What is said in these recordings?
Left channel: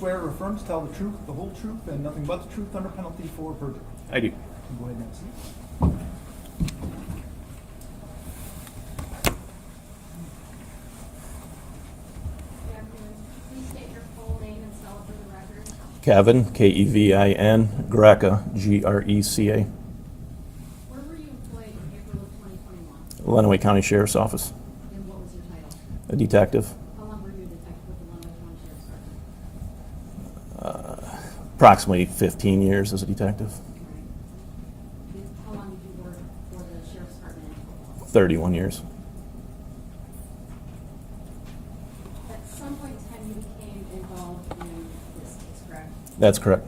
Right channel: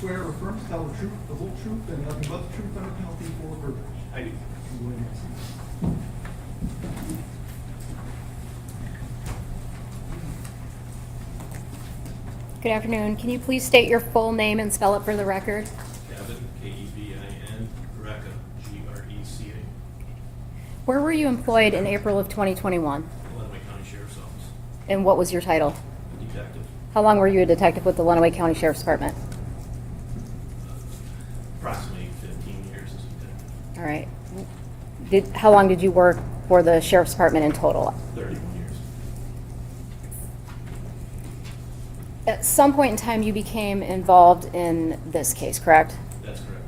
swear or affirm to tell the truth, the whole truth, and nothing but the truth under penalty for perjury? I do. Go ahead, Nancy. Good afternoon. Can you please state your full name and spell it for the record? Kevin, Kevin, Greca, Greca. Where were you employed in April of 2021? Lenawee County Sheriff's Office. And what was your title? A detective. How long were you a detective with the Lenawee County Sheriff's Department? Approximately 15 years as a detective. All right. How long did you work for the Sheriff's Department in total? 31 years. At some point in time, you became involved in this case, correct? That's correct.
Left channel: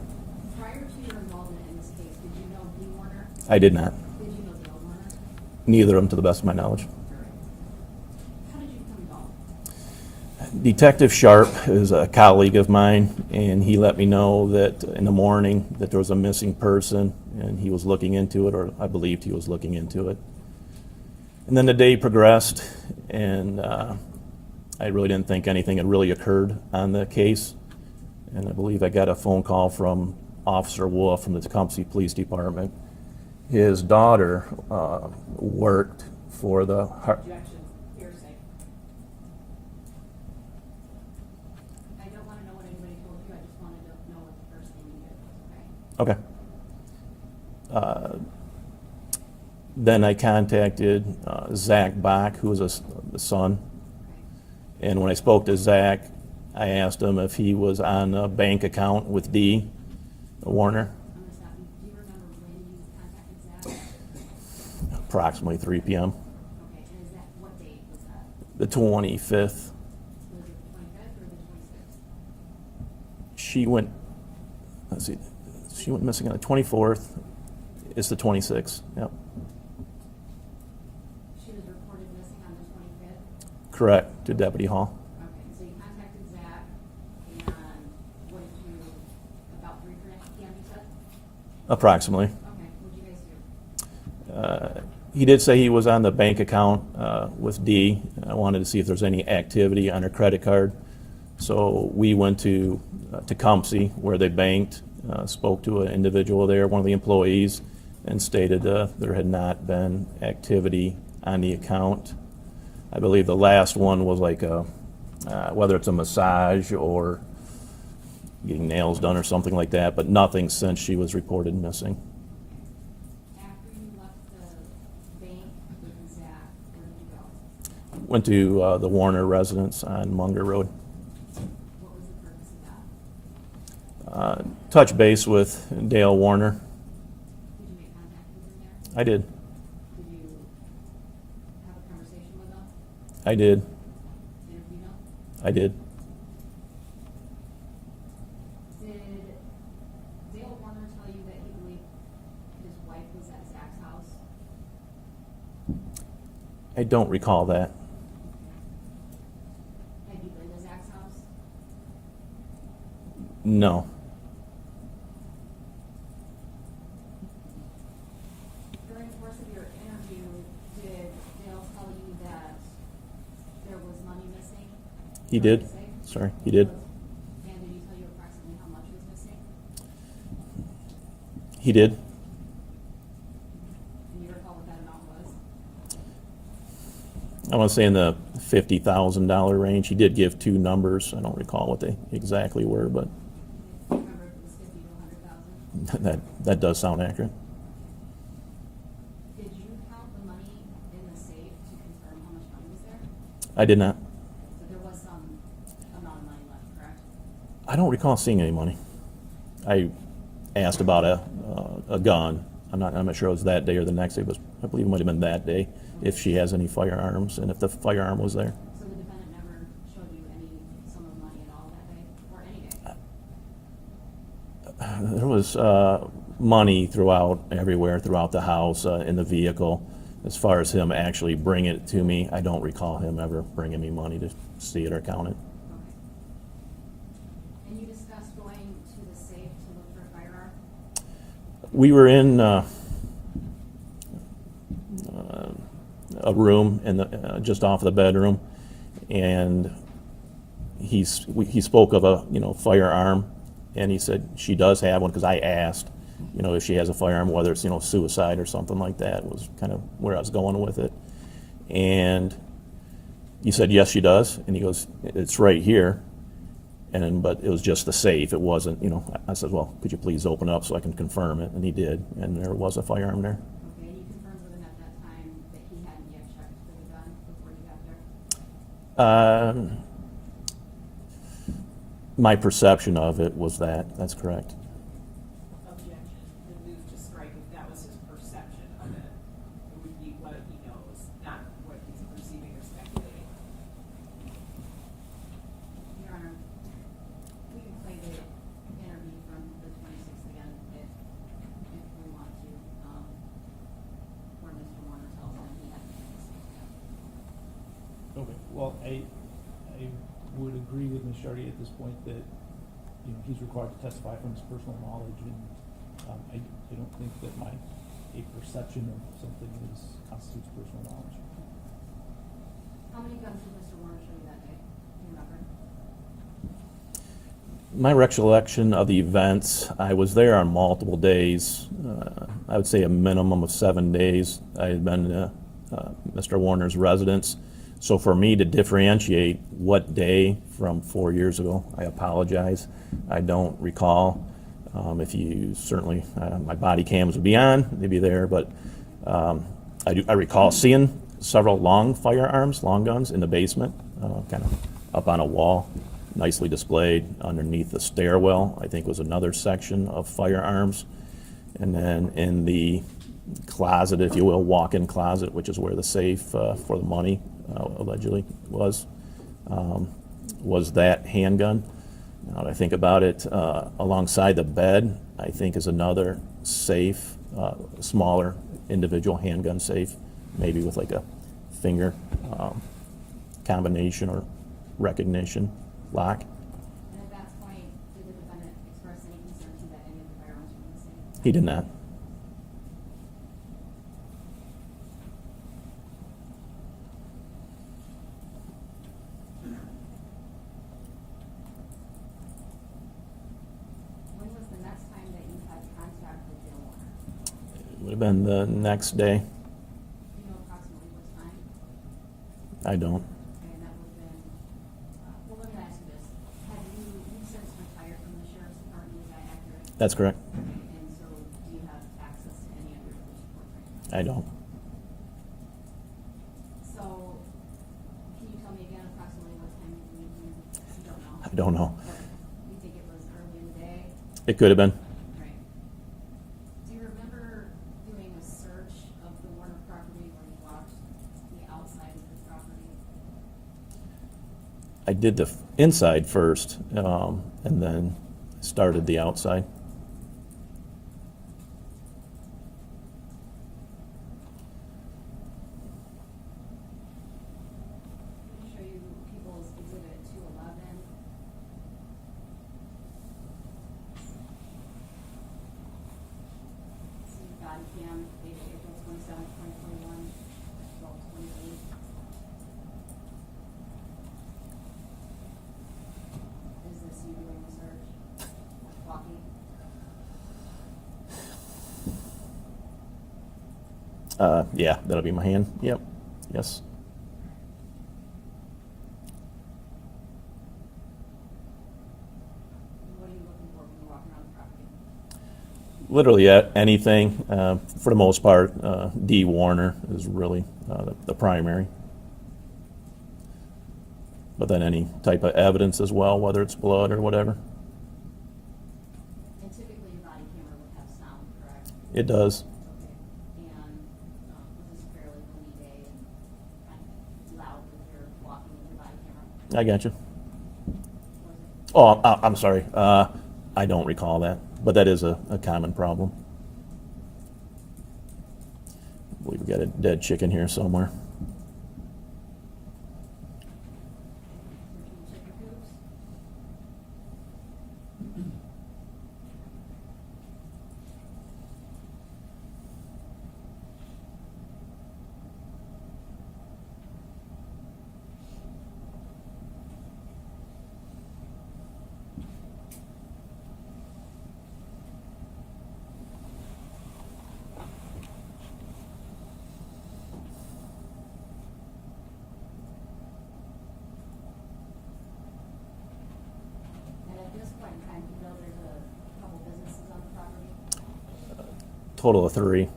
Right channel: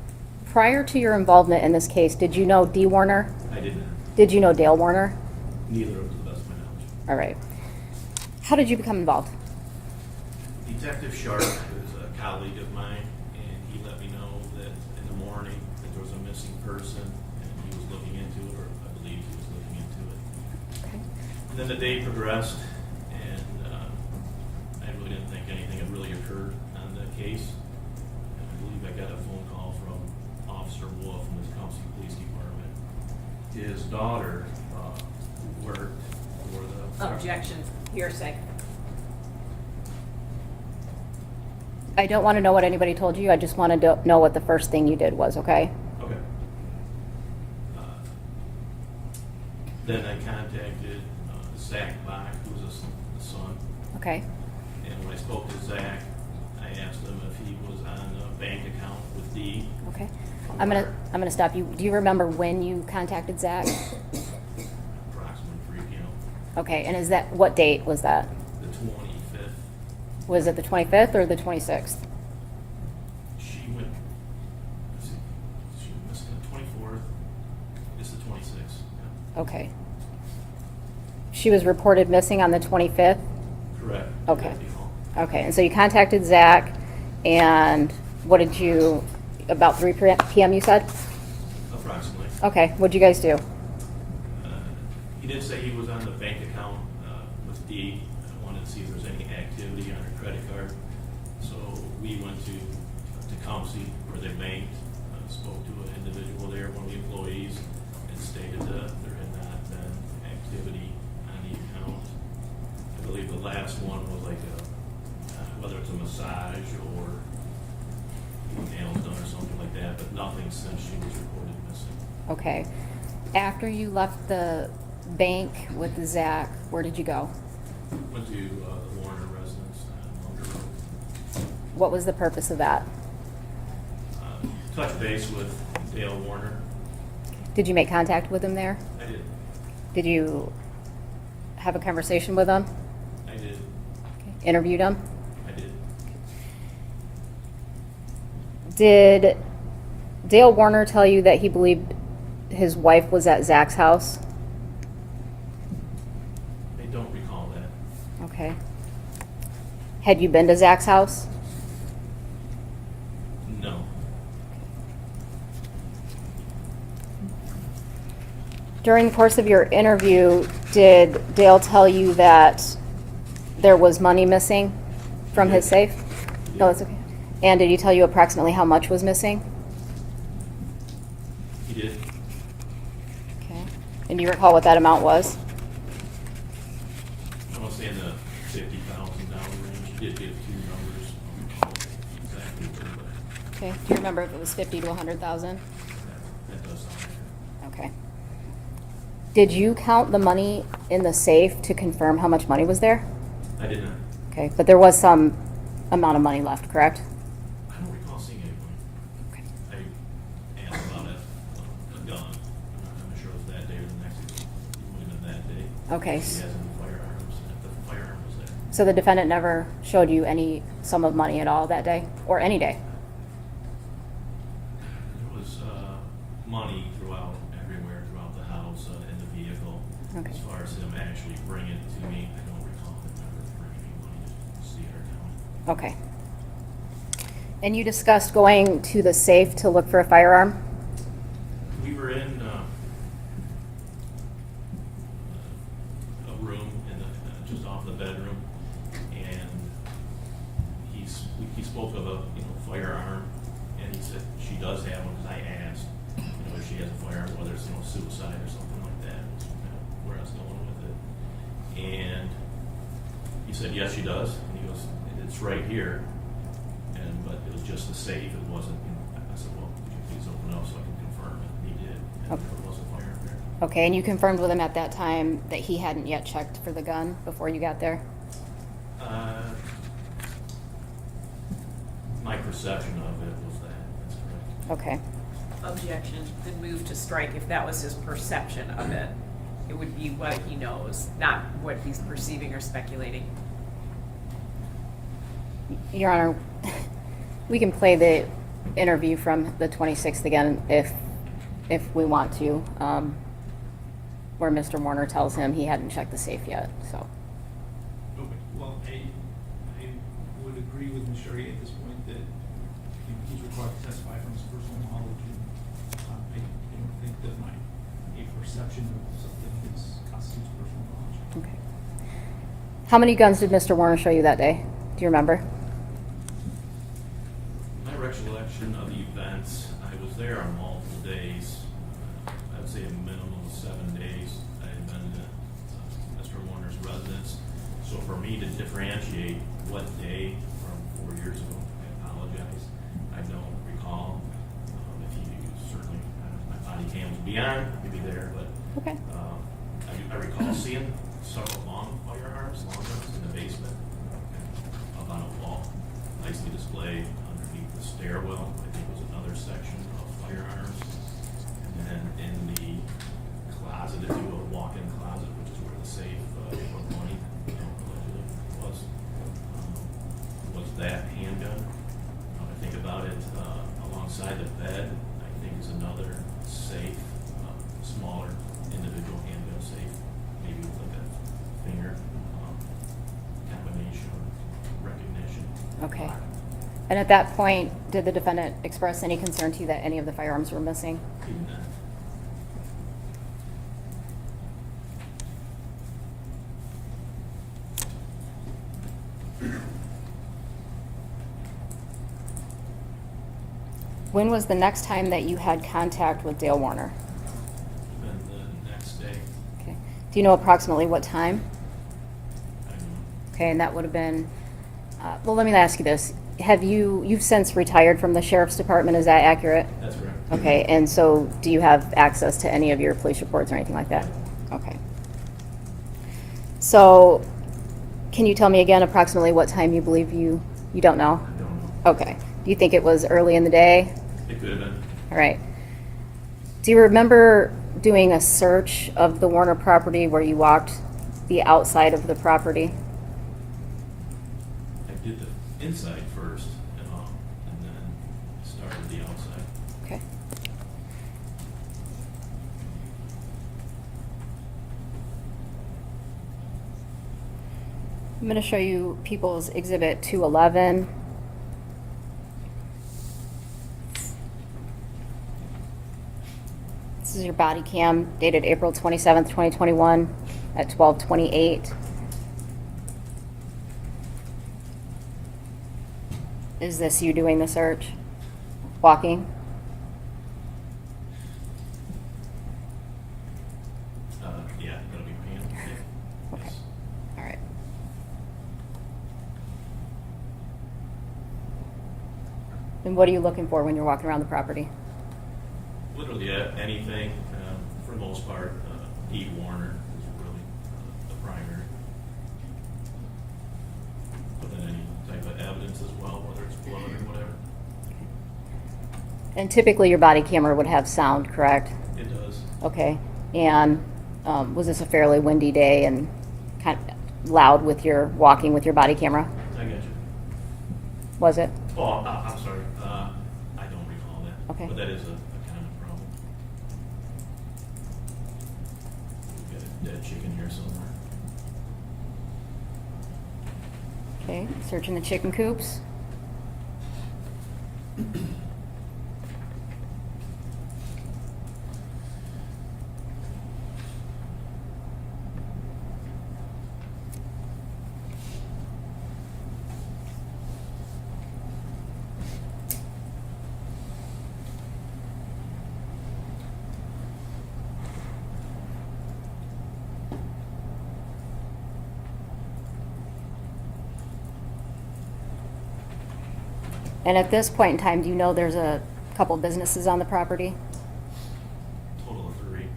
Prior to your involvement in this case, did you know Dee Warner? I did not. Did you know Dale Warner? Neither of them to the best of my knowledge. All right. How did you become involved? Detective Sharp is a colleague of mine, and he let me know that in the morning that there was a missing person, and he was looking into it, or I believed he was looking into it. And then the day progressed, and I really didn't think anything had really occurred on the case. And I believe I got a phone call from Officer Wolf from the Tecumseh Police Department. His daughter worked for the... Objection, hearsay. I don't want to know what anybody told you. I just want to know what the first thing you did was, okay? Okay. Then I contacted Zach Bach, who was the son. Okay. And when I spoke to Zach, I asked him if he was on a bank account with Dee Okay. Warner. I'm gonna stop you. Do you remember when you contacted Zach? Approximately 3 p.m. Okay, and what date was that? The 25th. Was it the 25th or the 26th? She went missing on the 24th. It's the 26th. Yep. Okay. She was reported missing on the 25th? Correct. To Okay. Deputy Hall. Okay, and so you contacted Zach, and what did you, about 3 p.m. you said? Approximately. Okay, what'd you guys do? He did say he was on the bank account with Dee. I wanted to see if there's any activity on her credit card. So we went to Tecumseh, where they banked, spoke to an individual there, one of the employees, and stated there had not been activity on the account. I believe the last one was like whether it's a massage or getting nails done or something like that, but nothing since she was reported missing. Okay. After you left the bank with Zach, where did you go? Went to the Warner residence on Munger Road. What was the purpose of that? Touch base with Dale Warner. Did you make contact with him there? I did. Did you have a conversation with him? I did. Interviewed him? I did. Did Dale Warner tell you that he believed his wife was at Zach's house? I don't recall that. Okay. Had you been to Zach's house? No. During the course of your interview, did Dale tell you that there was money missing He from did. his safe? Sorry, he did. No, it's okay. And did he tell you approximately how much was missing? He did. Okay. And do you recall what that amount was? I want to say in the $50,000 range. He did give two numbers. I don't recall what they exactly were, but Okay. Do you remember if it was 50 to 100,000? that does sound accurate. Okay. Did you count the money in the safe to confirm how much money was there? I did not. Okay, but there was some amount of money left, correct? I don't recall seeing any money. I asked about a gun. I'm not sure it was that day or the next day, but I believe it might have been that day. Okay. If she has any firearms and if the firearm was there. So the defendant never showed you any sum of money at all that day, or any day? There was money everywhere throughout the house, in the vehicle. Okay. As far as him actually bringing it to me, I don't recall him ever bringing me money to see it or count it. Okay. And you discussed going to the safe to look for a firearm? We were in a room in just off the bedroom, and he spoke of a, firearm, and he said she does have one, because I asked, if she has a firearm, whether it's, suicide or something like that, was kind of where I was going with it. And he said, yes, she does. And he goes, it's right here. But it was just the safe. It wasn't, I said, well, could you please open up so I can confirm it? And he did. And there was a firearm there. Okay, and you confirmed with him at that time that he hadn't yet checked for the gun before you got there? My perception of it was that. That's correct. Okay. Objection, then move to strike if that was his perception of it. It would be what he knows, not what he's perceiving or speculating. Your Honor, we can play the interview from the 26th again if we want to, where Mr. Warner tells him he hadn't checked the safe yet, so. Okay, well, I would agree with Ms. Charrier at this point that, he's required to testify from his personal knowledge, and I don't think that a perception of something constitutes personal knowledge. Okay. How many guns did Mr. Warner show you that day? Do you remember? My recollection of the events, I was there on multiple days. I would say a minimum of 7 days. I had been to Mr. Warner's residence. So for me to differentiate what day from 4 years ago, I apologize. I don't recall. If you certainly, my body cams would be on, they'd be there, but Okay. I recall seeing several long guns in the basement, kind of up on a wall, nicely displayed. Underneath the stairwell, I think, was another section of firearms. And then in the closet, if you will, walk-in closet, which is where the safe for the money allegedly was that handgun. Now that I think about it, alongside the bed, I think, is another safe, smaller individual handgun safe, maybe with like a finger combination or recognition Okay. lock. And at that point, did the defendant express any concern to you that any of the firearms were missing? He did not. When was the next time that you had contact with Dale Warner? Would have been the next day. Okay. Do you know approximately what time? I don't. Okay, and that would have been, well, let me ask you this. You've since retired from the sheriff's department, is that accurate? That's correct. Okay, and so do you have access to any of your police reports or anything like that? I don't. Okay. So, can you tell me again approximately what time you believe you don't know? I don't know. Okay. Do you think it was early in the day? It could have been. All right. Do you remember doing a search of the Warner property where you walked the outside of the property? I did the inside first, and then started the outside. Okay. I'm going to show you People's Exhibit 211. This is your body cam dated April 27th, 2021 at 12:28. Is this you doing the search? Walking? Yeah, that'll be my hand. Yep. Yes. All right. And what are you looking for when you're walking around the property? Literally anything. For the most part, Dee Warner is really the primary. But then any type of evidence as well, whether it's blood or whatever. And typically your body camera would have sound, correct? It does. Okay. And was this a fairly windy day and kind of loud with your walking with your body camera? I got you. Was it? Oh, I'm sorry. I don't recall that. Okay. But that is a common problem. We've got a dead chicken here somewhere. Okay. Searching the chicken coops. And at this point in time, do you know there's a couple businesses on the property? Total of 3.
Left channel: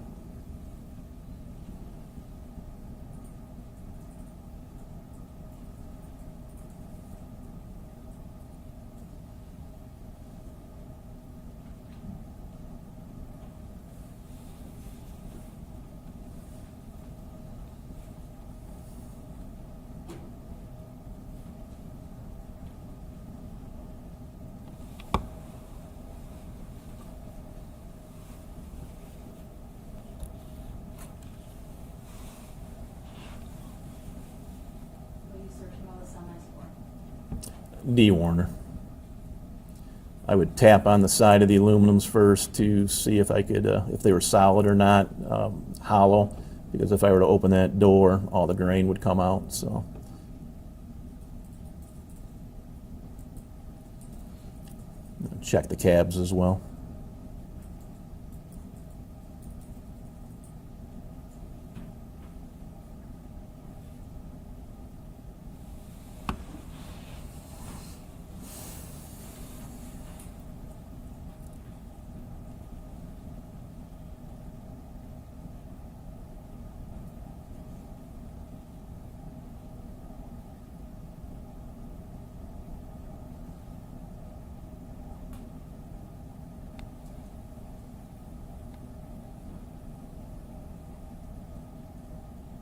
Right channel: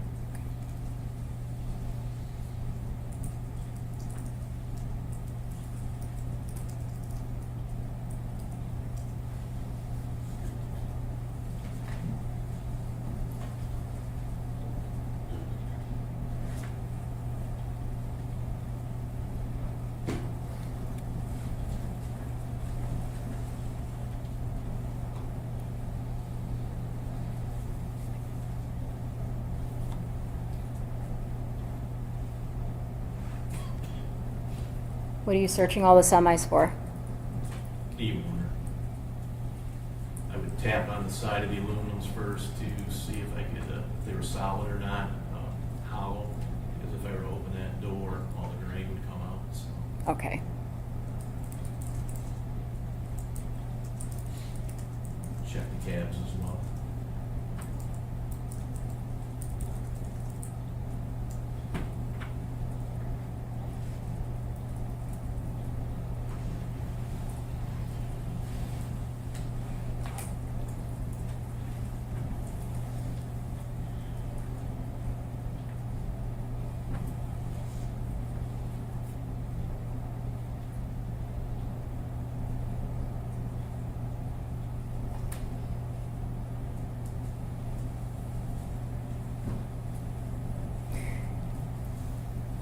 What are you searching all the semis for? Dee Warner. I would tap on the side of the aluminums first to see if I could, if they were solid or not, hollow, because if I were to open that door, all the grain would come out, so. Okay. Check the cabs as well.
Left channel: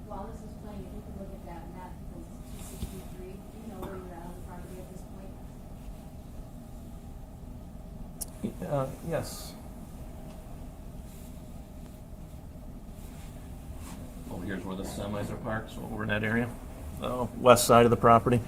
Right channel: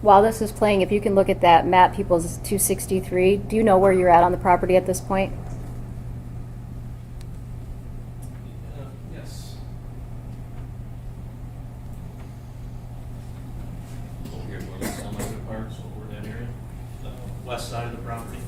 While this is playing, if you can look at that map, People's 263, do you know where you're at on the property at this point? Yes. Oh, here's where the semi parks, over in that area. West side of the property.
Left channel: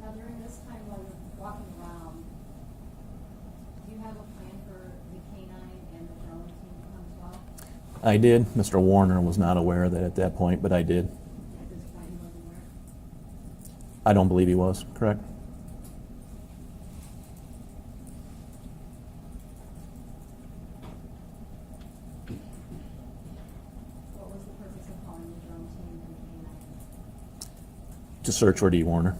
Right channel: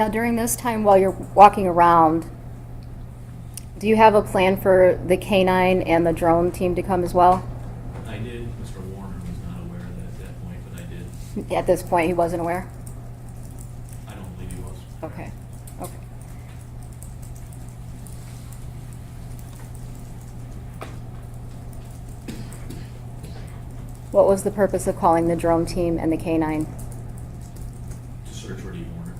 Now, during this time while you're walking around, do you have a plan for the canine and the drone team to come as well? I did. Mr. Warner was not aware of that at that point, but I did. At this point, he wasn't aware? I don't believe he was, correct? Okay. Okay. What was the purpose of calling the drone team and the canine? To search for Dee Warner.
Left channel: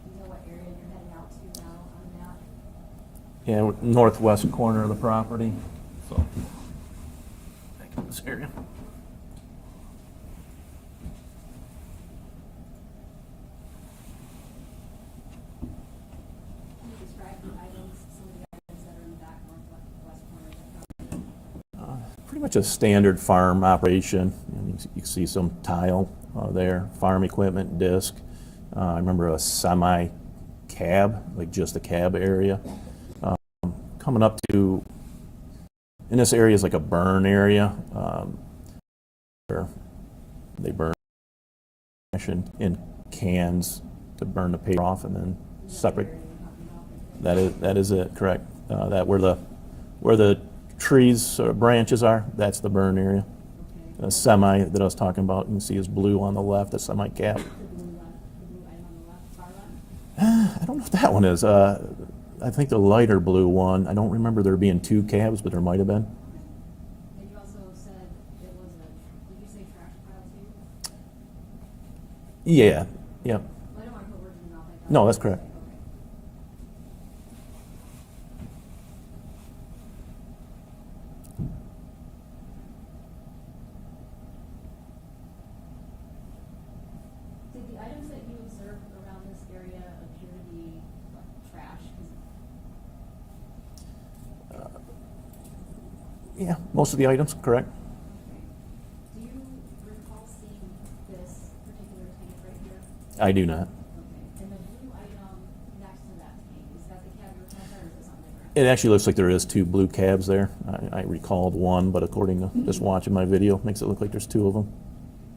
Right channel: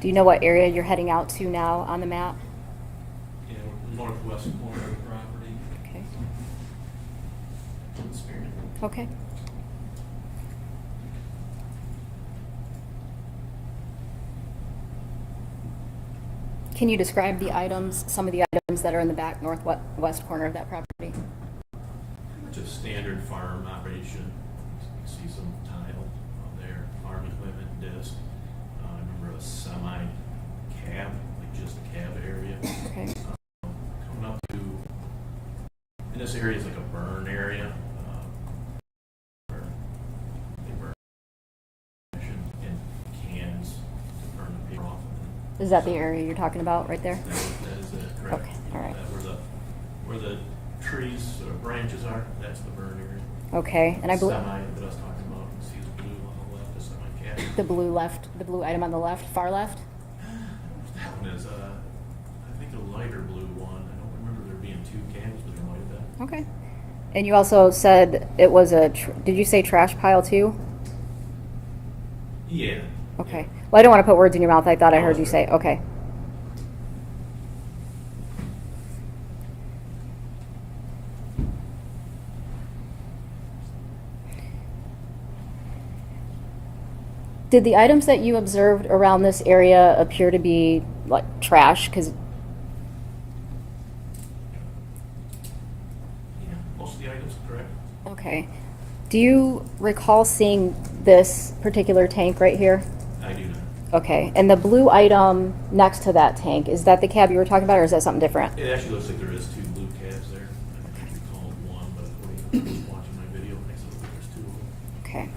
Do you know what area you're heading out to now on the map? Yeah, we're northwest corner of the property. Okay. So, this area. Okay. Can you describe the items, some of the items that are in the back northwest corner of that property? Pretty much a standard farm operation. You can see some tile there, farm equipment, disc. I remember a semi cab, like just a cab area. Okay. Coming up to, in this area is like a burn area where they burn in cans to burn the paper off, and then Is that the separate- area you're talking about right there? That is it, correct. Okay, all right. That where the trees or branches are, that's the burn area. Okay. The And I semi that I was talking about, you can see is blue on the left, the semi cab. the blue item on the left, far left? I don't know if that one is. I think the lighter blue one, I don't remember there being 2 cabs, but there might have been. Okay. And you also said it was did you say trash pile too? Yeah. Okay. Yeah. Well, I don't want to put words in your mouth. I thought I No, heard that's you say, correct. okay. Did the items that you observed around this area appear to be like trash? Because Yeah, most of the items, correct? okay. Do you recall seeing this particular tank right here? I do not. Okay. And the blue item next to that tank, is that the cab you were talking about, or is that something different? It actually looks like there is 2 blue cabs there. I recalled one, but according to just watching my video, it makes it look like there's 2 of them. Okay.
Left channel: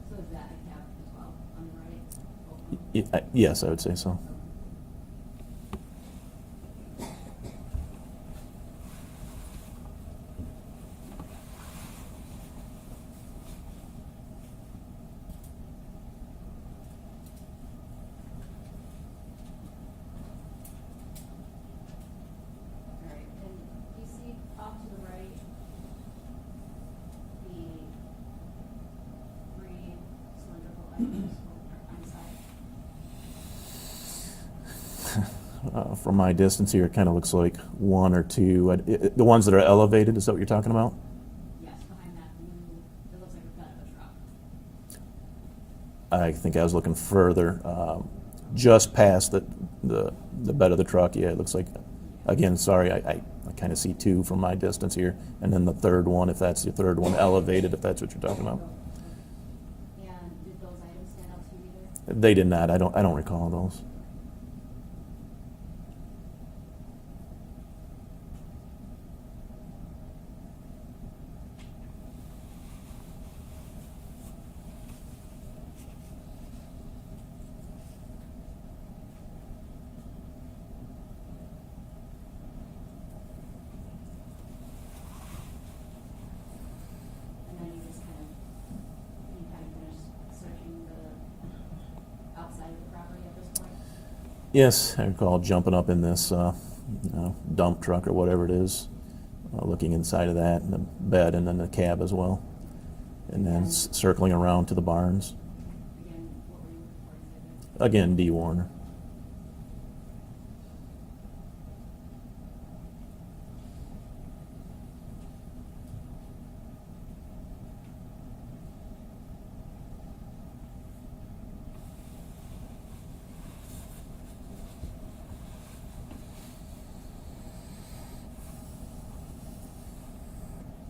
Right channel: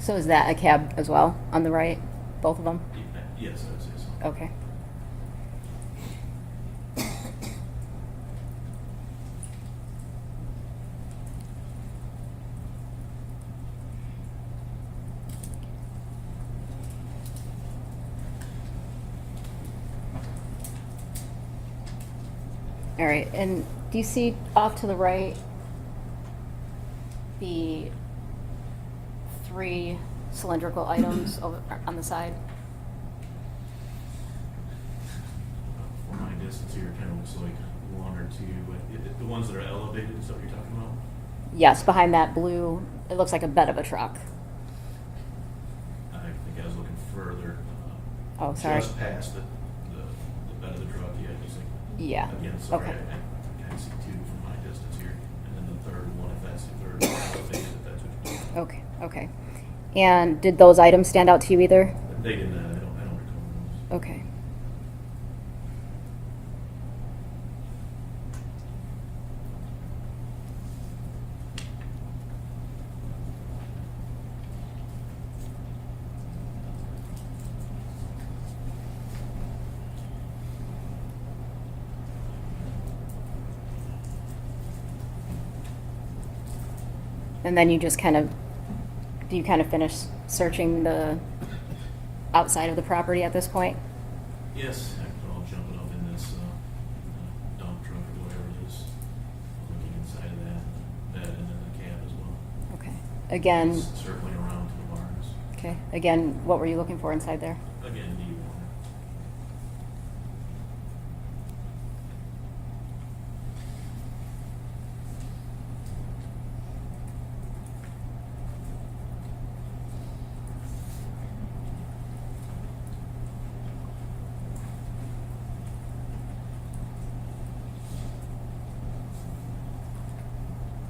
So is that a cab as well on the right? Both of them? Yes, I would say so. Okay. All right, and do you see off to the right the 3 cylindrical items over on the side? From my distance here, it kind of looks like 1 or 2. The ones that are elevated, is that what you're talking about? Yes, behind that blue, it looks like a bed of a truck. I think I was looking further, Oh, sorry. just past the bed of the truck. Yeah, it looks like. Yeah. Again, sorry, I kind of see 2 from my distance here, and then the third one, if that's the third one, elevated, if that's what you're talking about. Okay, okay. And did those items stand out to you either? They did not. I don't recall those. Okay. And then you just do you kind of finish searching the outside of the property at this point? Yes, I recall jumping up in this dump truck or whatever it is, looking inside of that, and the bed, and then the cab as well. Okay. And Again, then circling around to the barns. okay. Again, what were you looking for inside there? Again, Dee Warner.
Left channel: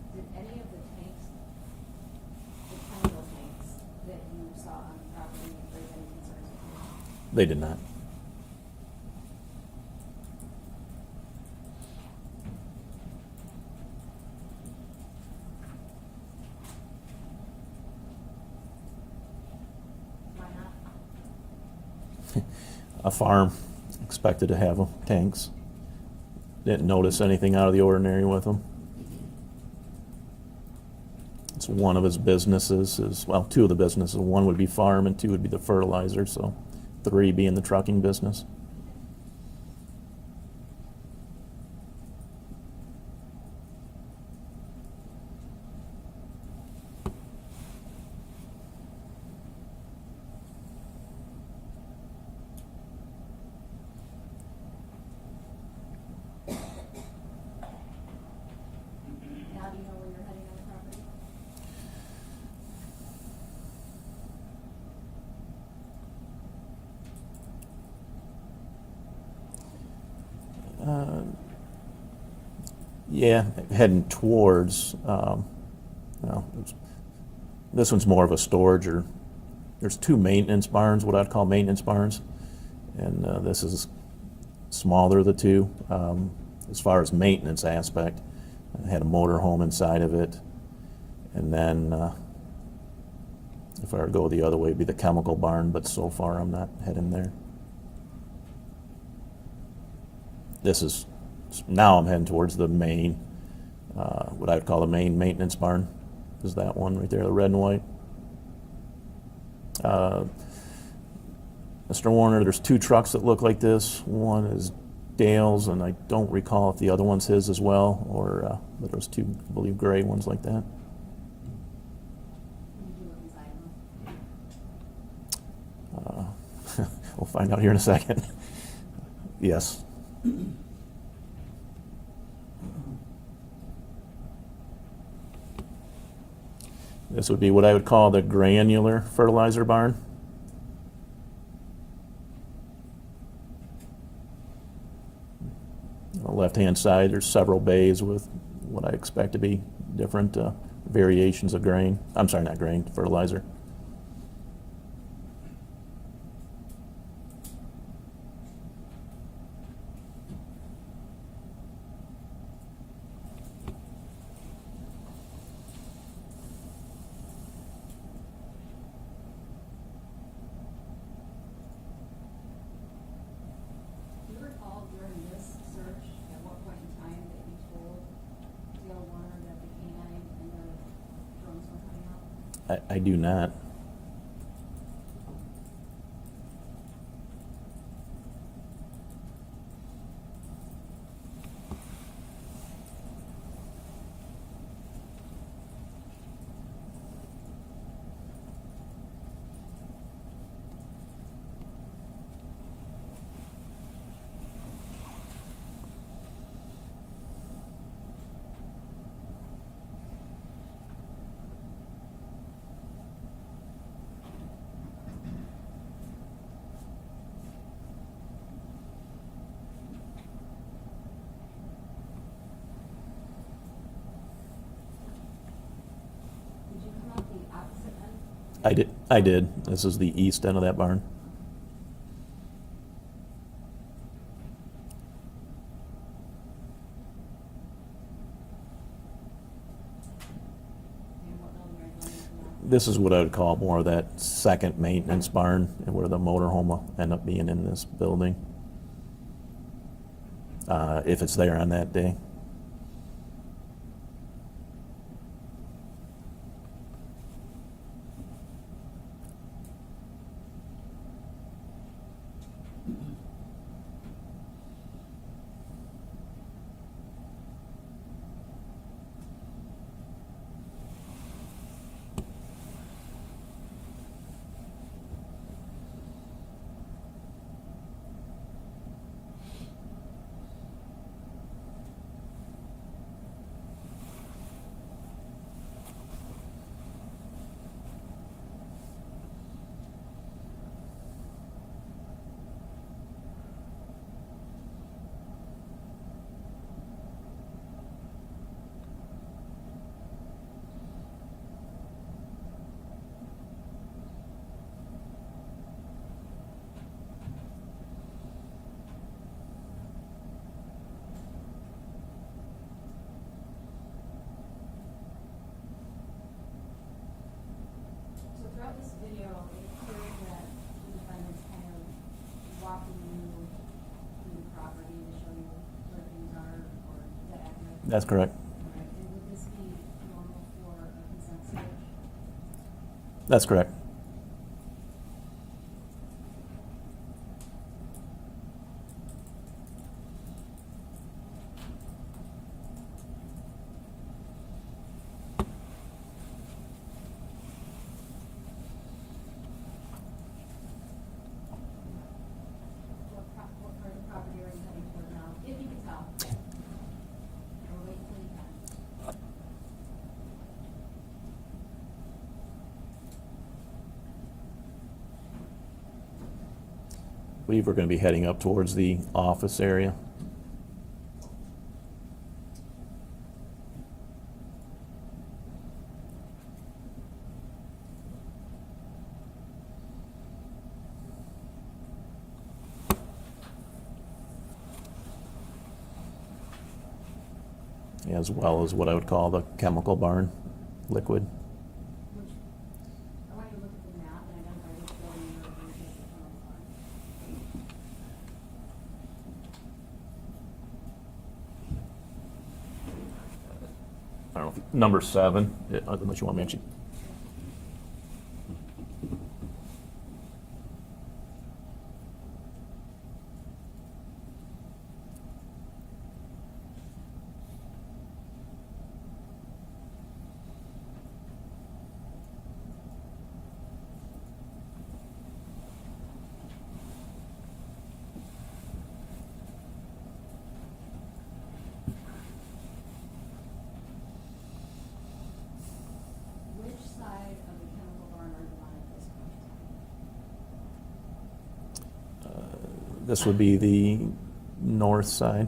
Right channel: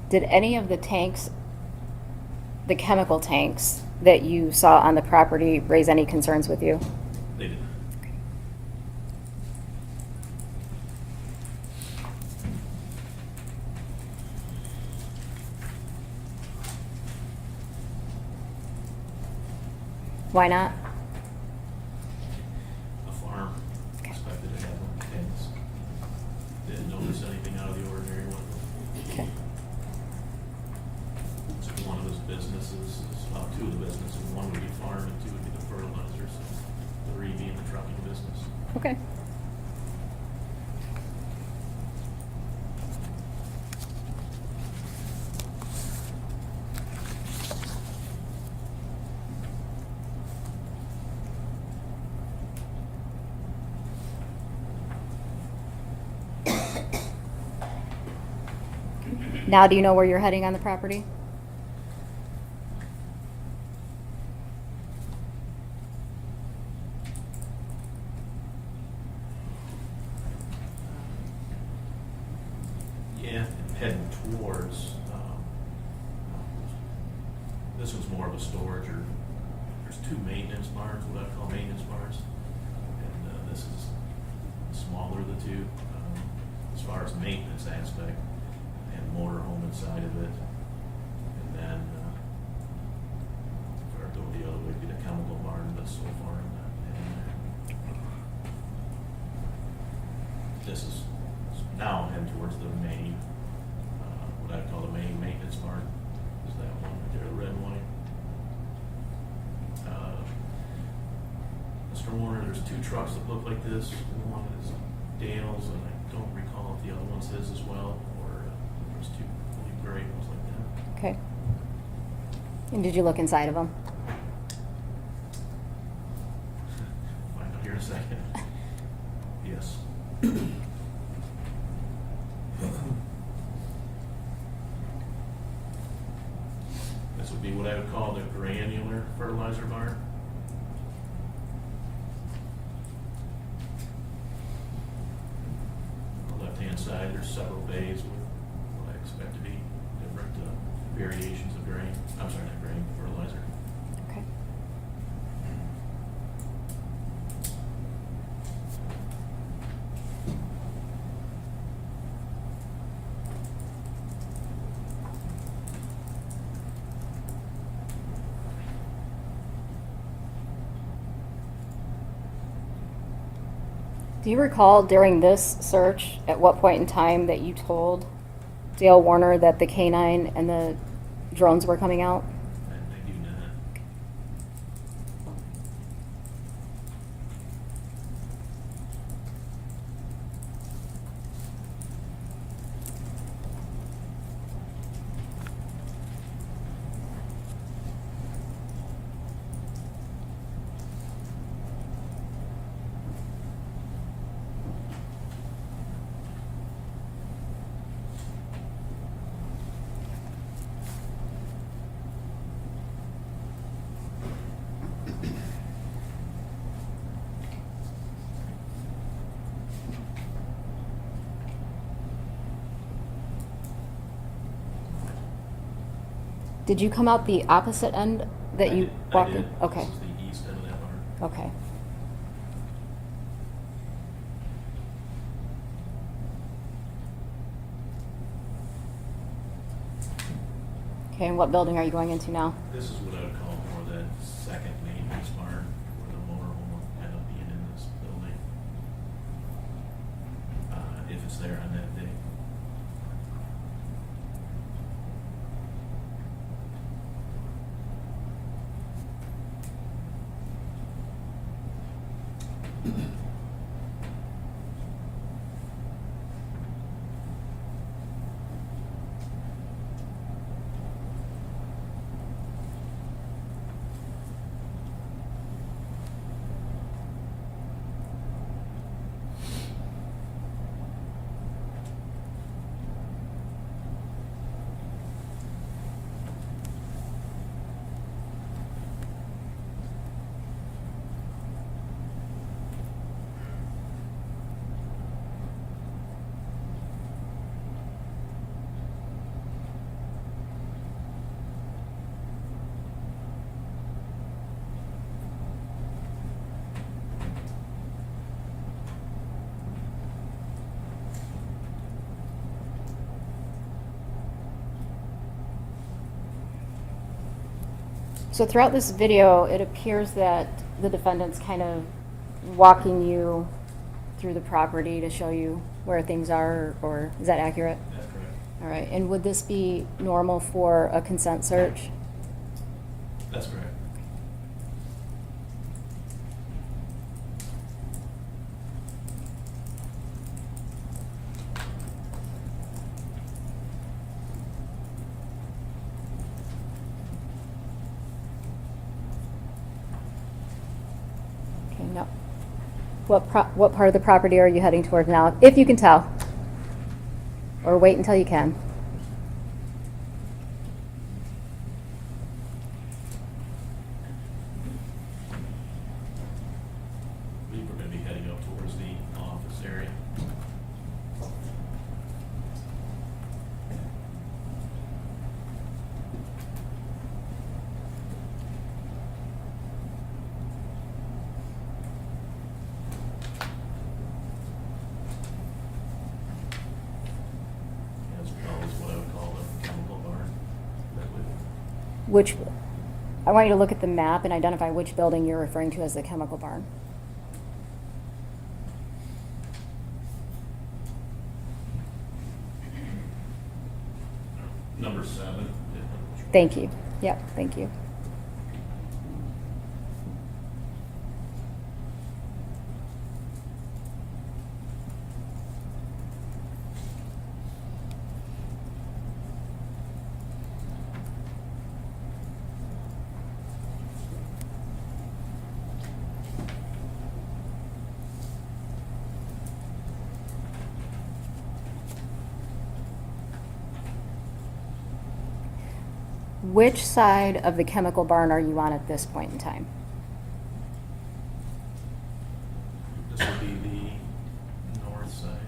Did any of the tanks, the chemical tanks that you saw on the property raise any concerns with you? They did not. Why not? A farm expected to have tanks. Didn't notice anything out of the ordinary with them. Okay. It's one of his businesses is, well, 2 of the businesses. 1 would be farm and 2 would be the fertilizer, so 3 being the trucking business. Okay. Now, do you know where you're heading on the property? Yeah, heading towards, well, this one's more of a storage, or there's 2 maintenance barns, what I'd call maintenance barns. And this is smaller of the 2. As far as maintenance aspect, it had a motor home inside of it. And then, if I were to go the other way, it'd be the chemical barn, but so far I'm not heading there. This is, now I'm heading towards the main, what I would call the main maintenance barn, is that one right there, the red and white. Mr. Warner, there's 2 trucks that look like this. One is Dale's, and I don't recall if the other one's his as well, or there's 2, I believe, gray ones like that. Okay. And did you look inside of them? We'll find out here in a second. Yes. This would be what I would call the granular fertilizer barn. On the left-hand side, there's several bays with what I expect to be different variations of grain. I'm sorry, not grain, fertilizer. Okay. Do you recall during this search, at what point in time that you told Dale Warner that the canine and the drones were coming out? I do not. Did you come out the opposite end that I you? did. I did. Okay. This is the east end of that barn. Okay. Okay, and what building are you going into now? This is what I would call more of that second maintenance barn, where the motorhome will end up being in this building. If it's there on that day. So throughout this video, it appears that the defendant's kind of walking you through the property to show you where things are, or is that accurate? That's correct. All right, and would this be normal for a consent search? That's correct. Okay, no. What part of the property are you heading toward now, if you can tell? Or wait until you can. I believe we're going to be heading up towards the office area. As well as what I would call the chemical barn, liquid. Which, I want you to look at the map and identify which building you're referring to as the chemical barn. I don't know, number 7. Which you want Thank me you. Yep, thank you. Which side of the chemical barn are you on at this point in time? This will be the north side.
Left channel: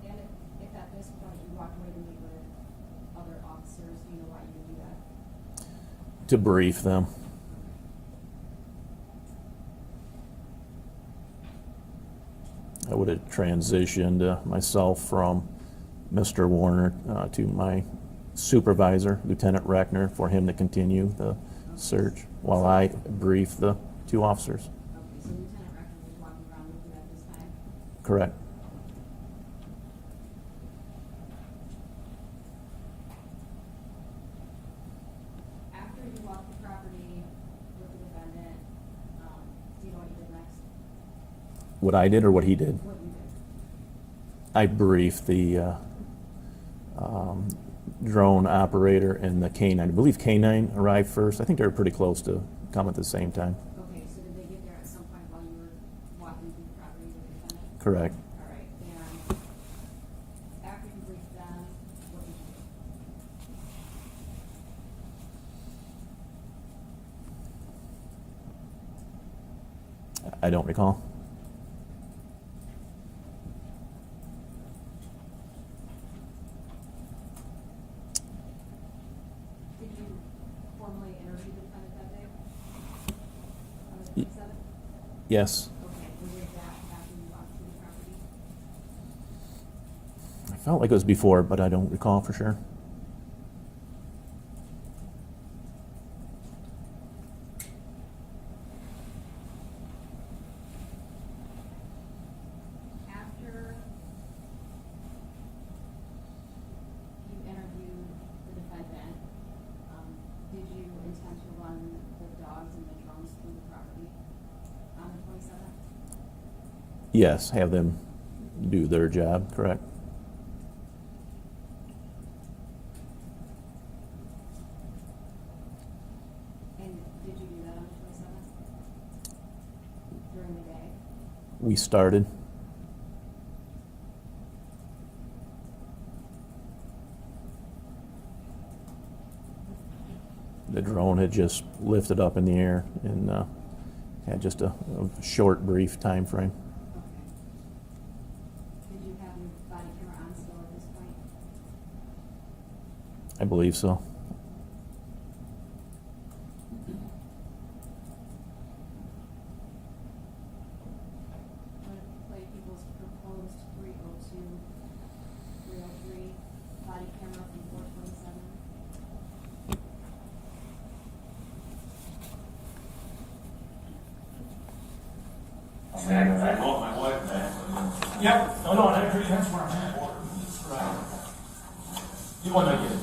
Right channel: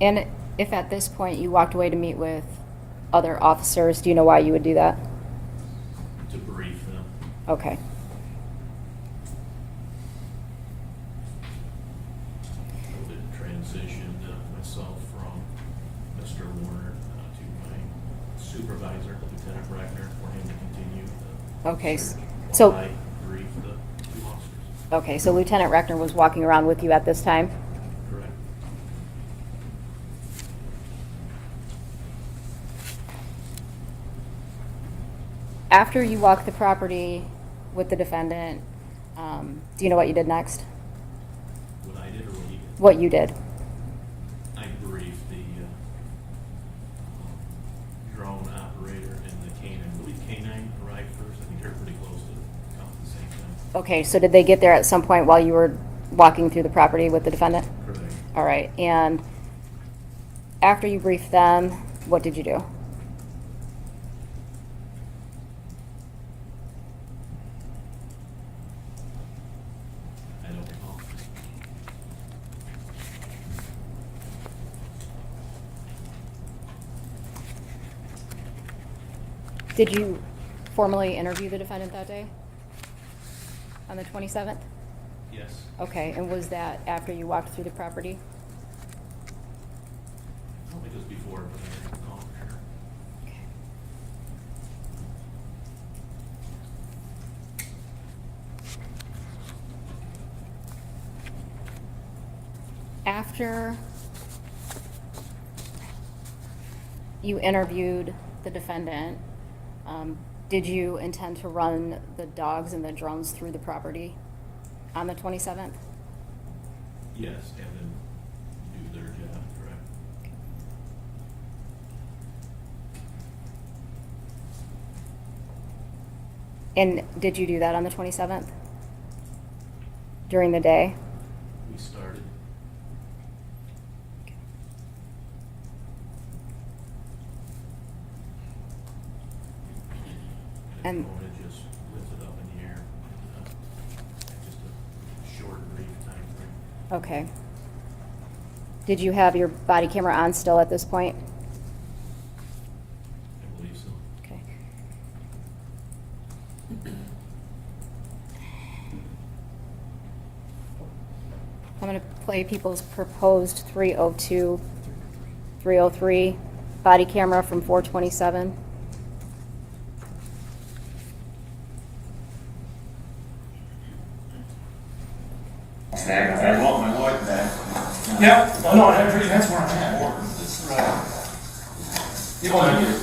And if at this point you walked away to meet with other officers, do you know why you would do that? To brief them. Okay. I would have transitioned myself from Mr. Warner to my supervisor, Lieutenant Reckner, for him to continue the Okay, search while so- I brief the two officers. Okay, so Lieutenant Reckner was walking around with you at this time? Correct. After you walked the property with the defendant, do you know what you did next? What I did or what he did? What you did? I briefed the drone operator and the K-9. I believe K-9 arrived first. I think they were pretty close to come at the same time. Okay, so did they get there at some point while you were walking through the property with the defendant? Correct. All right, and after you briefed them, what did you do? I don't recall. Did you formally interview the defendant that day? On the 27th? Yes. Okay, and was that after you walked through the property? I felt like it was before, but I don't recall for sure. After you interviewed the defendant, did you intend to run the dogs and the drones through the property on the 27th? Yes, have them do their job, correct. And did you do that on the 27th? During the day? We started. The And- drone had just lifted up in the air and had just a short, brief time frame. Okay. Did you have your body camera on still at this point? I believe so. Okay. I'm going to play people's proposed 302, 303 body camera from 427. I want my wife back. Yep, well, no, that's where I'm at. Right. You want to get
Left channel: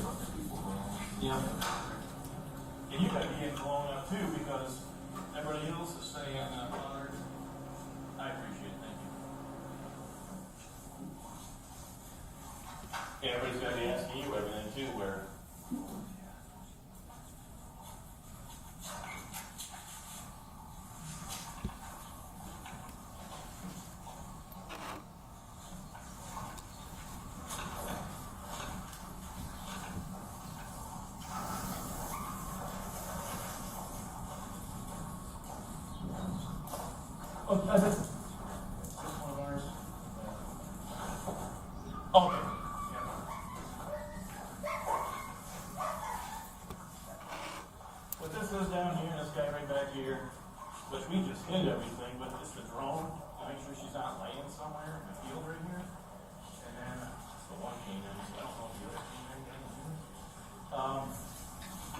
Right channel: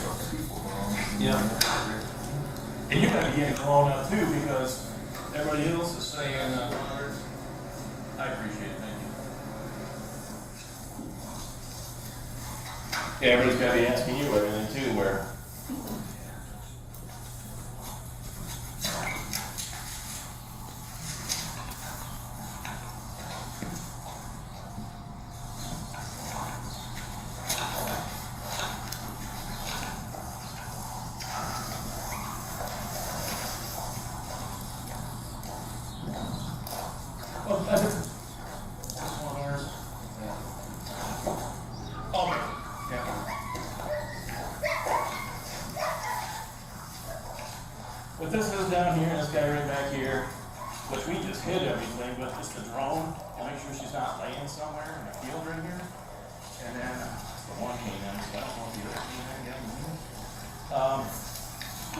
Yeah. and you're gonna be getting thrown out too, because everybody else is saying, I appreciate it, thank you. Yeah, everybody's gotta be asking you everything too, where. Oh, this one of ours. Oh, yeah. But this is down here, and this guy right back here, which we just hid everything, but just the drone, to make sure she's not laying somewhere in a field right here. And then, the one canine, so I don't want to be right behind.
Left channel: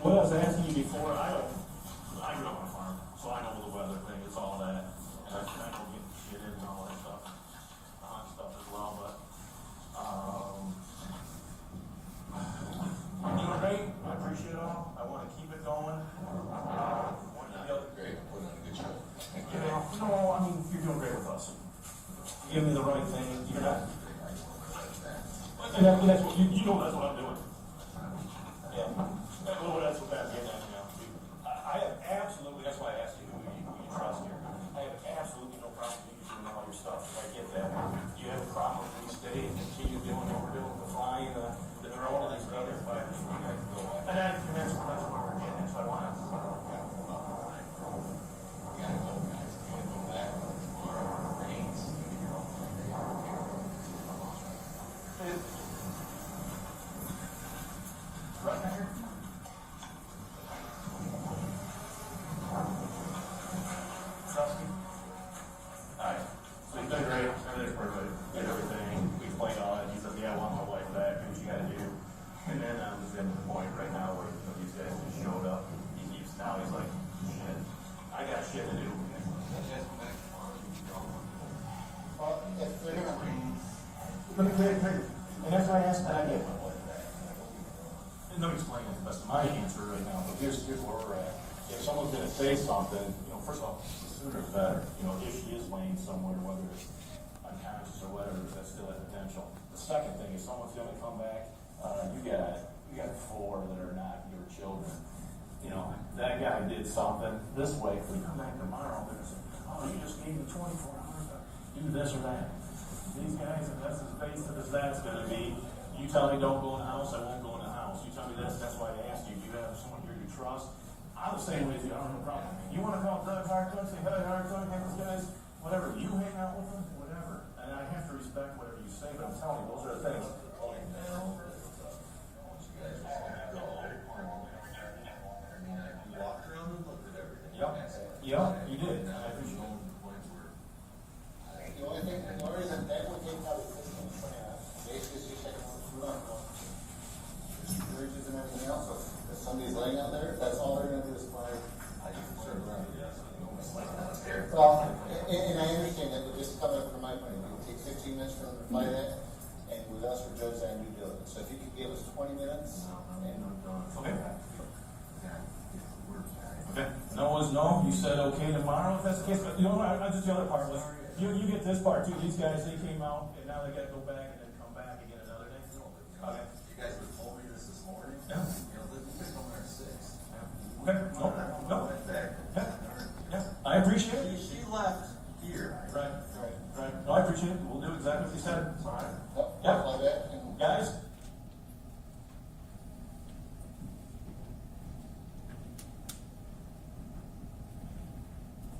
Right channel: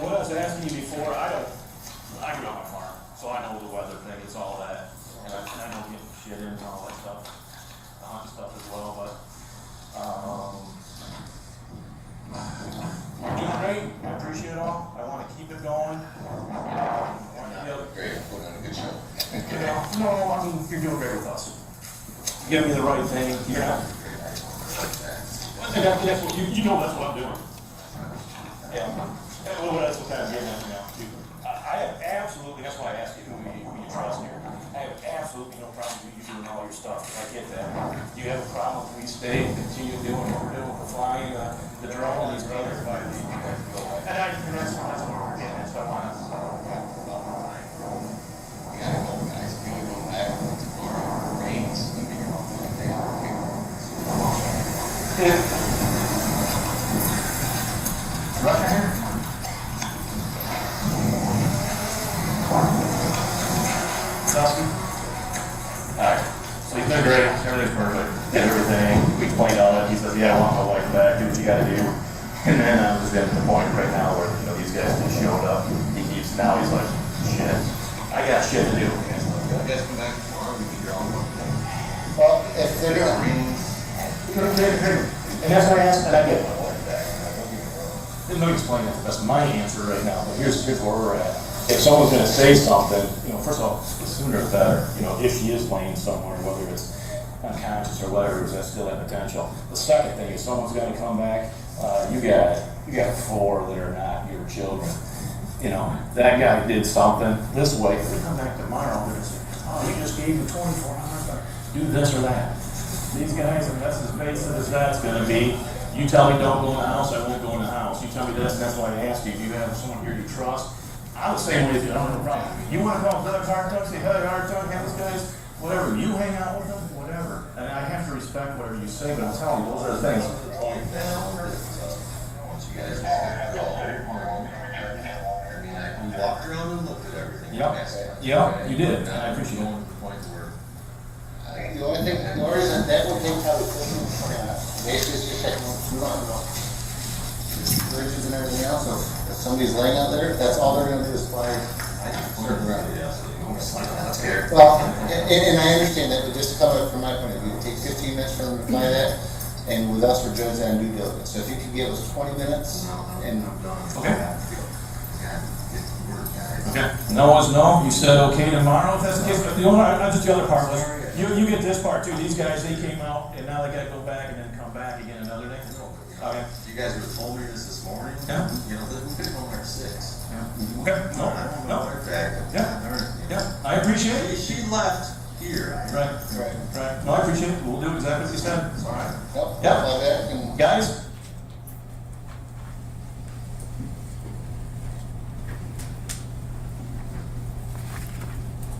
What I was asking you before, I grew up on a farm, so I know the weather thing, it's all that. And I know getting shit in and all that stuff, the hunt stuff as well, but, you're doing great, I appreciate it all, I wanna keep it going. Great, put on a good show. You know, no, I mean, you're doing great with us. You give me the right thing, yeah. And that's what, you know that's what I'm doing. Yeah, well, that's what I'm getting at now, too. I have absolutely, that's why I asked you who you trust here. I have absolutely no problem question here? Selsky? Alright, so he's been great, everything's perfect, did everything, we explained all it, he says, yeah, I want my wife back, do what you gotta do. And then I'm just getting to the point right now where, you know, these guys just showed up, now he's like, shit, I got shit to do. You guys come back tomorrow, we can draw one. Well, if they're not, And that's what I asked, and I get my wife back. Let me explain that, that's my answer right now, but here's where we're at. If someone's gonna say something, you know, first of all, the sooner the better, you know, if she is laying somewhere, whether it's unconscious or whatever, there's still that potential. The second thing is someone's gonna come back, you got 4 that are not your children. You know, that guy did something this way, if they come back tomorrow, they're gonna say, oh, you just gave him 24 hours to do this or that. These guys, and that's as basic as that's gonna be. You tell me don't go in the house, I won't go in the house. You tell me this, and that's why I asked you, do you have someone here you trust? I'm the same way as you, I don't have a problem. You wanna call Doug Hartog, say, hey, Hartog, have this guy's, whatever, you hang out with them, whatever. And I have to respect whatever you say, but I'm telling you, those are the things. Once you guys go home, I mean, we walked around and looked at everything. Yep. Yep, you did. I appreciate it. Going to the point where, the only reason that would take out basically is just like, bridges and everything else, so if somebody's laying out there, that's all they're gonna do is fly. I just learned around it yesterday. That's fair. Well, and I understand that, but just to come up from my point of view, it takes 15 minutes for them to fly that, and with us, we're judged on due diligence, so if you could give us 20 minutes, and. Okay. Okay, no is no, you said okay tomorrow, if that's the case, but the only, just the other part was, you get this part too, these guys, they came out, and now they gotta go back and then come back again another day. Okay. You guys would have told me this morning. Yeah. You know, we could have gone there at 6. Okay, no, no, yeah, I appreciate it. She left here. Right, right, no, I appreciate it, we'll do exactly what you said. All right. Yep, Yeah. fly back and. Guys?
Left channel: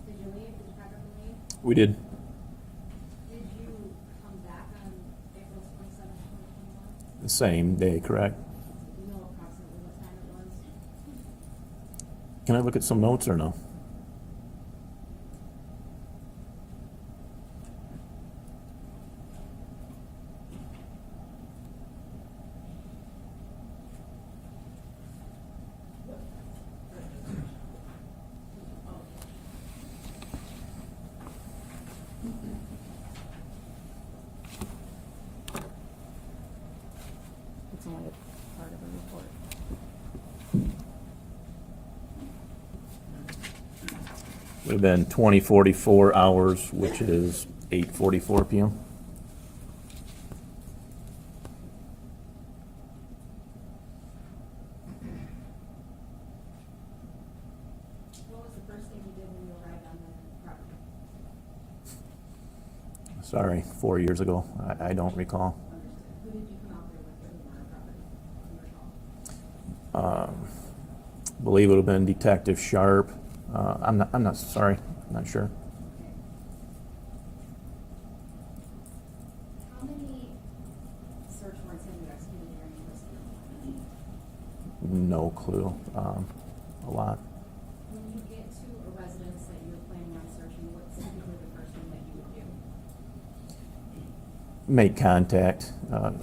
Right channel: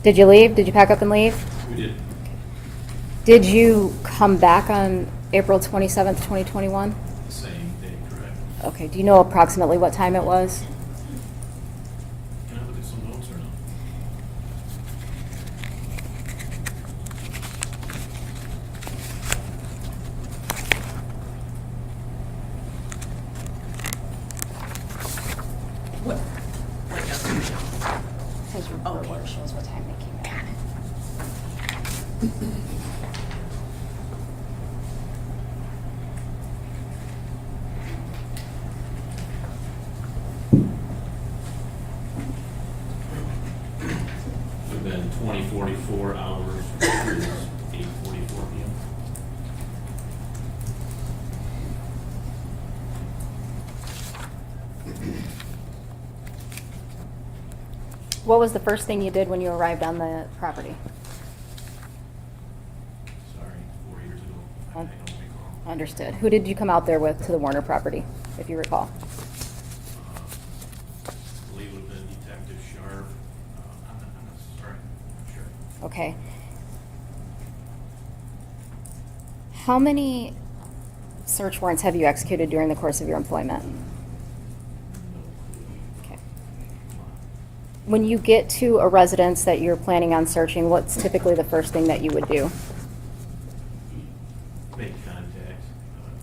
Did you leave? Did you pack up and leave? We did. Did you come back on April 27th, 2021? Same day, correct? Okay, do you know approximately what time it was? Can I look at some notes or no? What? Says your report shows what time they came back. Would have been 20:44 hours, which is 8:44 p.m. What was the first thing you did when you arrived on the property? Sorry, 4 years ago. I don't recall. Understood. Who did you come out there with to the Warner property, if you recall? Believe it would have been Detective Sharp. I'm not sorry. I'm not sure. Okay. How many search warrants have you executed during the course of your employment? No clue. A lot. When you get to a residence that you're planning on searching, what's typically the first thing that you would do? Make contact,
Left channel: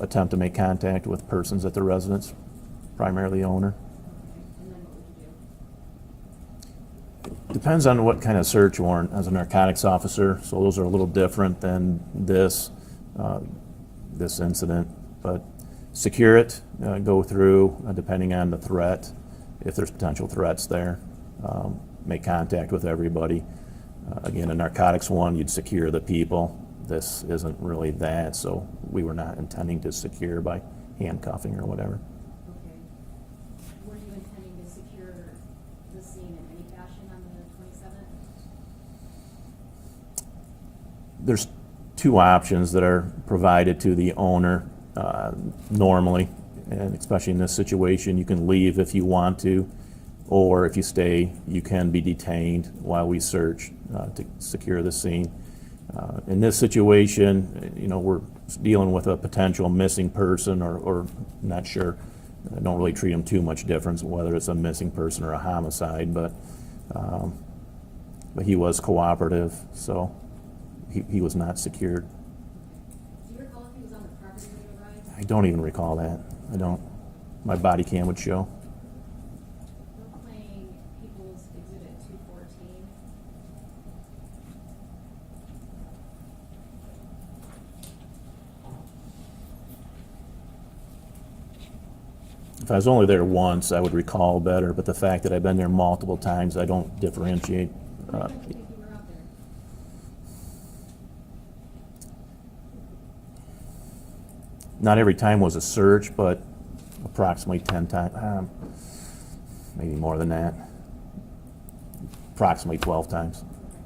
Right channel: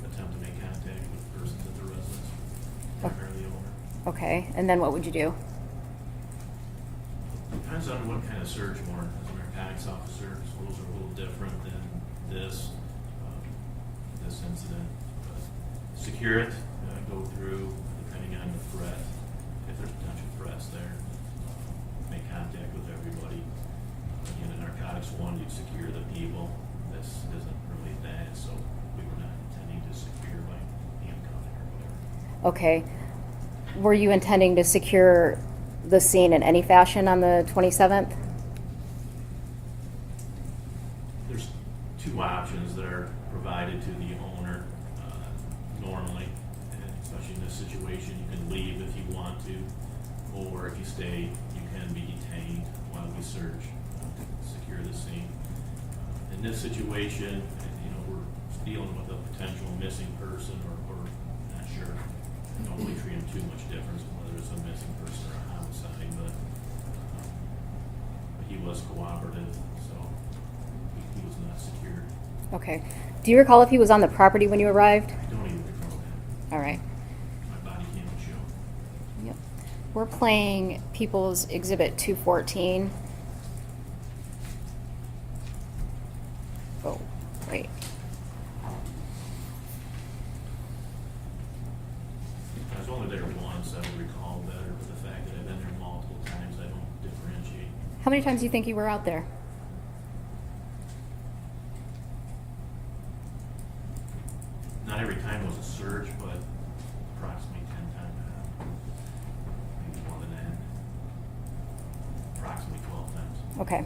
attempt to make contact with persons at the residence, primarily owner. Okay, and then what would you do? Depends on what kind of search warrant. As a narcotics officer, so those are a little different than this incident. But secure it, go through, depending on the threat, if there's potential threats there. Make contact with everybody. Again, a narcotics one, you'd secure the people. This isn't really that, so we were not intending to secure by handcuffing or whatever. Okay. Were you intending to secure the scene in any fashion on the 27th? There's two options that are provided to the owner normally, and especially in this situation, you can leave if you want to, or if you stay, you can be detained while we search to secure the scene. In this situation, you know, we're dealing with a potential missing person or not sure I don't really treat them too much difference whether it's a missing person or a homicide, but he was cooperative, so he was not secured. Okay. Do you recall if he was on the property when you arrived? I don't even recall that. All No. right. My body cam would show. Yep. We're playing People's Exhibit 214. Oh, wait. If I was only there once, I would recall better, but the fact that I've been there multiple times, I don't differentiate. How many times do you think you were out there? Not every time was a search, but approximately 10 times, maybe more than that. Approximately 12 times. Okay.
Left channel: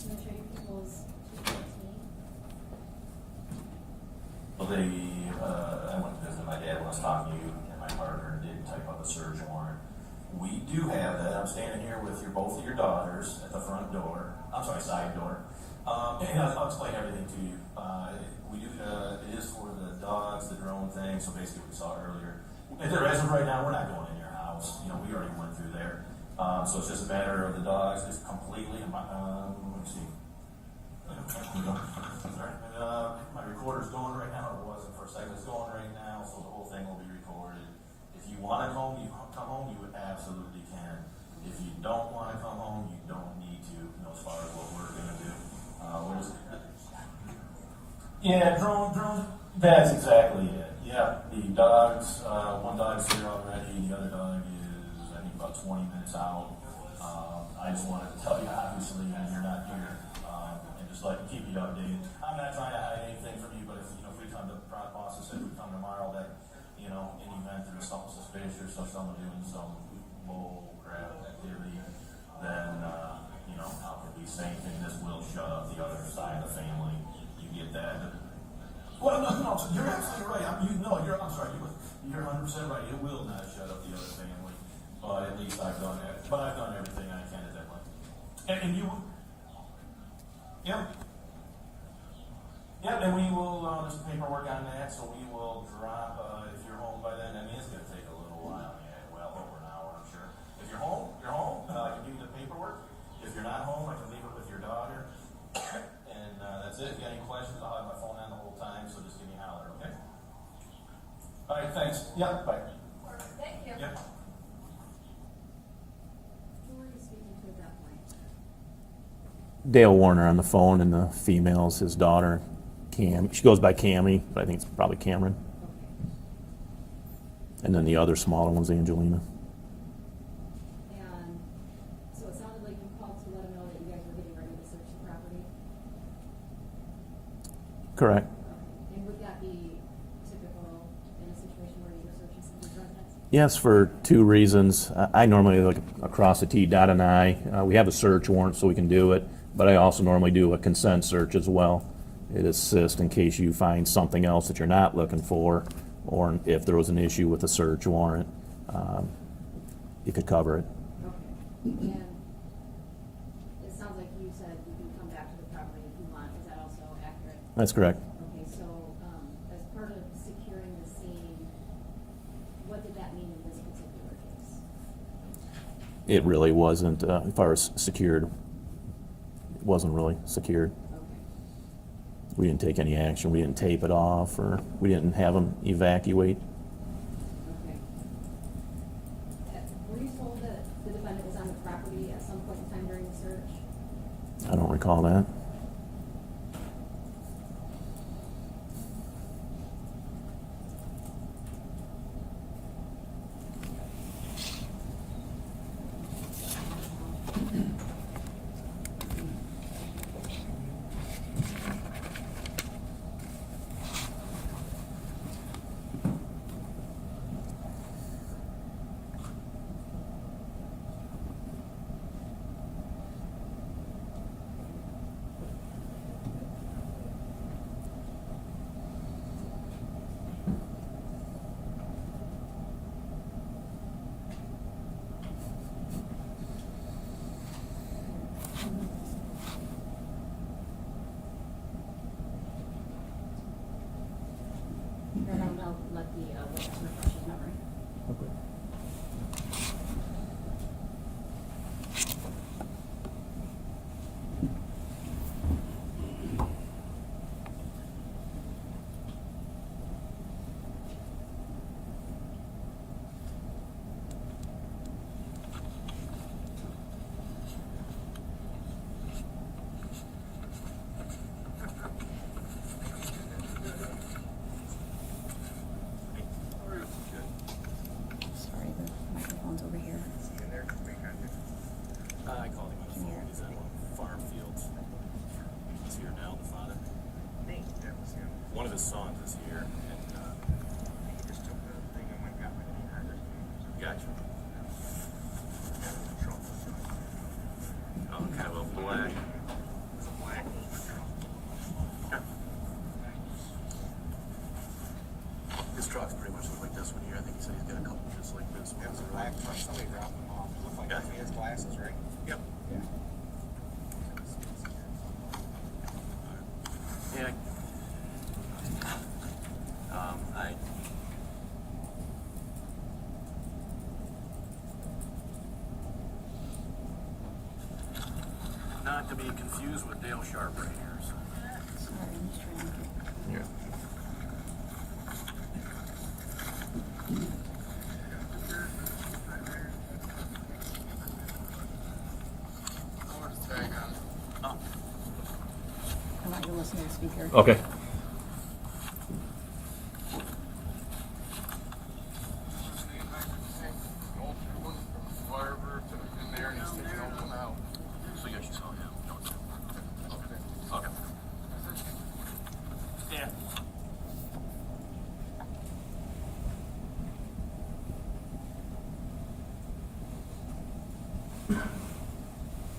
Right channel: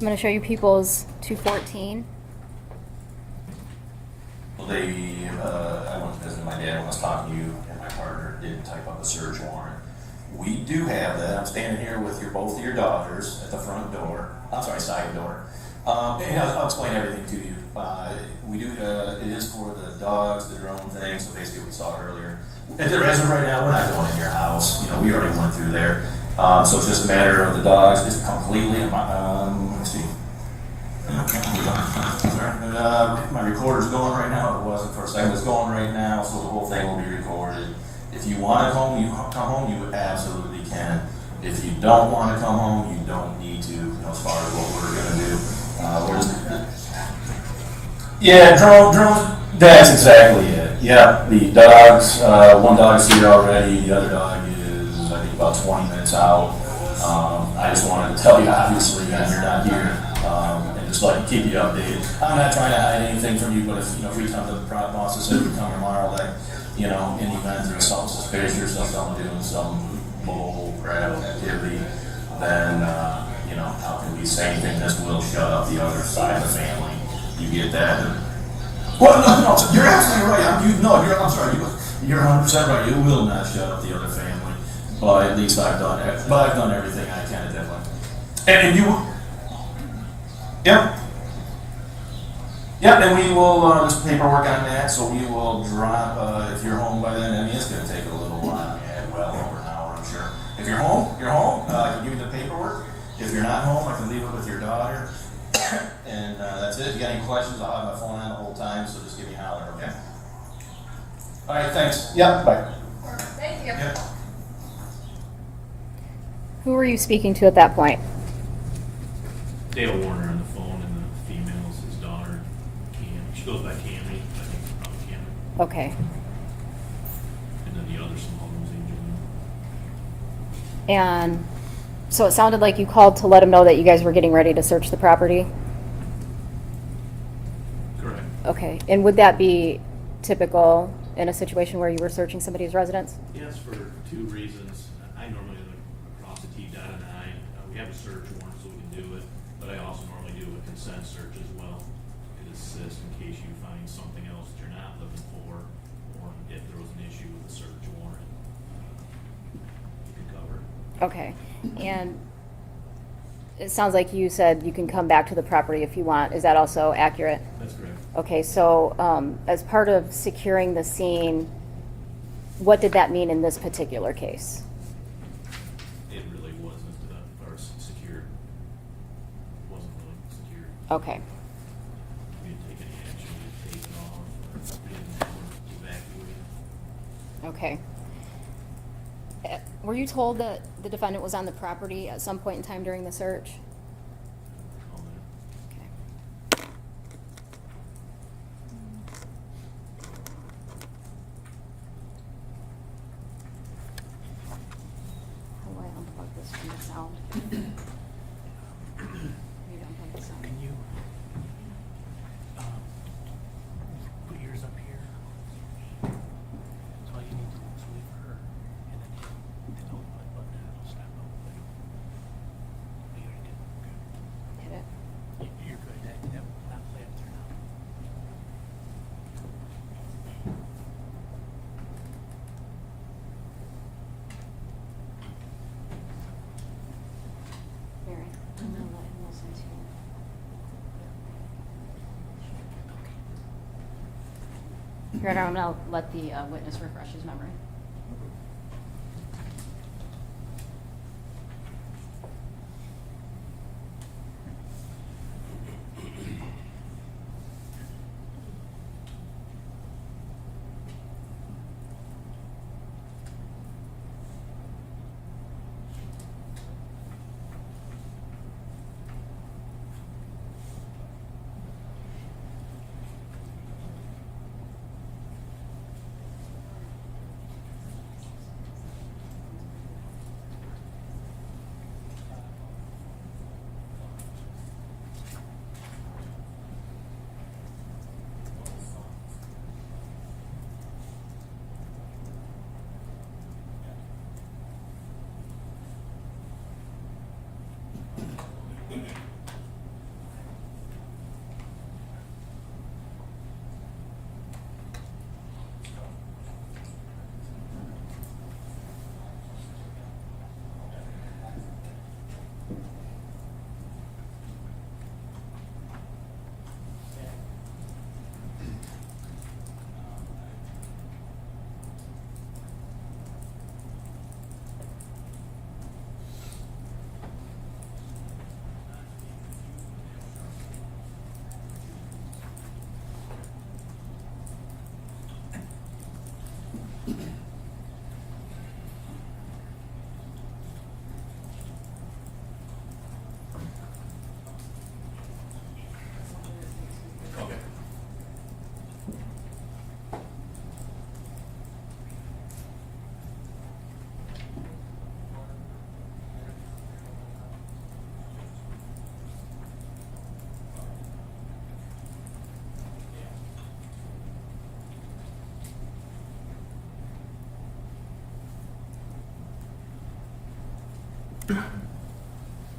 I'm going to show you People's 214. Well, I went to visit my dad when I was talking to you, and my partner did type up a search warrant. We do have that. I'm standing here with both of your daughters at the front door. I'm sorry, side door. And I'll explain everything to you. We do. It is for the dogs, the drone thing. So basically, we saw earlier. As of right now, we're not going in your house. You know, we already went through there. So it's just a matter of the dogs, just completely. Let me see. My recorder's going right now. It wasn't for a second. It's going right now, so the whole thing will be recorded. If you want to come home, you absolutely can. If you don't want to come home, you don't need to. You know, as far as what we're gonna do, drones. That's exactly it. Yeah, the dogs. One dog's here already. The other dog is, I think, about 20 minutes out. I just wanted to tell you, obviously, that you're not here. Just like keep you updated. I'm not trying to hide anything from you, but if we come to the prop office and we come tomorrow, like, in the event there's something suspicious or something doing some bull crap activity, then how can we say anything? This will shut up the other side of the family. You get that? Well, no, you're absolutely right. I'm sorry. You're 100% right. You will not shut up the other family, but at least I've done it. But I've done everything I can at that point. And you. Yep, and we will, there's paperwork on that, so we will drop, if you're home by then. I mean, it's gonna take a little while, well over an hour, I'm sure. If you're home, I can give you the paperwork. If you're not home, I can leave it with your daughter. And that's it. If you got any questions, I'll have my phone on the whole time, so just give me a holler, okay? All right, thanks. Yep, bye. Thank you. Yep. Who were you speaking to at that point? Dale Warner on the phone, and the female's his daughter. She goes by Camry, but I think it's probably Cameron. Okay. And then the other smaller one's Angelina. And so it sounded like you called to let him know that you guys were getting ready to search the property? Correct. Okay. And would that be typical in a situation where you were searching somebody's residence? Yes, for two reasons. I normally look across the T, dot an I. We have a search warrant, so we can do it, but I also normally do a consent search as well. It assists in case you find something else that you're not looking for, or if there was an issue with the search warrant, you could cover it. Okay. And it sounds like you said you can come back to the property if you want. Is that also accurate? That's correct. Okay, so as part of securing the scene, what did that mean in this particular case? It really wasn't, as far as secured, wasn't really secured. Okay. We didn't take any action. We didn't tape it off, or we didn't have them evacuate. Okay. Were you told that the defendant was on the property at some point in time during the search? I don't recall that. Your Honor, I'm gonna let the witness refresh his memory. Sorry, the microphone's over here. I call him. He's at farm fields. He's here now, the father. One of his sons is here, and gotcha. I'll have a black. His truck's pretty much like this one here. I think he said he's got a couple just like this. Yeah, it's a black truck. Somebody dropped him off. Looked like he has glasses, right? Yep. Yeah. I. Not to be confused with Dale Sharp right here. So. Yeah. I'm not gonna listen to the speaker. Okay.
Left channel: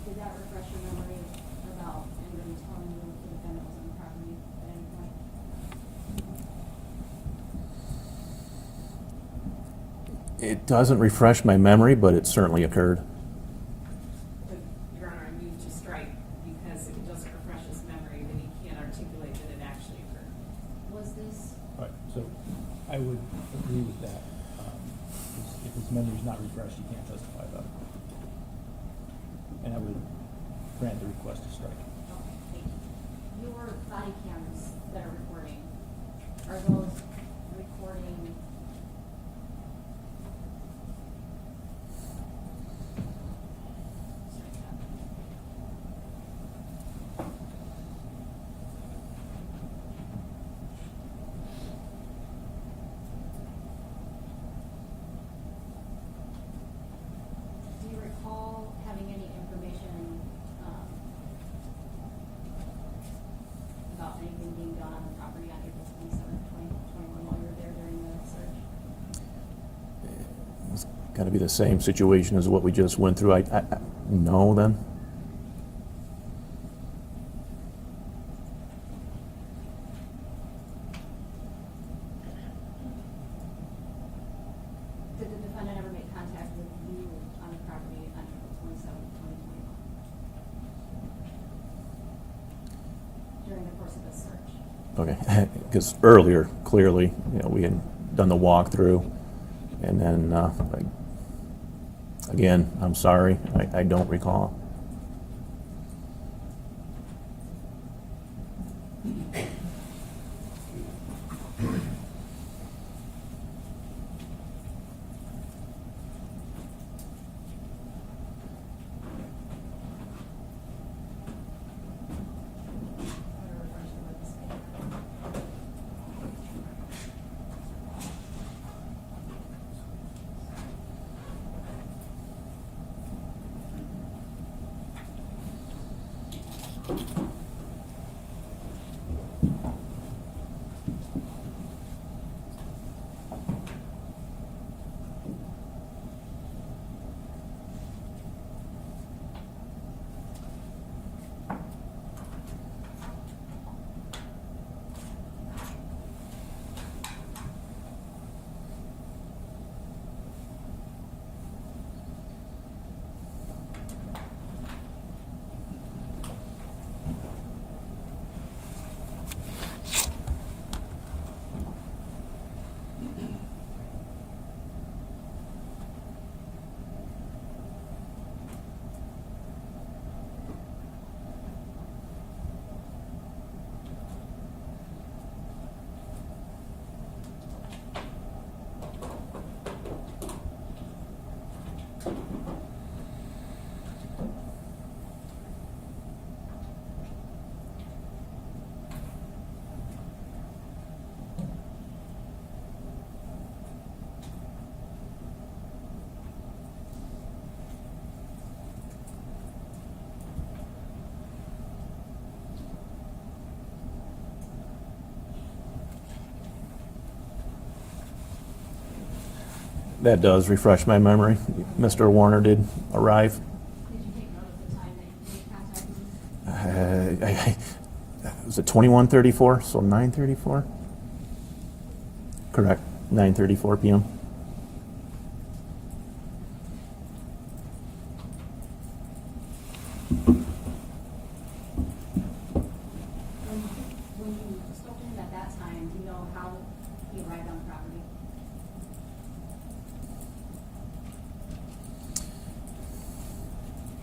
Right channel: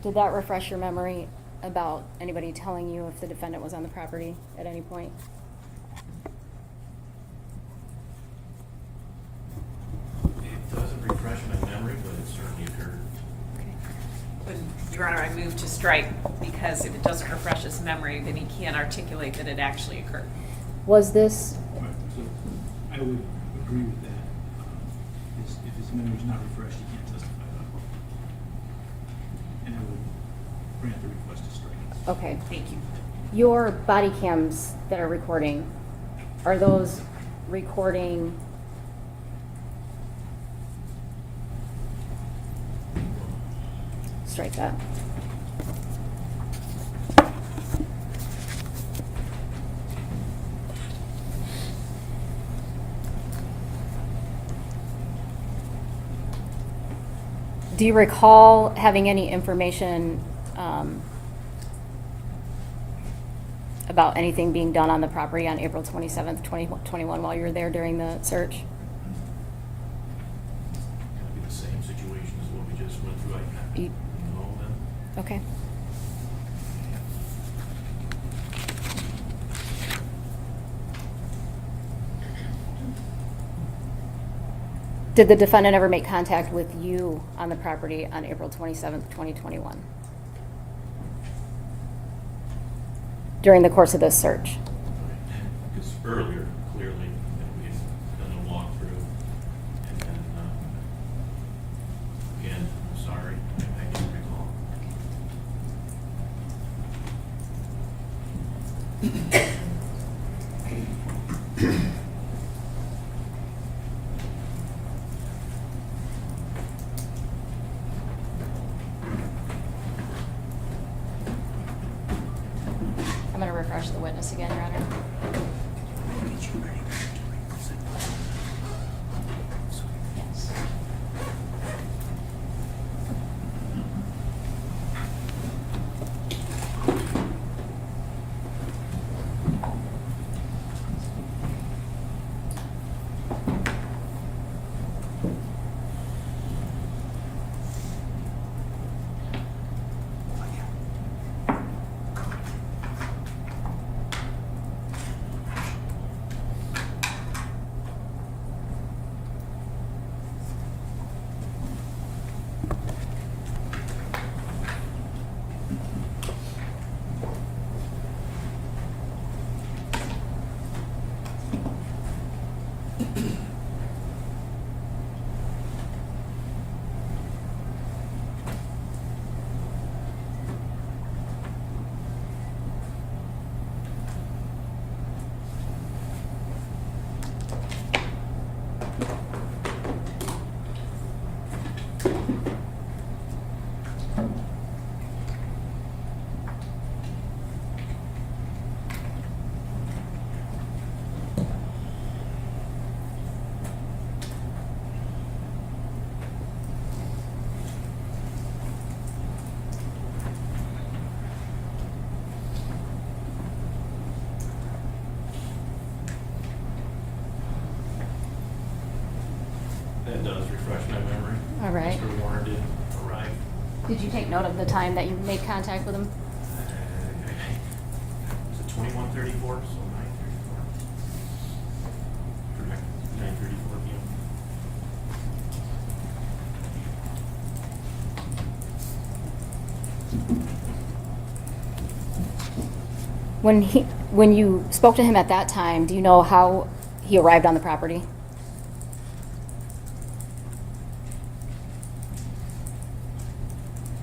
Did that refresh your memory about anybody telling you if the defendant was on the property at any point? It doesn't refresh my memory, but it certainly occurred. Your Honor, I move to strike because if it doesn't refresh his memory, then he can't articulate that it actually occurred. Was this, All right, so I would agree with that. If his memory's not refreshed, he can't testify about it. And I would grant the request to strike. okay, Thank you. your body cams that are recording, are those recording? Strike that. Do you recall having any information about anything being done on the property on April 27th, 2021 while you were there during the search? It's got to be the same situation as what we just went through. No, then? Okay. Did the defendant ever make contact with you on the property on April 27th, 2021? During the course of this search? Okay, because earlier, clearly, we had done the walkthrough, and then, again, I'm sorry, I don't recall. I'm going to refresh the witness again, Your Honor. Yes. That does refresh my memory. All right. Mr. Warner did arrive. Did you take note of the time that you made contact with him? Was it 21:34, so 9:34? Correct, 9:34 PM. When you spoke to him at that time, do you know how he arrived on the property?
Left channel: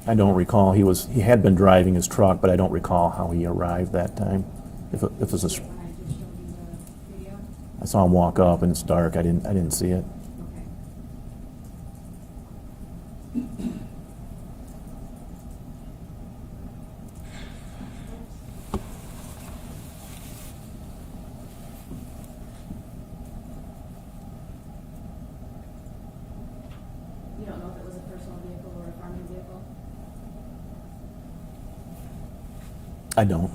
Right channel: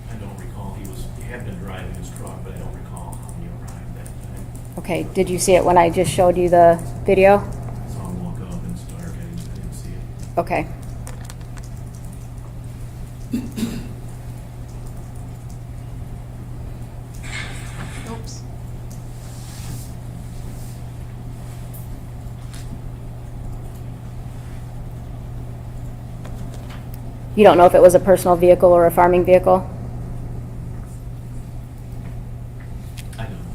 I don't recall, he had been driving his truck, but I don't recall how he arrived that time. Okay, If did you was see it when I just showed you the video? I saw him walk up and it's dark, I didn't see it. Okay. Oops. You don't know if it was a personal vehicle or a farming vehicle? I don't.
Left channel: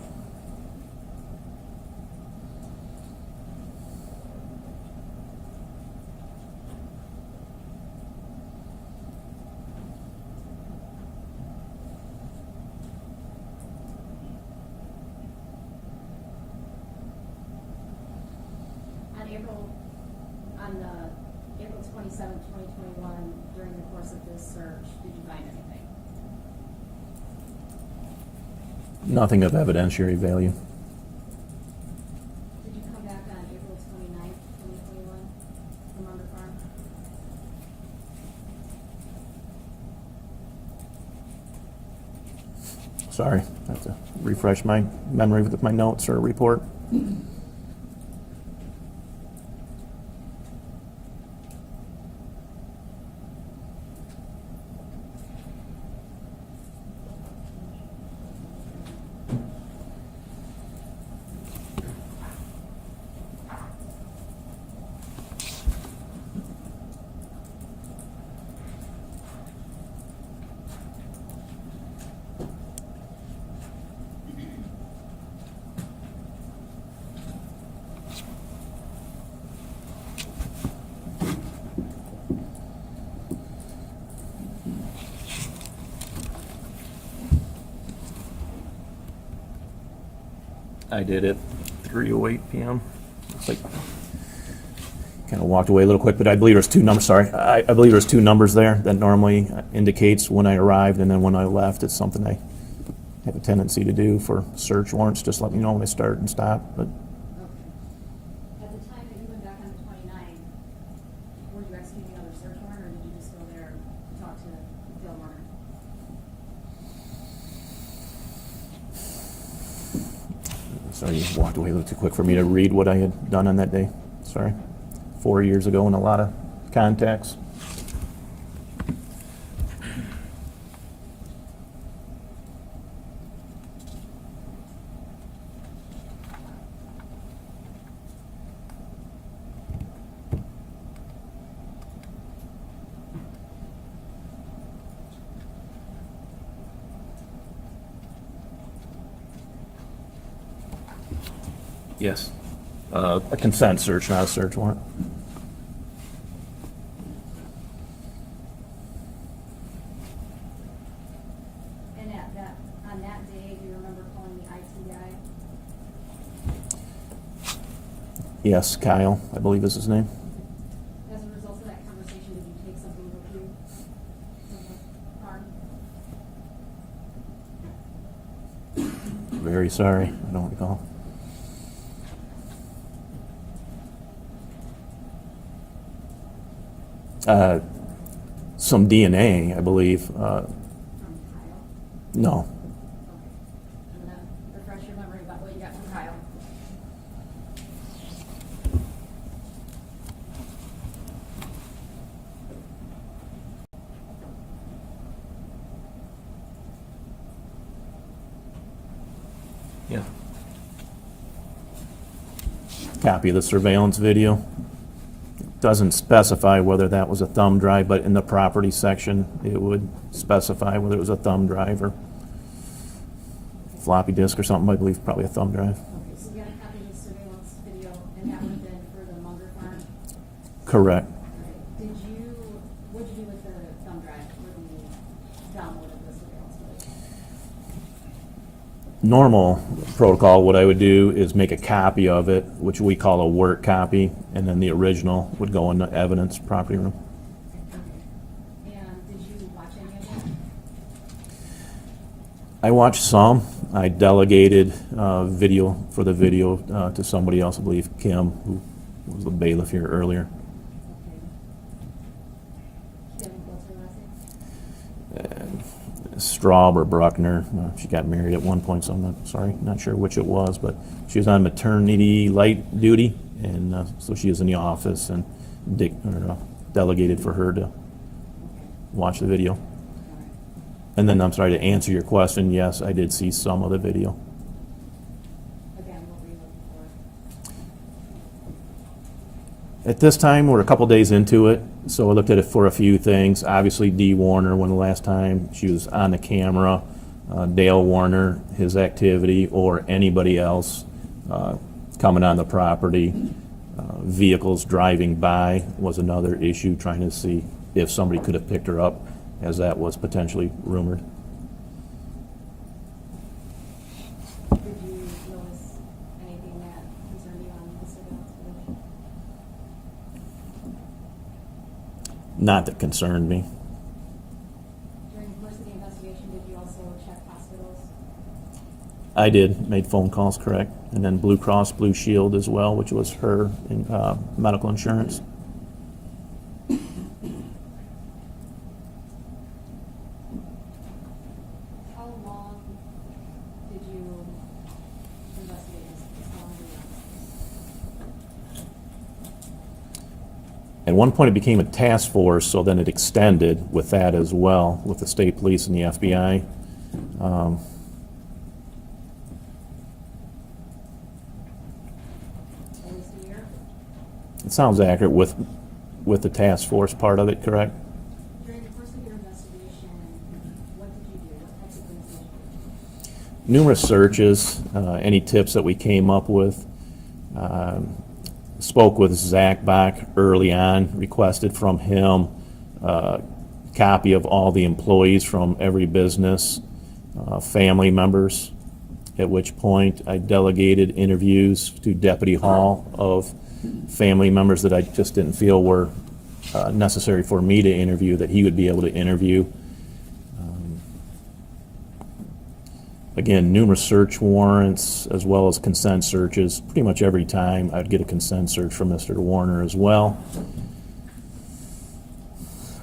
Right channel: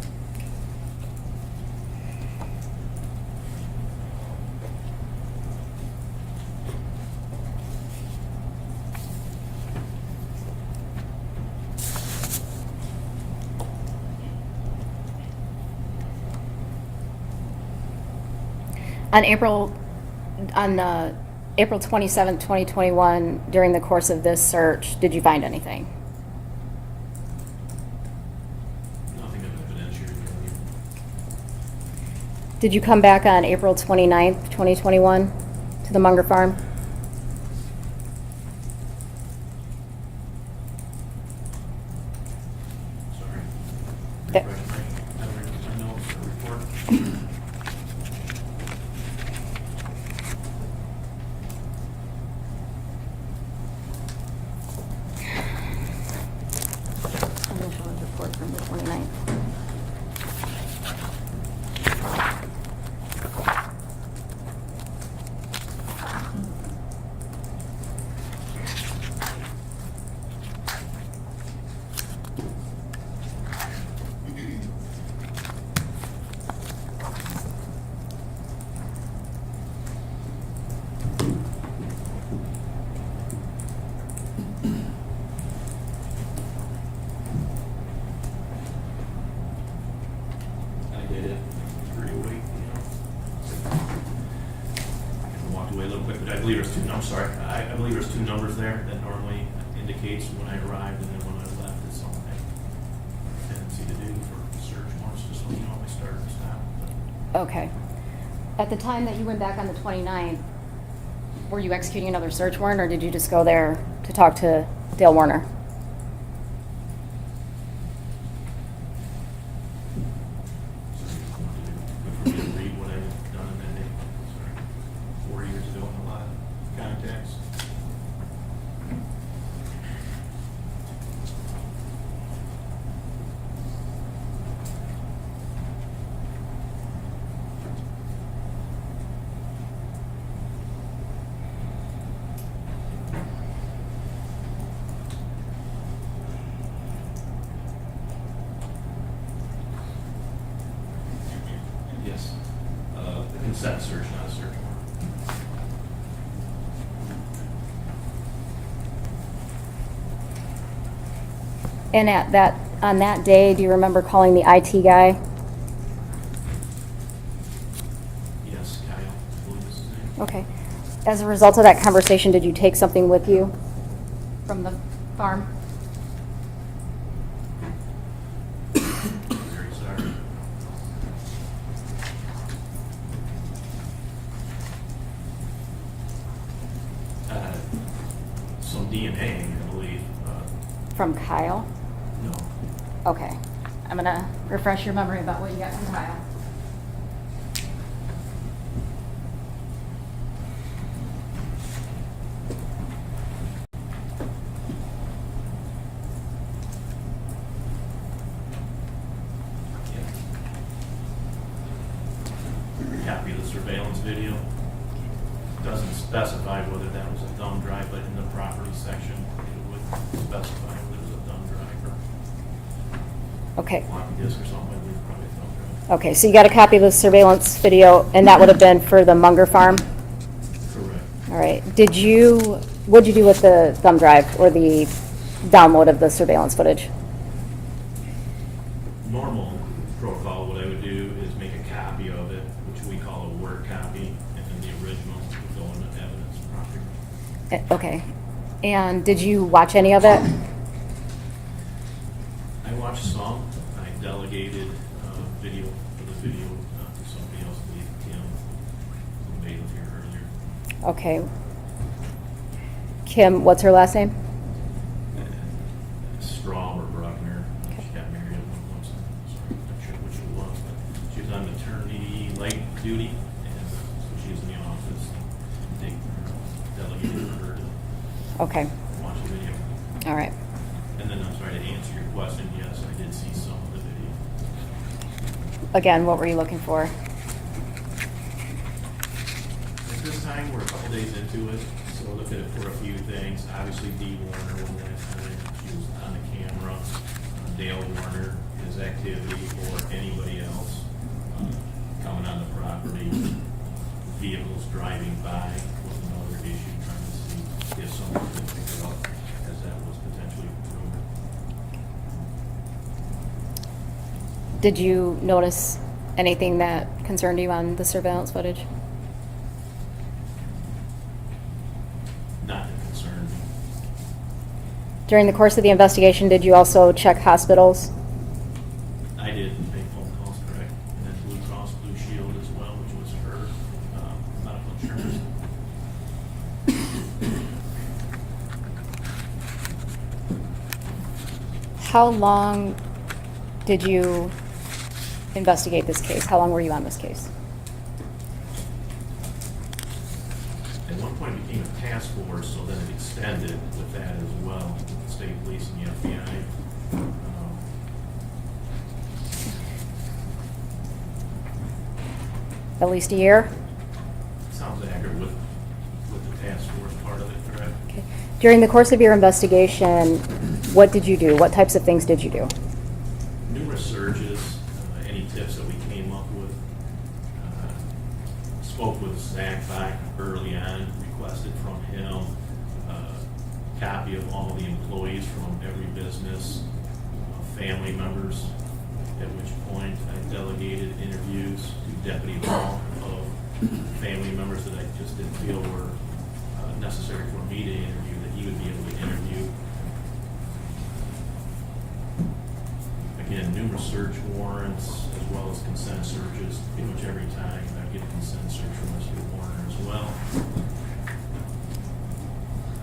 On April 27th, 2021, during the course of this search, did you find anything? Nothing of evidentiary value. Did you come back on April 29th, 2021 to the Munger farm? Sorry, I have to refresh my memory with my notes or report. Initial report from the 29th. I did it 3:08 PM. It's like, kind of walked away a little quick, but I believe there's two numbers, sorry. I believe there's two numbers there that normally indicates when I arrived and then when I left. It's something I have a tendency to do for search warrants, just let me know when they start and stop, but Okay. At the time that you went back on the 29th, were you executing another search warrant, or did you just go there to talk to Dale Warner? sorry, you walked away a little too quick for me to read what I had done on that day. Sorry. 4 years ago and a lot of contacts. Yes. A consent search, not a search warrant. And on that day, do you remember calling the IT guy? Yes, Kyle, I believe is his name. Okay. As a result of that conversation, did you take something with you from the farm? Very sorry, I don't recall. Some DNA, I believe. From Kyle? No. Okay. I'm gonna refresh your memory about what you got from Kyle. Yeah. Copy of the surveillance video. Doesn't specify whether that was a thumb drive, but in the property section, it would specify whether it was a thumb drive or Okay. floppy disk or something. I believe probably a thumb drive. Okay, so you got a copy of the surveillance video, and that would have been for the Munger farm? Correct. All right. What'd you do with the thumb drive or the download of the surveillance footage? Normal protocol, what I would do is make a copy of it, which we call a work copy, and then the original would go in the evidence property room. Okay. And did you watch any of it? I watched some. I delegated video to somebody else, I believe Kim, who was the bailiff here earlier. Okay. Kim, what's her last name? Straub or Bruckner. She got married at one point, so not sure which it was, but she was on maternity light duty, and so she was in the office, and delegated for her to Okay. watch the video. All right. And then, I'm sorry, to answer your question, yes, I did see some of the video. Again, what were you looking for? At this time, we're a couple days into it, so I looked at it for a few things. Obviously, Dee Warner, when the last time she was on the camera, Dale Warner, his activity, or anybody else coming on the property. Vehicles driving by was another issue, trying to see if somebody could have picked her up, as that was potentially rumored. Did you notice anything that concerned you on the surveillance footage? Not that concerned me. During the course of the investigation, did you also check hospitals? I did, made phone calls, correct. And then Blue Cross Blue Shield as well, which was her medical insurance. How long did you investigate this case? How long were you on this case? At one point, it became a task force, so then it extended with that as well, with the state police and the FBI. At least a year? It sounds accurate with the task force part of it, correct? Okay. During the course of your investigation, what did you do? What types of things did you do? Numerous searches, any tips that we came up with. Spoke with Zach Bach early on, requested from him a copy of all the employees from every business, family members, at which point I delegated interviews to Deputy Hall of family members that I just didn't feel were necessary for me to interview, that he would be able to interview. Again, numerous search warrants as well as consent searches. Pretty much every time I'd get a consent search from Mr. Warner as well.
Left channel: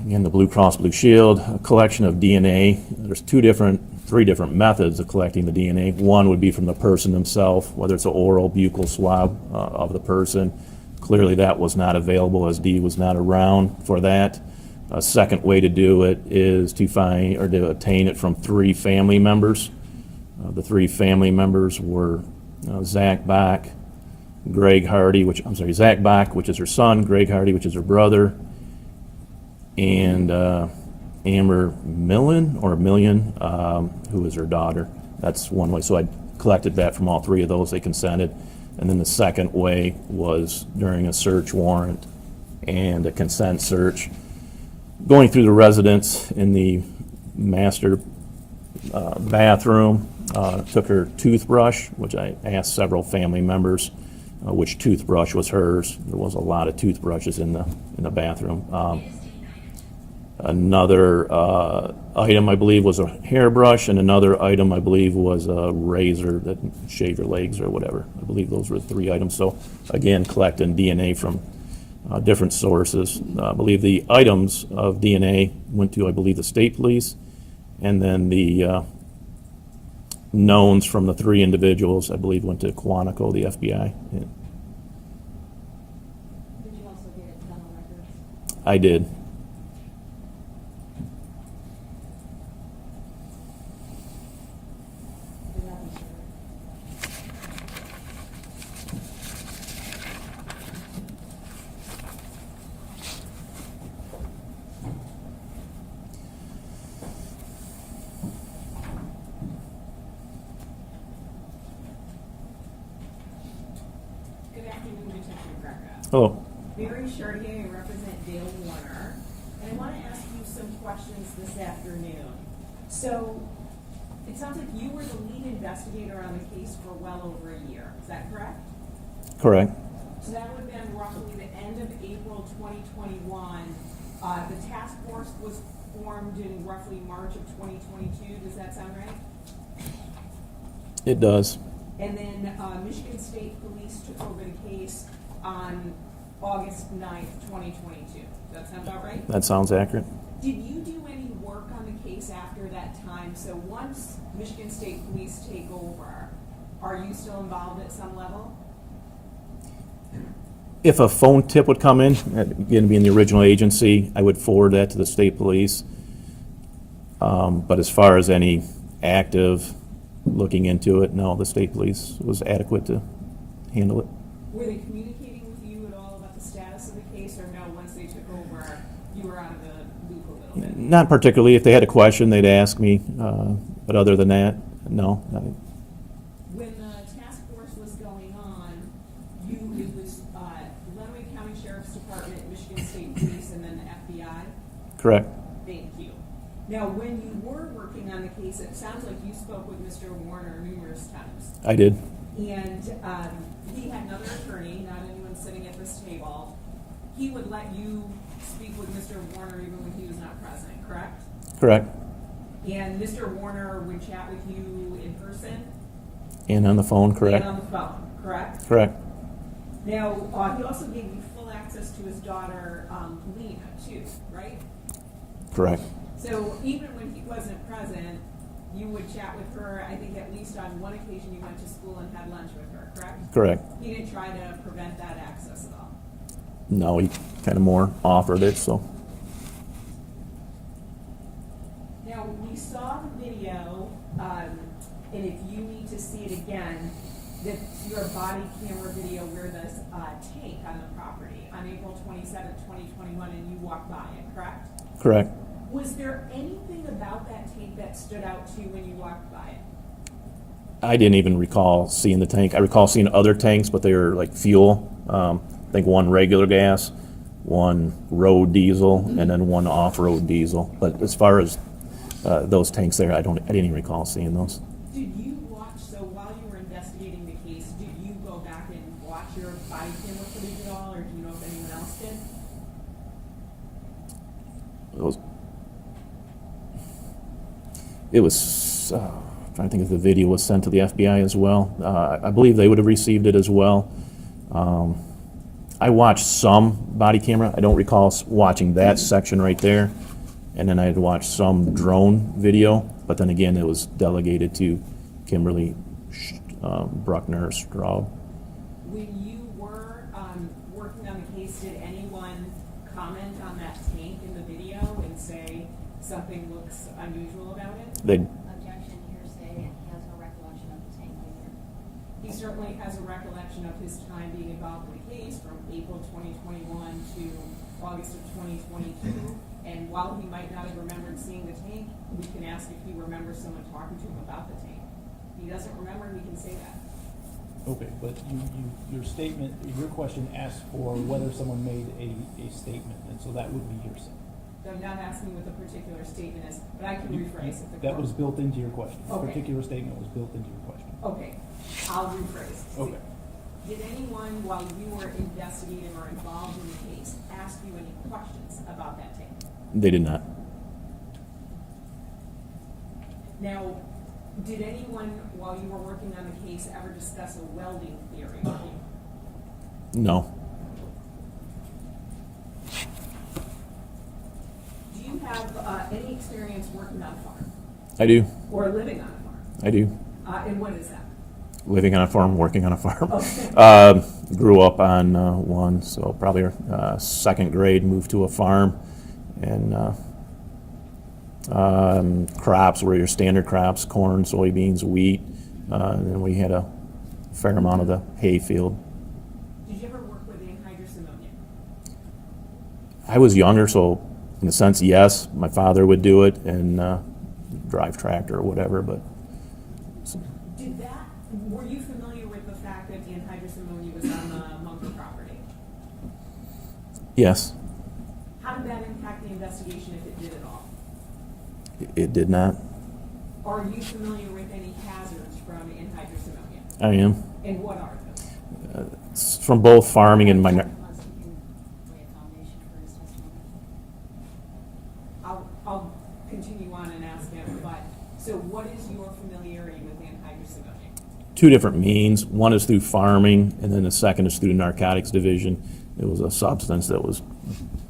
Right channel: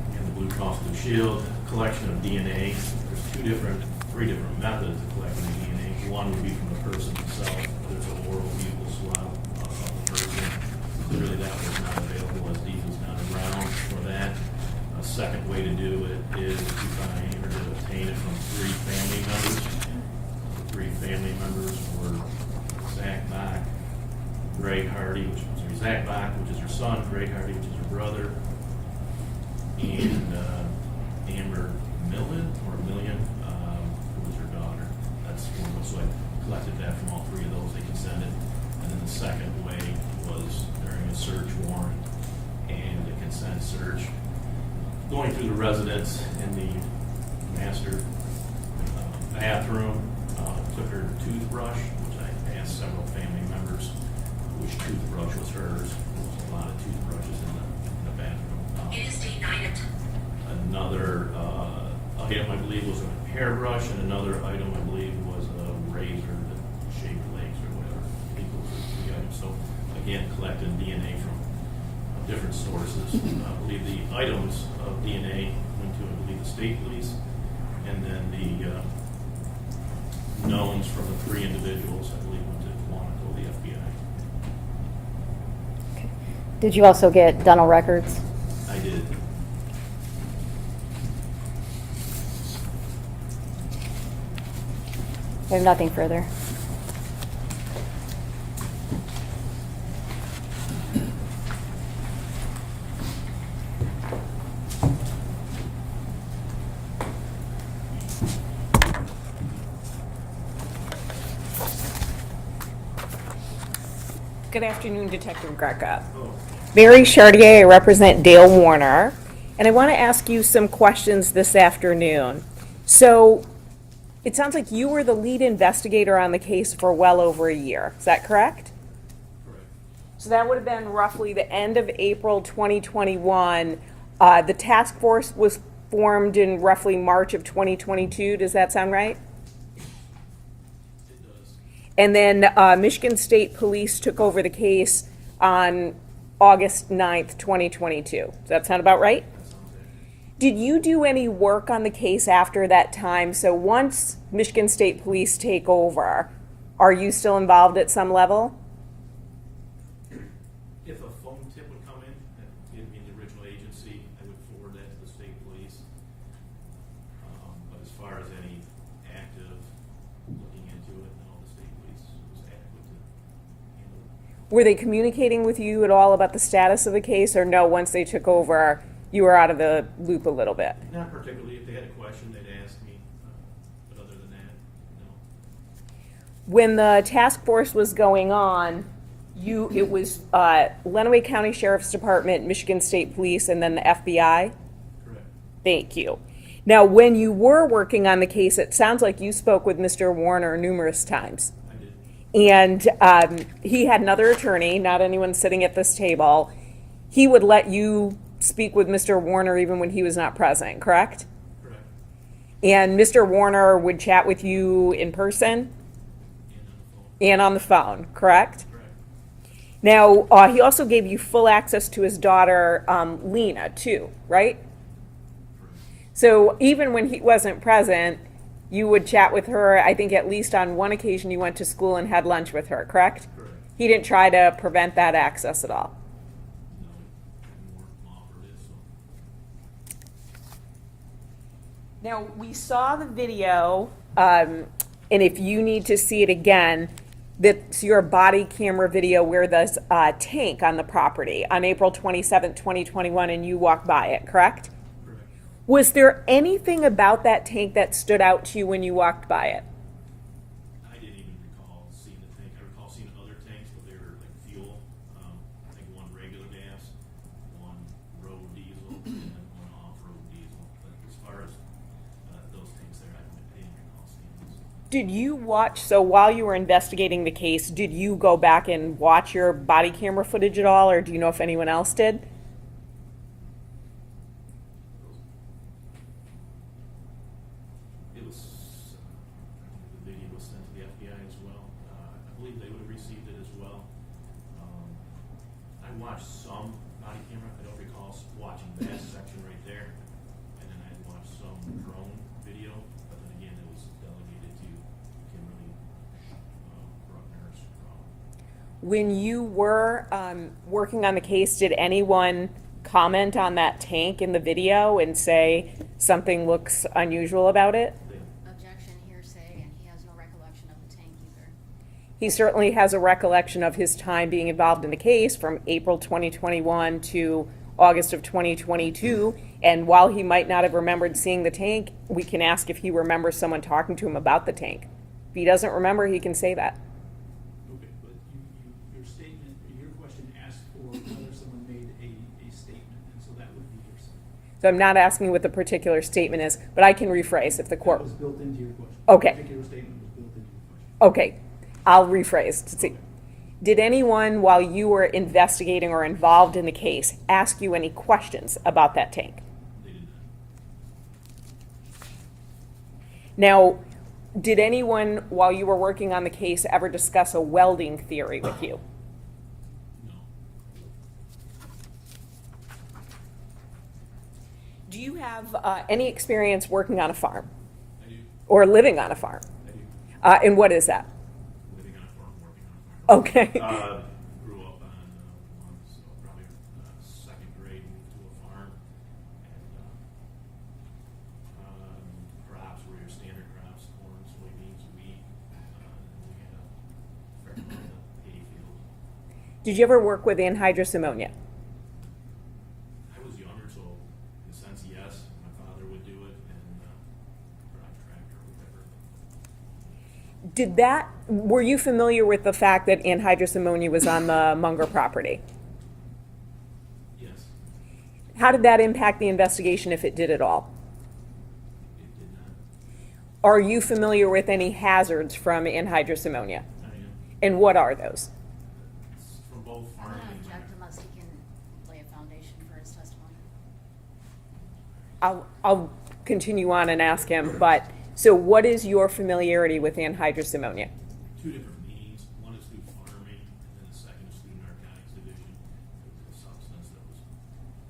Again, the Blue Cross Blue Shield, a collection of DNA. There's three different methods of collecting the DNA. One would be from the person himself, whether it's an oral buccal swab of the person. Clearly that was not available, as Dee was not around for that. A second way to do it is to obtain it from 3 family members. The 3 family members were Zach Bach, Zach Bach, which is her son, Greg Hardy, which is her brother, and Amber Million, who is her daughter. That's one way. So I collected that from all 3 of those. They consented. And then the second way was during a search warrant and a consent search, going through the residence in the master bathroom. Took her toothbrush, which I asked several family members which toothbrush was hers. There was a lot of toothbrushes in the bathroom. Another item, I believe, was a hairbrush, and another item, I believe, was a razor that shaved her legs or whatever. I believe those were 3 items. So again, collecting DNA from different sources. I believe the items of DNA went to, I believe, the state police, and then the knowns from the 3 individuals, I believe, went to Quantico, the FBI. Yeah. Okay. Did you also get dental records? I did. I have nothing further. Good afternoon, Detective Greca. Oh, Mary Chartier, I represent Dale Warner, and I want to ask you some questions this afternoon. So, it sounds like you were the lead investigator on the case for well over a year. Is that correct? Correct. So that would have been roughly the end of April 2021. The task force was formed in roughly March of 2022. Does that sound right? It does. And then Michigan State Police took over the case on August 9th, 2022. Does that sound about right? That sounds accurate. Did you do any work on the case after that time? So once Michigan State Police take over, are you still involved at some level? If a phone tip would come in, again, being the original agency, I would forward that to the state police. But as far as any active looking into it, no, the state police was adequate to handle it. Were they communicating with you at all about the status of the case, or no, once they took over, you were out of the loop a little bit? Not particularly. If they had a question, they'd ask me. But other than that, no. When the task force was going on, it was Lenawee County Sheriff's Department, Michigan State Police, and then the FBI? Correct. Thank you. Now, when you were working on the case, it sounds like you spoke with Mr. Warner numerous times. I did. And he had another attorney, not anyone sitting at this table. He would let you speak with Mr. Warner even when he was not present, correct? Correct. And Mr. Warner would chat with you in person? And on the phone, correct. And on the phone, correct? Correct. Now, he also gave you full access to his daughter, Lena, too, right? Correct. So even when he wasn't present, you would chat with her. I think at least on one occasion you went to school and had lunch with her, correct? Correct. He didn't try to prevent that access at all. No, he kind of more offered it, so. Now, we saw the video, and if you need to see it again, that's your body camera video where there's a tank on the property on April 27th, 2021, and you walked by it, correct? Correct. Was there anything about that tank that stood out to you when you walked by it? I didn't even recall seeing the tank. I recall seeing other tanks, but they were like fuel. I think one regular gas, one road diesel, and then one off-road diesel. But as far as those tanks there, I didn't even recall seeing those. Did you watch, so while you were investigating the case, did you go back and watch your body camera footage at all, or do you know if anyone else did? It was, trying to think if the video was sent to the FBI as well. I believe they would have received it as well. I watched some body camera. I don't recall watching that section right there. And then I had watched some drone video, but then again, it was delegated to Kimberly Bruckner Straub. When you were working on the case, did anyone comment on that tank in the video and say something looks unusual about it? Objection, hearsay, and he has no recollection of the tank either. He certainly has a recollection of his time being involved in the case from April 2021 to August of 2022. And while he might not have remembered seeing the tank, we can ask if he remembers someone talking to him about the tank. If he doesn't remember, he can say that. Okay, but your statement, your question asked for whether someone made a statement, and so that would be hearsay. So I'm not asking what the particular statement is, but I can rephrase if the court. That was built into your question. Okay. The particular statement was built into your question. Okay, I'll rephrase to see. Okay. Did anyone, while you were investigating or involved in the case, ask you any questions about that tank? They did not. Now, did anyone, while you were working on the case, ever discuss a welding theory with you? No. Do you have any experience working on a farm I do. or living on a farm? I do. And what is that? Living on a farm, working on a farm. Okay. Grew up on one, so probably second grade, moved to a farm. And crops were your standard crops, corn, soybeans, wheat. And then we had a fair amount of the hay field. Did you ever work with anhydrous ammonia? I was younger, so in a sense, yes. My father would do it and drive tractor or whatever, but Were you familiar with the fact that anhydrous ammonia was on the Munger property? Yes, How did that impact the investigation, if it did at all? it did not. Are you familiar with any hazards from anhydrous ammonia? I am. And what are those? It's from both farming and minor, Unless he can lay a foundation for his testimony. I'll continue on and ask him, but, so what is your familiarity with anhydrous ammonia? two different means. One is through farming, and then the second is through the narcotics division. It was a substance that was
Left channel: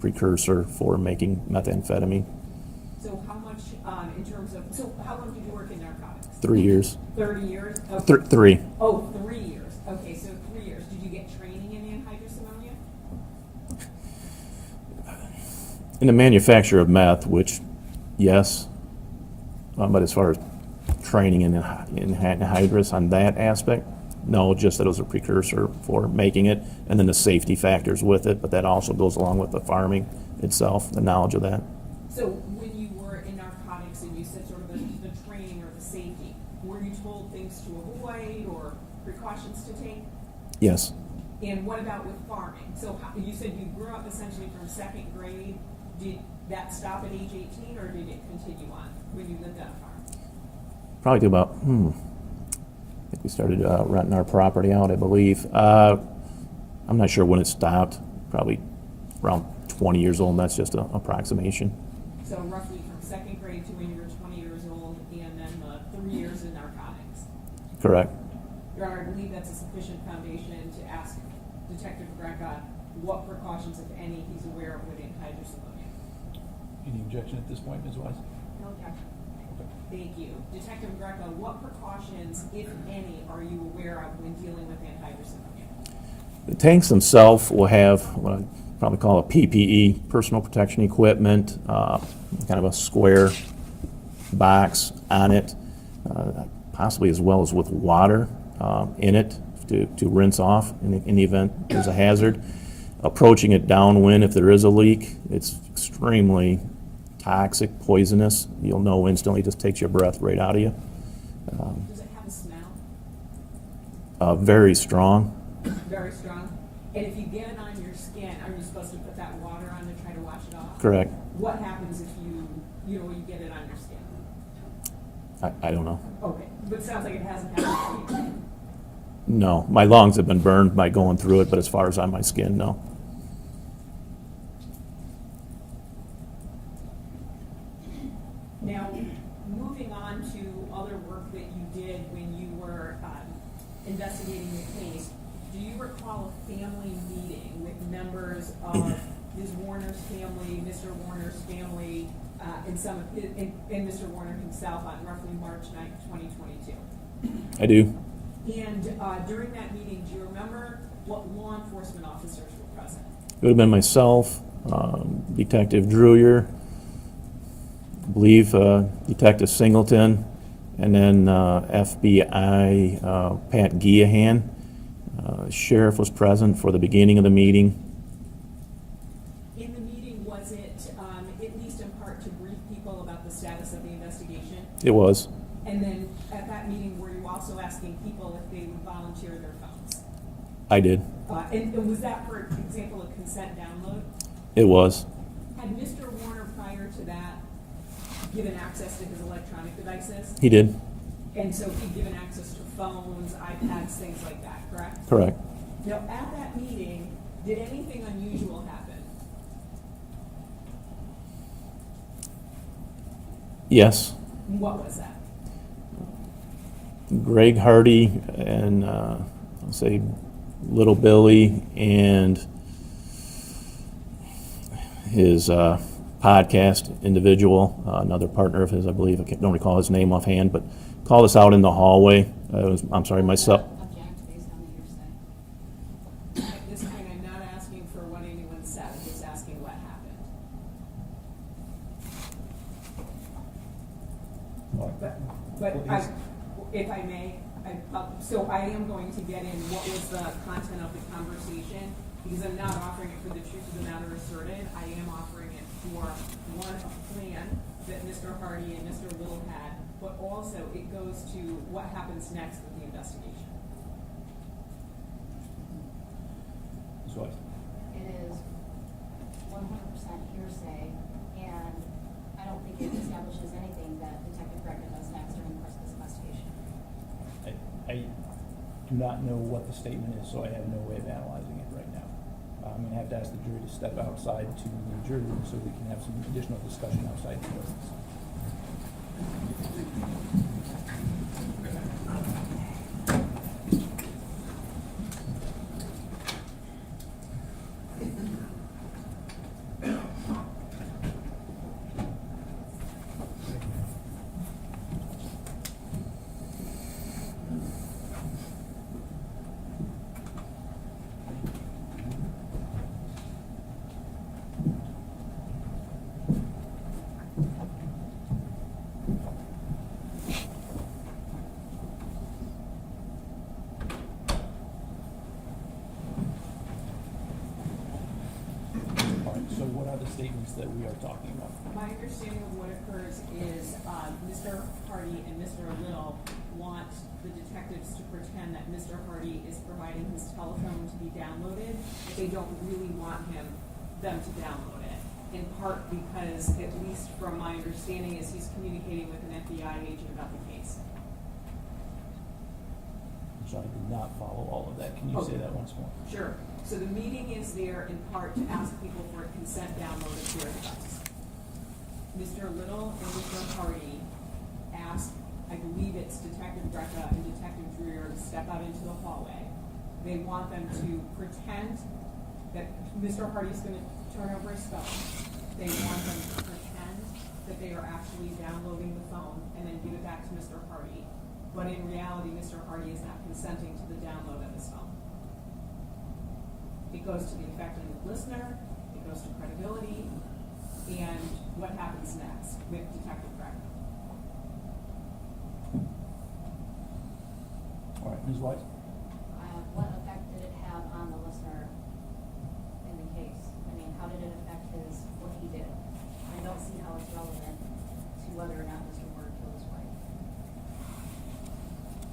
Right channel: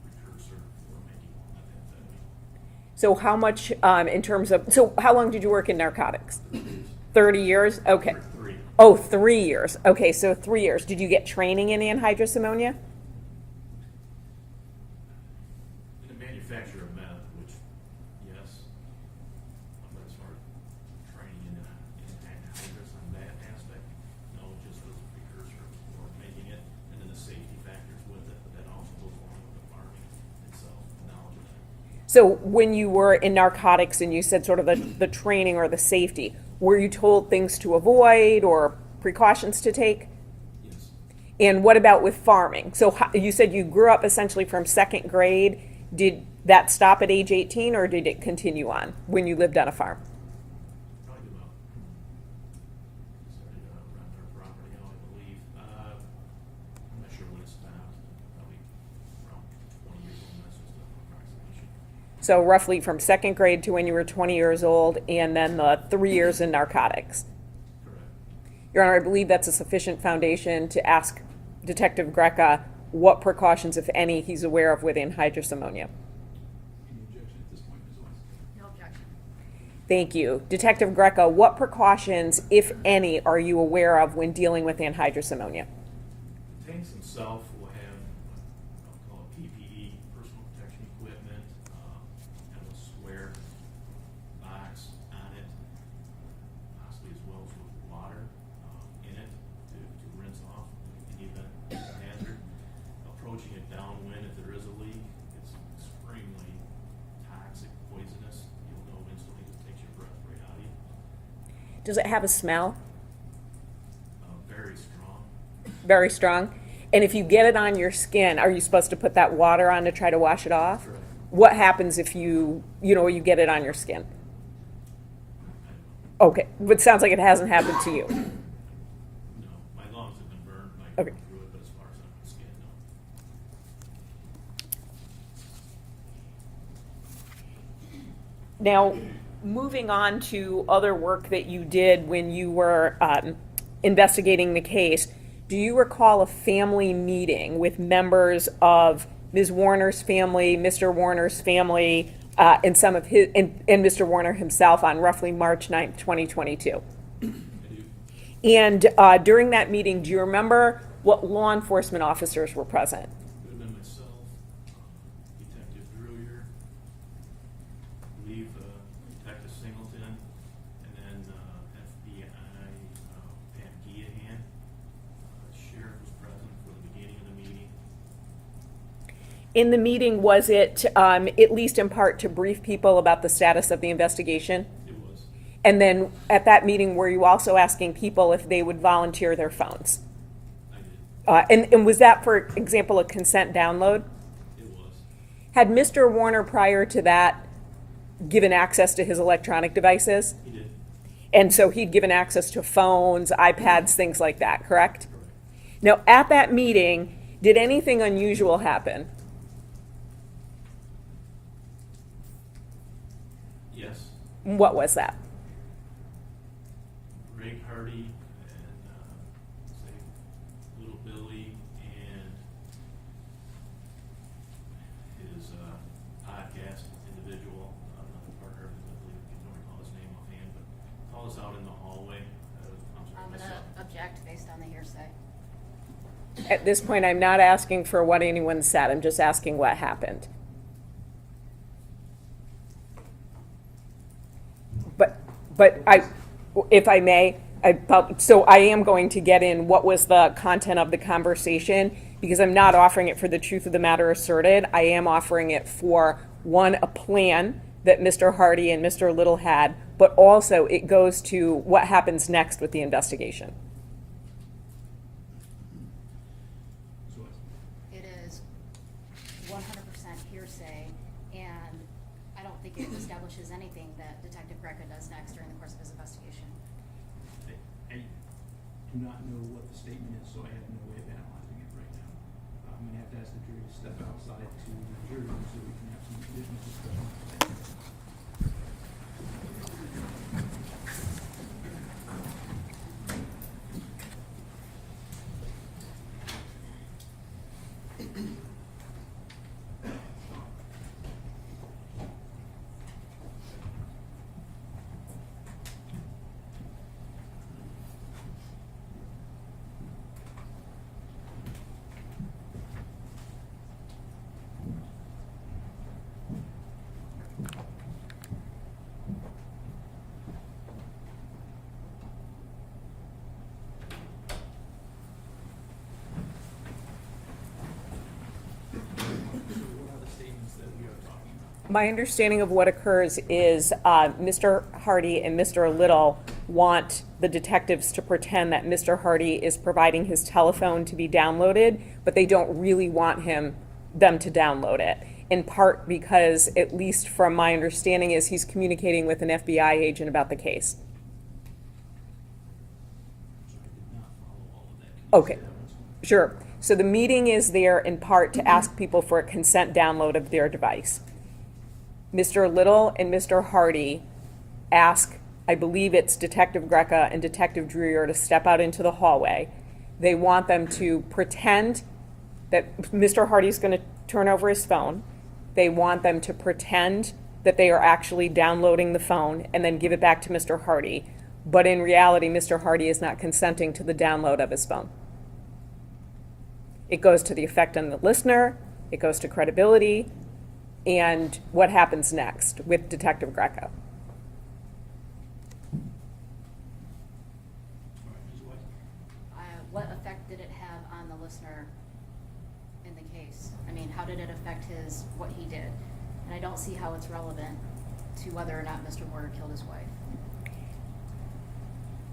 precursor for making methamphetamine. So how much, in terms of, so how long did you work in narcotics? 3 years. 30 years? Okay. Three. Oh, 3 years. Okay, so 3 years. Did you get training in anhydrous ammonia? In the manufacture of meth, which, yes, but as far as training in anhydrous on that aspect, no, just that it was a precursor for making it, and then the safety factors with it, but that also goes along with the farming itself, the knowledge of that. So when you were in narcotics and you said sort of the training or the safety, were you told things to avoid or precautions to take? Yes, And what about with farming? So you said you grew up essentially from second grade. Did that stop at age 18 or did it continue on when you lived on a farm? probably to about, I think we started renting our property out, I believe. I'm not sure when it stopped, probably around 20 years old, and that's just an approximation. So roughly from second grade to when you were 20 years old, and then the 3 years in narcotics. Correct. Your Honor, I believe that's a sufficient foundation to ask Detective Greca what precautions, if any, he's aware of with anhydrous ammonia. Any objection at this point, Ms. Wise? No objection. Thank you. Detective Greca, what precautions, if any, are you aware of when dealing with anhydrous ammonia? The tanks themselves will have what I probably call a PPE, personal protection equipment, kind of a square box on it, possibly as well as with water in it to rinse off in the event there's a hazard. Approaching it downwind, if there is a leak, it's extremely toxic, poisonous. You'll know instantly, just takes your breath right out of you. Does it have a smell? Very strong. Very strong? And if you get it on your skin, are you supposed to put that water on to try to wash it off? Correct. What happens if you get it on your skin? I don't know. Okay, but it sounds like it hasn't happened to you. No, my lungs have been burned by going through it, but as far as on my skin, no. Now, moving on to other work that you did when you were investigating the case, do you recall a family meeting with members of Ms. Warner's family, Mr. Warner's family, and some of his, and Mr. Warner himself on roughly March 9th, 2022? I do. And during that meeting, do you remember what law enforcement officers were present? It would have been myself, Detective Drewer, I believe Detective Singleton, and then FBI Pat Guillahan. Sheriff was present for the beginning of the meeting. In the meeting, was it at least in part to brief people about the status of the investigation? It was. And then at that meeting, were you also asking people if they would volunteer their phones? I did. And was that, for example, a consent download? It was. Had Mr. Warner prior to that given access to his electronic devices? He did. And so he'd given access to phones, iPads, things like that, correct? Correct. Now, at that meeting, did anything unusual happen? Yes. What was that? Greg Hardy and I'll say Little Billy and his podcast individual, another partner of his, I believe, I don't recall his name offhand, but called us out in the hallway. I'm sorry, myself. Object based on the hearsay. At this point, I'm not asking for what anyone said, I'm just asking what happened. But if I may, so I am going to get in what was the content of the conversation, because I'm not offering it for the truth of the matter asserted. I am offering it for, one, a plan that Mr. Hardy and Mr. Little had, but also it goes to what happens next with the investigation. Ms. Wise? It is not know what the statement is, so I have no way of analyzing it right now. I'm gonna have to ask the jury to step outside to the jury room so we can have some additional discussion outside. the room. So what are the statements that we are talking about? My understanding of what occurs is Mr. Hardy and Mr. Little want the detectives to pretend that Mr. Hardy is providing his telephone to be downloaded, but they don't really want them to download it. In part because, at least from my understanding, is he's communicating with an FBI agent about the case. So I did not follow all of that. Can you Okay. say that once more? Sure. So the meeting is there in part to ask people for a consent download of their device. Mr. Little and Mr. Hardy ask, I believe it's Detective Greca and Detective Dreer, to step out into the hallway. They want them to pretend that Mr. Hardy's going to turn over his phone. They want them to pretend that they are actually downloading the phone and then give it back to Mr. Hardy. But in reality, Mr. Hardy is not consenting to the download of his phone. It goes to the effect on the listener, it goes to credibility, and what happens next with Detective Greca. All right, Ms. Weiss? What effect did it have on the listener in the case? I mean, how did it affect what he did? And I don't see how it's relevant to whether or not Mr. Warner killed his wife.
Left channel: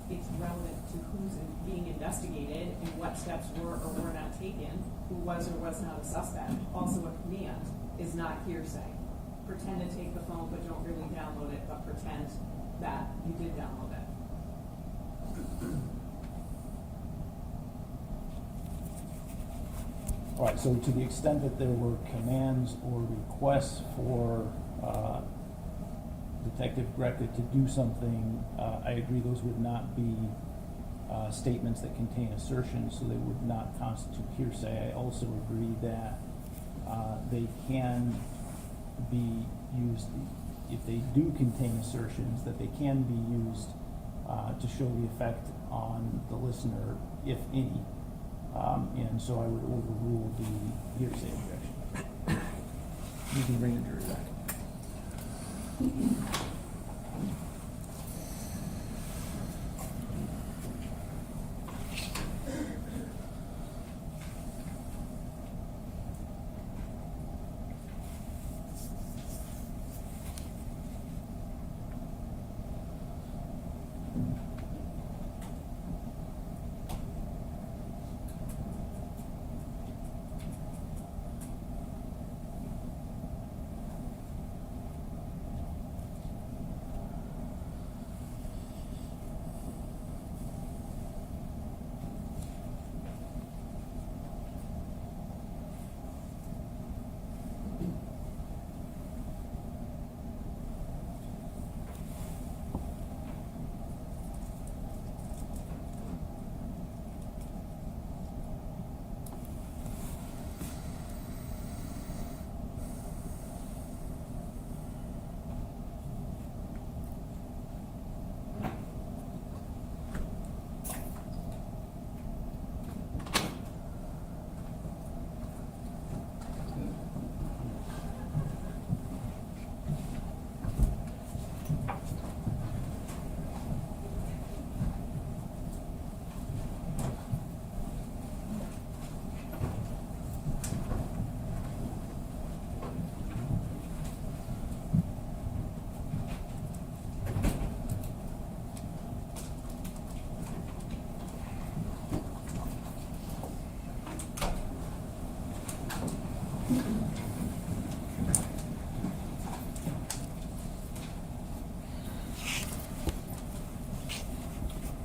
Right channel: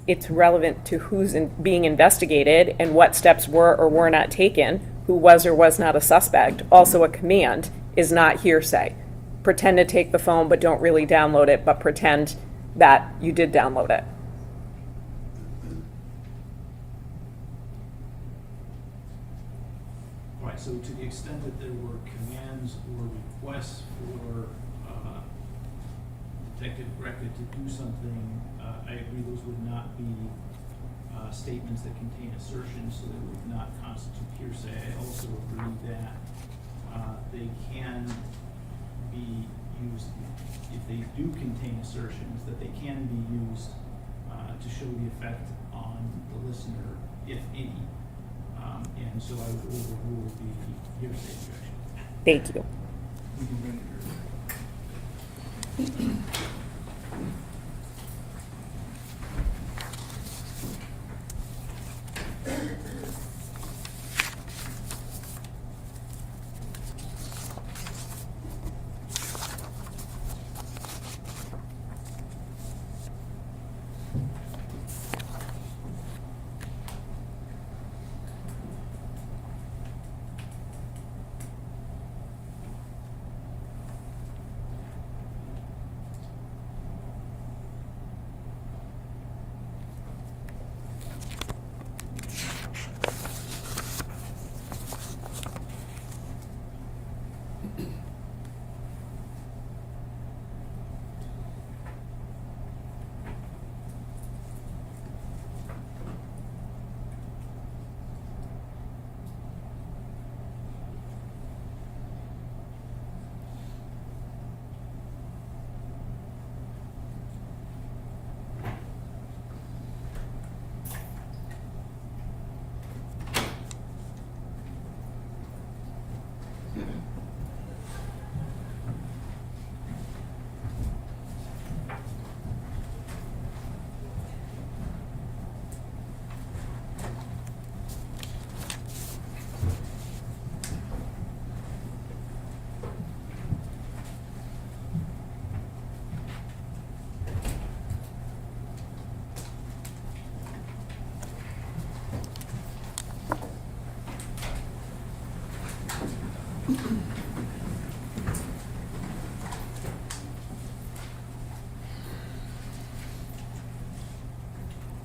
It's relevant to who's being investigated and what steps were or were not taken, who was or was not a suspect. Also, a command is not hearsay. Pretend to take the phone, but don't really download it, but pretend that you did download it. All right, so to the extent that there were commands or requests for Detective Greca to do something, I agree those would not be statements that contain assertions, so they would not constitute hearsay. I also agree that they can be used, if they do contain assertions, that they can be used to show the effect on the listener, if any. And so I would overrule the hearsay objection. Thank you. You can bring it yours back.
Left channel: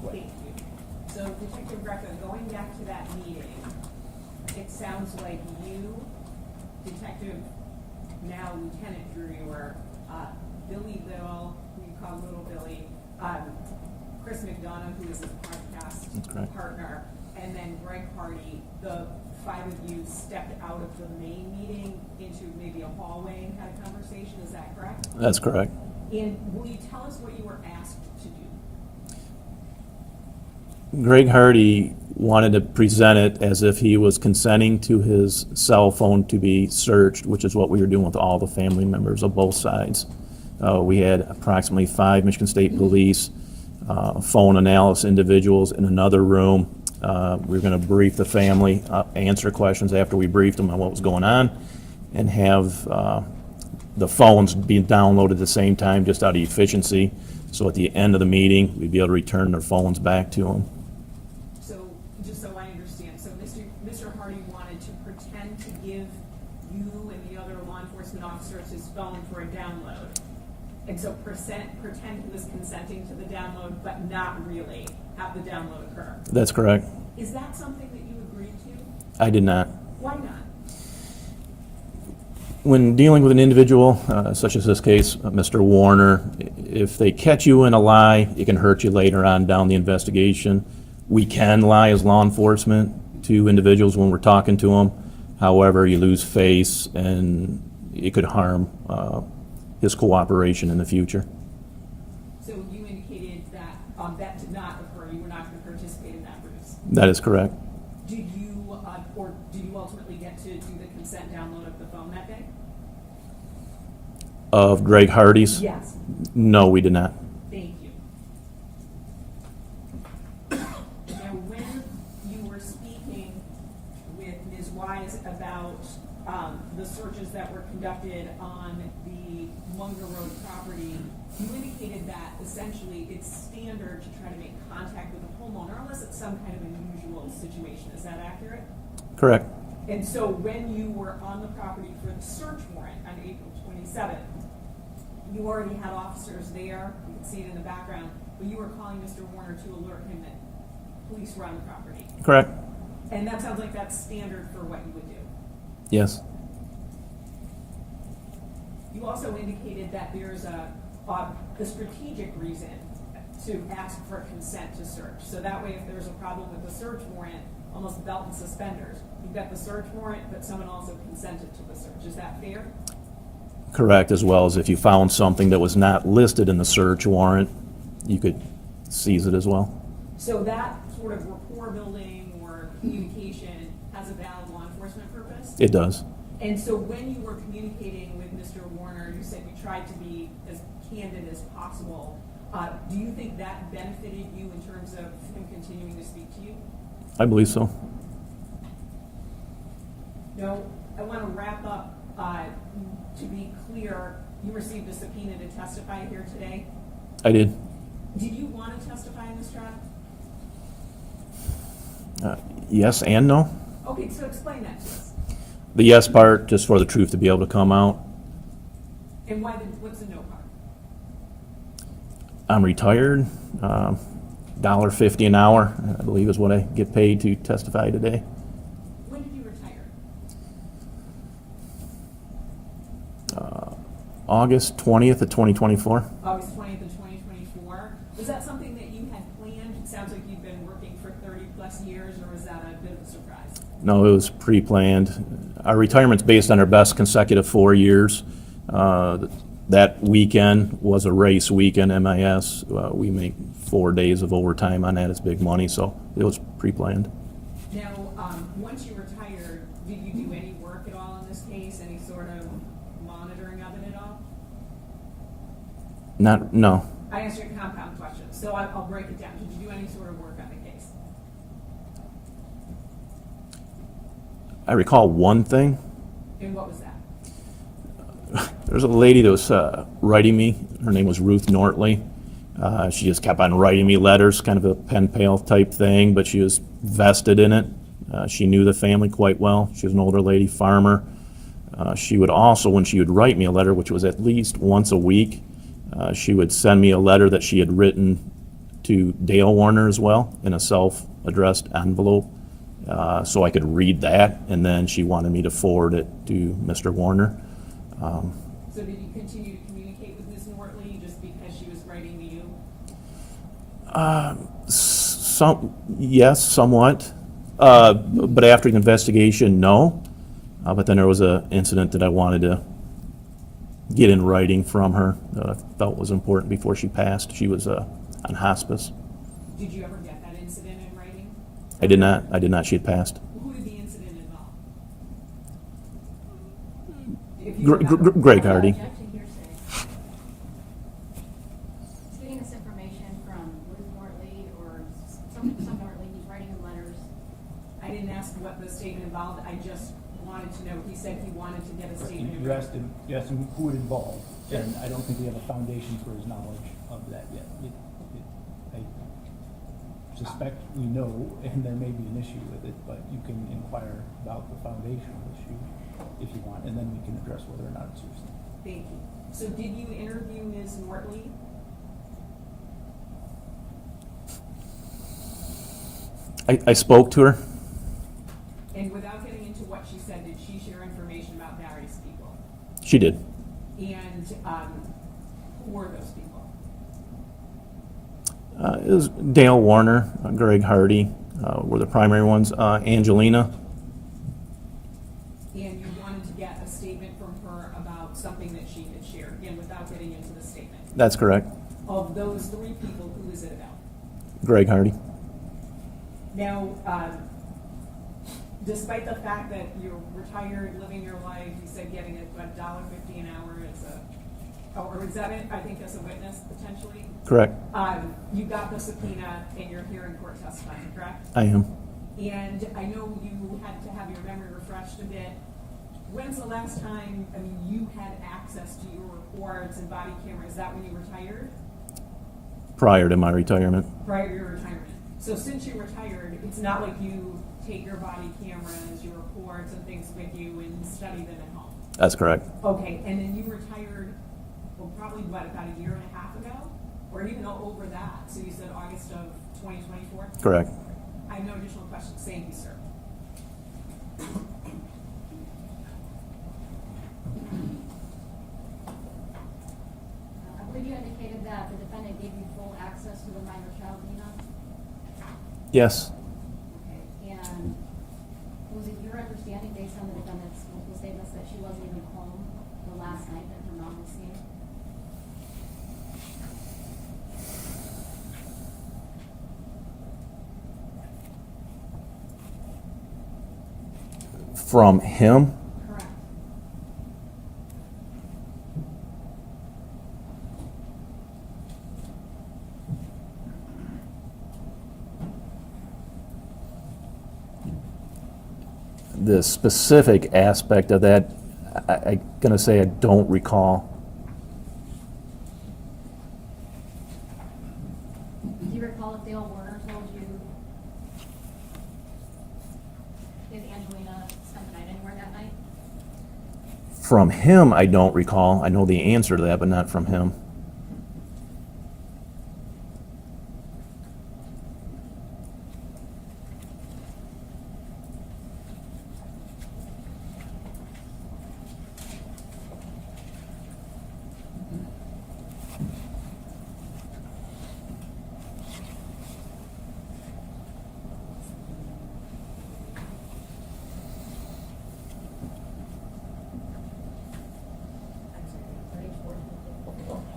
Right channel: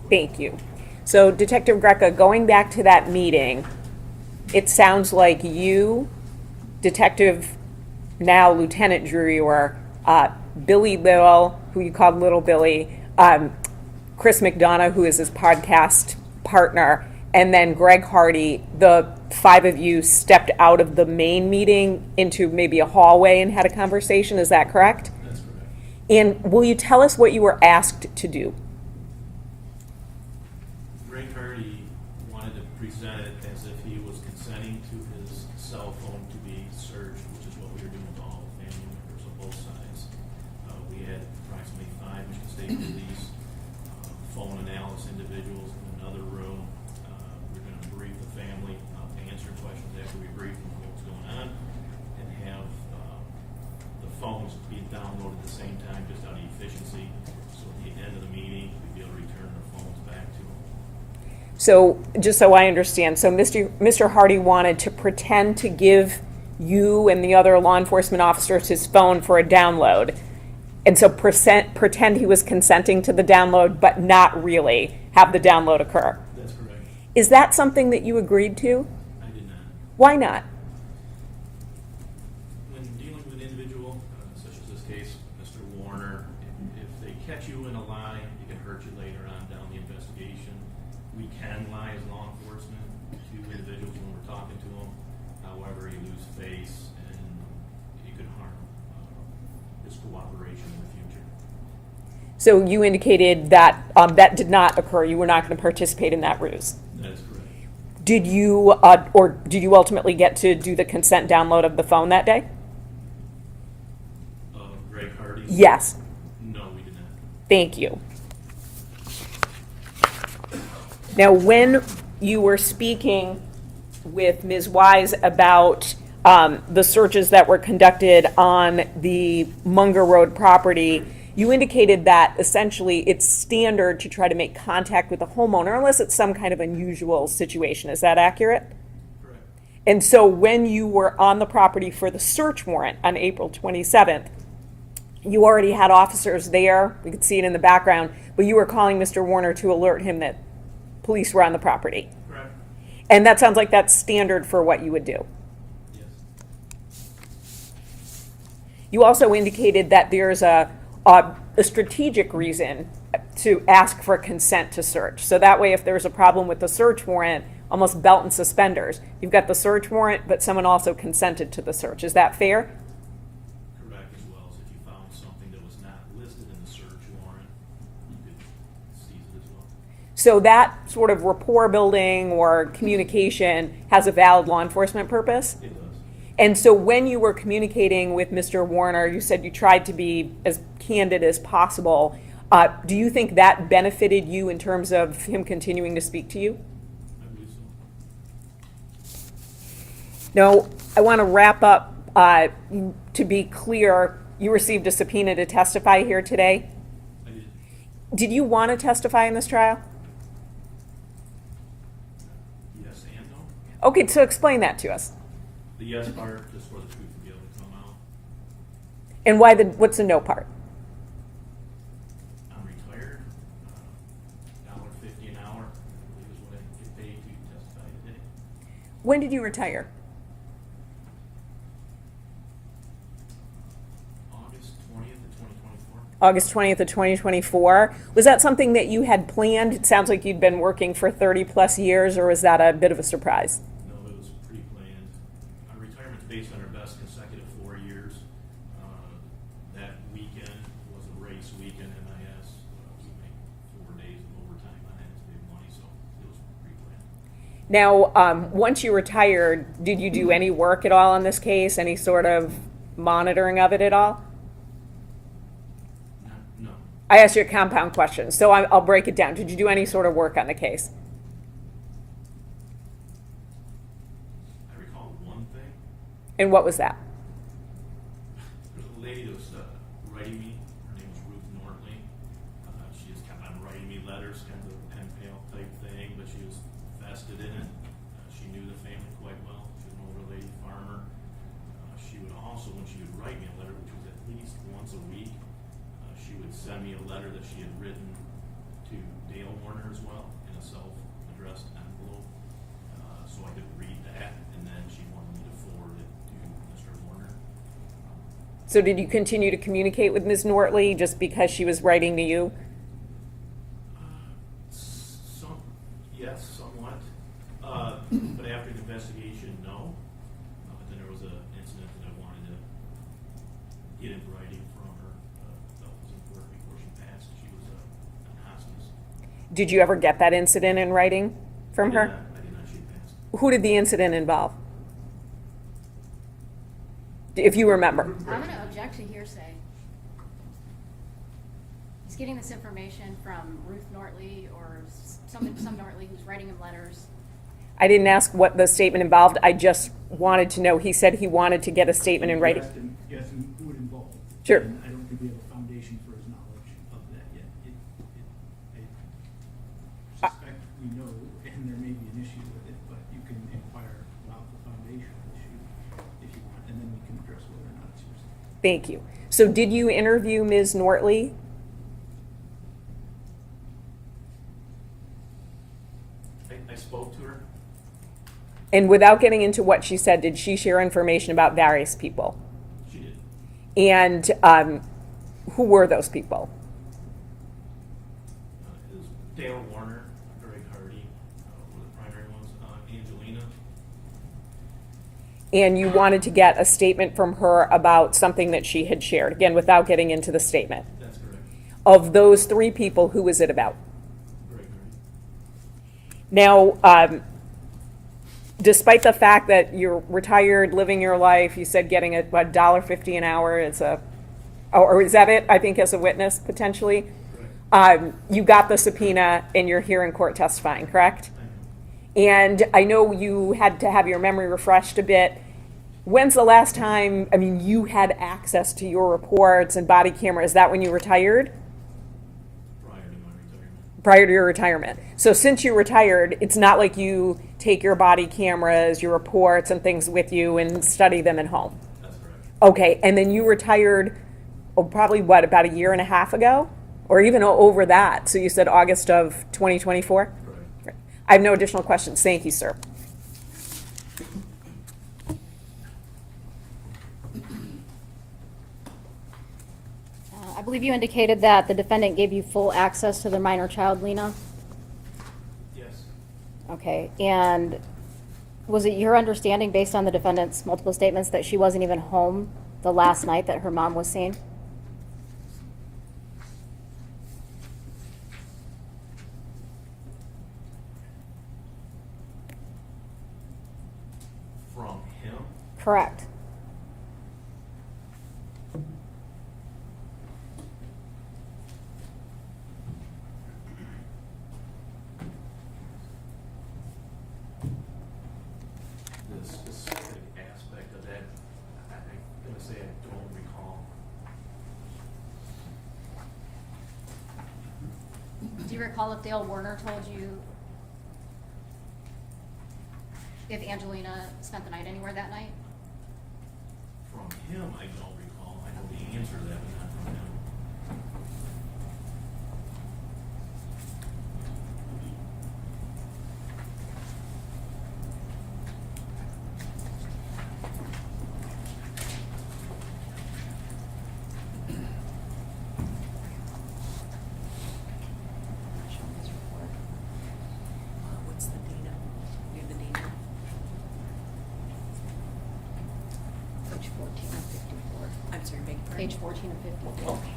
Thank you. So Detective Greca, going back to that meeting, it sounds like you, Detective, now Lieutenant Drewer, Billy Little, who you called Little Billy, Chris McDonough, who is his podcast partner, and then Greg Hardy, the five of you stepped out of the main meeting into maybe a hallway and had a conversation. Is that correct? That's correct. And will you tell us what you were asked to do? Greg Hardy wanted to present it as if he was consenting to his cell phone to be searched, which is what we were doing with all the family members of both sides. We had approximately 5 Michigan State Police phone analysis individuals in another room. We were going to brief the family, answer questions after we briefed them on what was going on, and have the phones being downloaded at the same time just out of efficiency. So at the end of the meeting, we'd be able to return their phones back to them. So, just so I understand, so Mr. Hardy wanted to pretend to give you and the other law enforcement officers his phone for a download. And so pretend he was consenting to the download, but not really have the download occur. That's correct. Is that something that you agreed to? I did not. Why not? When dealing with an individual, such as this case, Mr. Warner, if they catch you in a lie, it can hurt you later on down the investigation. We can lie as law enforcement to individuals when we're talking to them. However, you lose face and it could harm his cooperation in the future. So you indicated that that did not occur. You were not going to participate in that ruse. That is correct. Did you, or did you ultimately get to do the consent download of the phone that day? Of Greg Hardy's? Yes. No, we did not. Thank you. Now, when you were speaking with Ms. Wise about the searches that were conducted on the Munger Road property, you indicated that essentially it's standard to try to make contact with the homeowner unless it's some kind of unusual situation. Is that accurate? Correct. And so when you were on the property for the search warrant on April 27th, you already had officers there. We could see it in the background, but you were calling Mr. Warner to alert him that police were on the property. Correct. And that sounds like that's standard for what you would do. Yes. You also indicated that there's a strategic reason to ask for consent to search. So that way, if there's a problem with the search warrant, almost belt and suspenders, you've got the search warrant, but someone also consented to the search. Is that fair? Correct, as well as if you found something that was not listed in the search warrant, you could seize it as well. So that sort of rapport building or communication has a valid law enforcement purpose? It does. And so when you were communicating with Mr. Warner, you said you tried to be as candid as possible. Do you think that benefited you in terms of him continuing to speak to you? I believe so. Now, I want to wrap up. To be clear, you received a subpoena to testify here today. I did. Did you want to testify in this trial? Yes and no. Okay, so explain that to us. The yes part, just for the truth to be able to come out. And what's the no part? I'm retired. $1.50 an hour, I believe, is what I get paid to testify today. When did you retire? August 20th of 2024. August 20th of 2024. Was that something that you had planned? It sounds like you'd been working for 30 plus years, or was that a bit of a surprise? No, it was pre-planned. Our retirement's based on our best consecutive 4 years. That weekend was a race weekend, MIS. We make 4 days of overtime on that. It's big money, so it was pre-planned. Now, once you retired, did you do any work at all on this case? Any sort of monitoring of it at all? No. I asked you a compound question, so I'll break it down. Did you do any sort of work on the case? I recall one thing. And what was that? There was a lady that was writing me. Her name was Ruth Nortley. She just kept on writing me letters, kind of a pen pal type thing, but she was vested in it. She knew the family quite well. She was an older lady, farmer. She would also, when she would write me a letter, which was at least once a week, she would send me a letter that she had written to Dale Warner as well in a self-addressed envelope, so I could read that, and then she wanted me to forward it to Mr. Warner. So did you continue to communicate with Ms. Nortley just because she was writing to you? Yes, somewhat, but after the investigation, no. But then there was an incident that I wanted to get in writing from her that I felt was important before she passed. She was on hospice. Did you ever get that incident in writing from I did her? not. I did not. She had passed. Who did the incident involve? If you remember. Greg Hardy. Objection hearsay. He's getting this information from Ruth Nortley or some Nortley who's writing him letters. I didn't ask what the statement involved. I just wanted to know. He said he wanted to get a statement in writing. You asked him who it involved. Sure. And I don't think we have a foundation for his knowledge of that yet. I suspect we know, and there may be an issue with it, but you can inquire about the foundational issue if you want, and then we can address whether or not it's yours. Thank you. So did you interview Ms. Nortley? I spoke to her. And without getting into what she said, did she share information about various people? She did. And who were those people? It was Dale Warner, Greg Hardy were the primary ones. Angelina. And you wanted to get a statement from her about something that she had shared, again, without getting into the statement. That's correct. Of those three people, who was it about? Greg Hardy. Now, despite the fact that you're retired, living your life, you said getting $1.50 an hour is or is that it, I think, as a witness, potentially? Correct. You got the subpoena and you're here in court testifying, correct? I am. And I know you had to have your memory refreshed a bit. When's the last time, you had access to your reports and body camera? Is that when you retired? Prior to my retirement. Prior to your retirement. So since you retired, it's not like you take your body cameras, your reports and things with you and study them at home? That's correct. Okay, and then you retired, probably about a year and a half ago? Or even over that? So you said August of 2024? Correct. I have no additional questions. Thank you, sir. I believe you indicated that the defendant gave you full access to the minor child, Lena? Yes. Okay, and was it your understanding, based on the defendant's multiple statements, that she wasn't even home the last night that her mom was seen? From him? Correct. The specific aspect of that, I'm gonna say I don't recall. Do you recall if Dale Warner told you if Angelina spent the night anywhere that night? From him, I don't recall. I know the answer to that, but not from him. What's the date of, you have the date? Page 14 of 54. I'm sorry, beg your pardon? Page 14 of 54. Okay.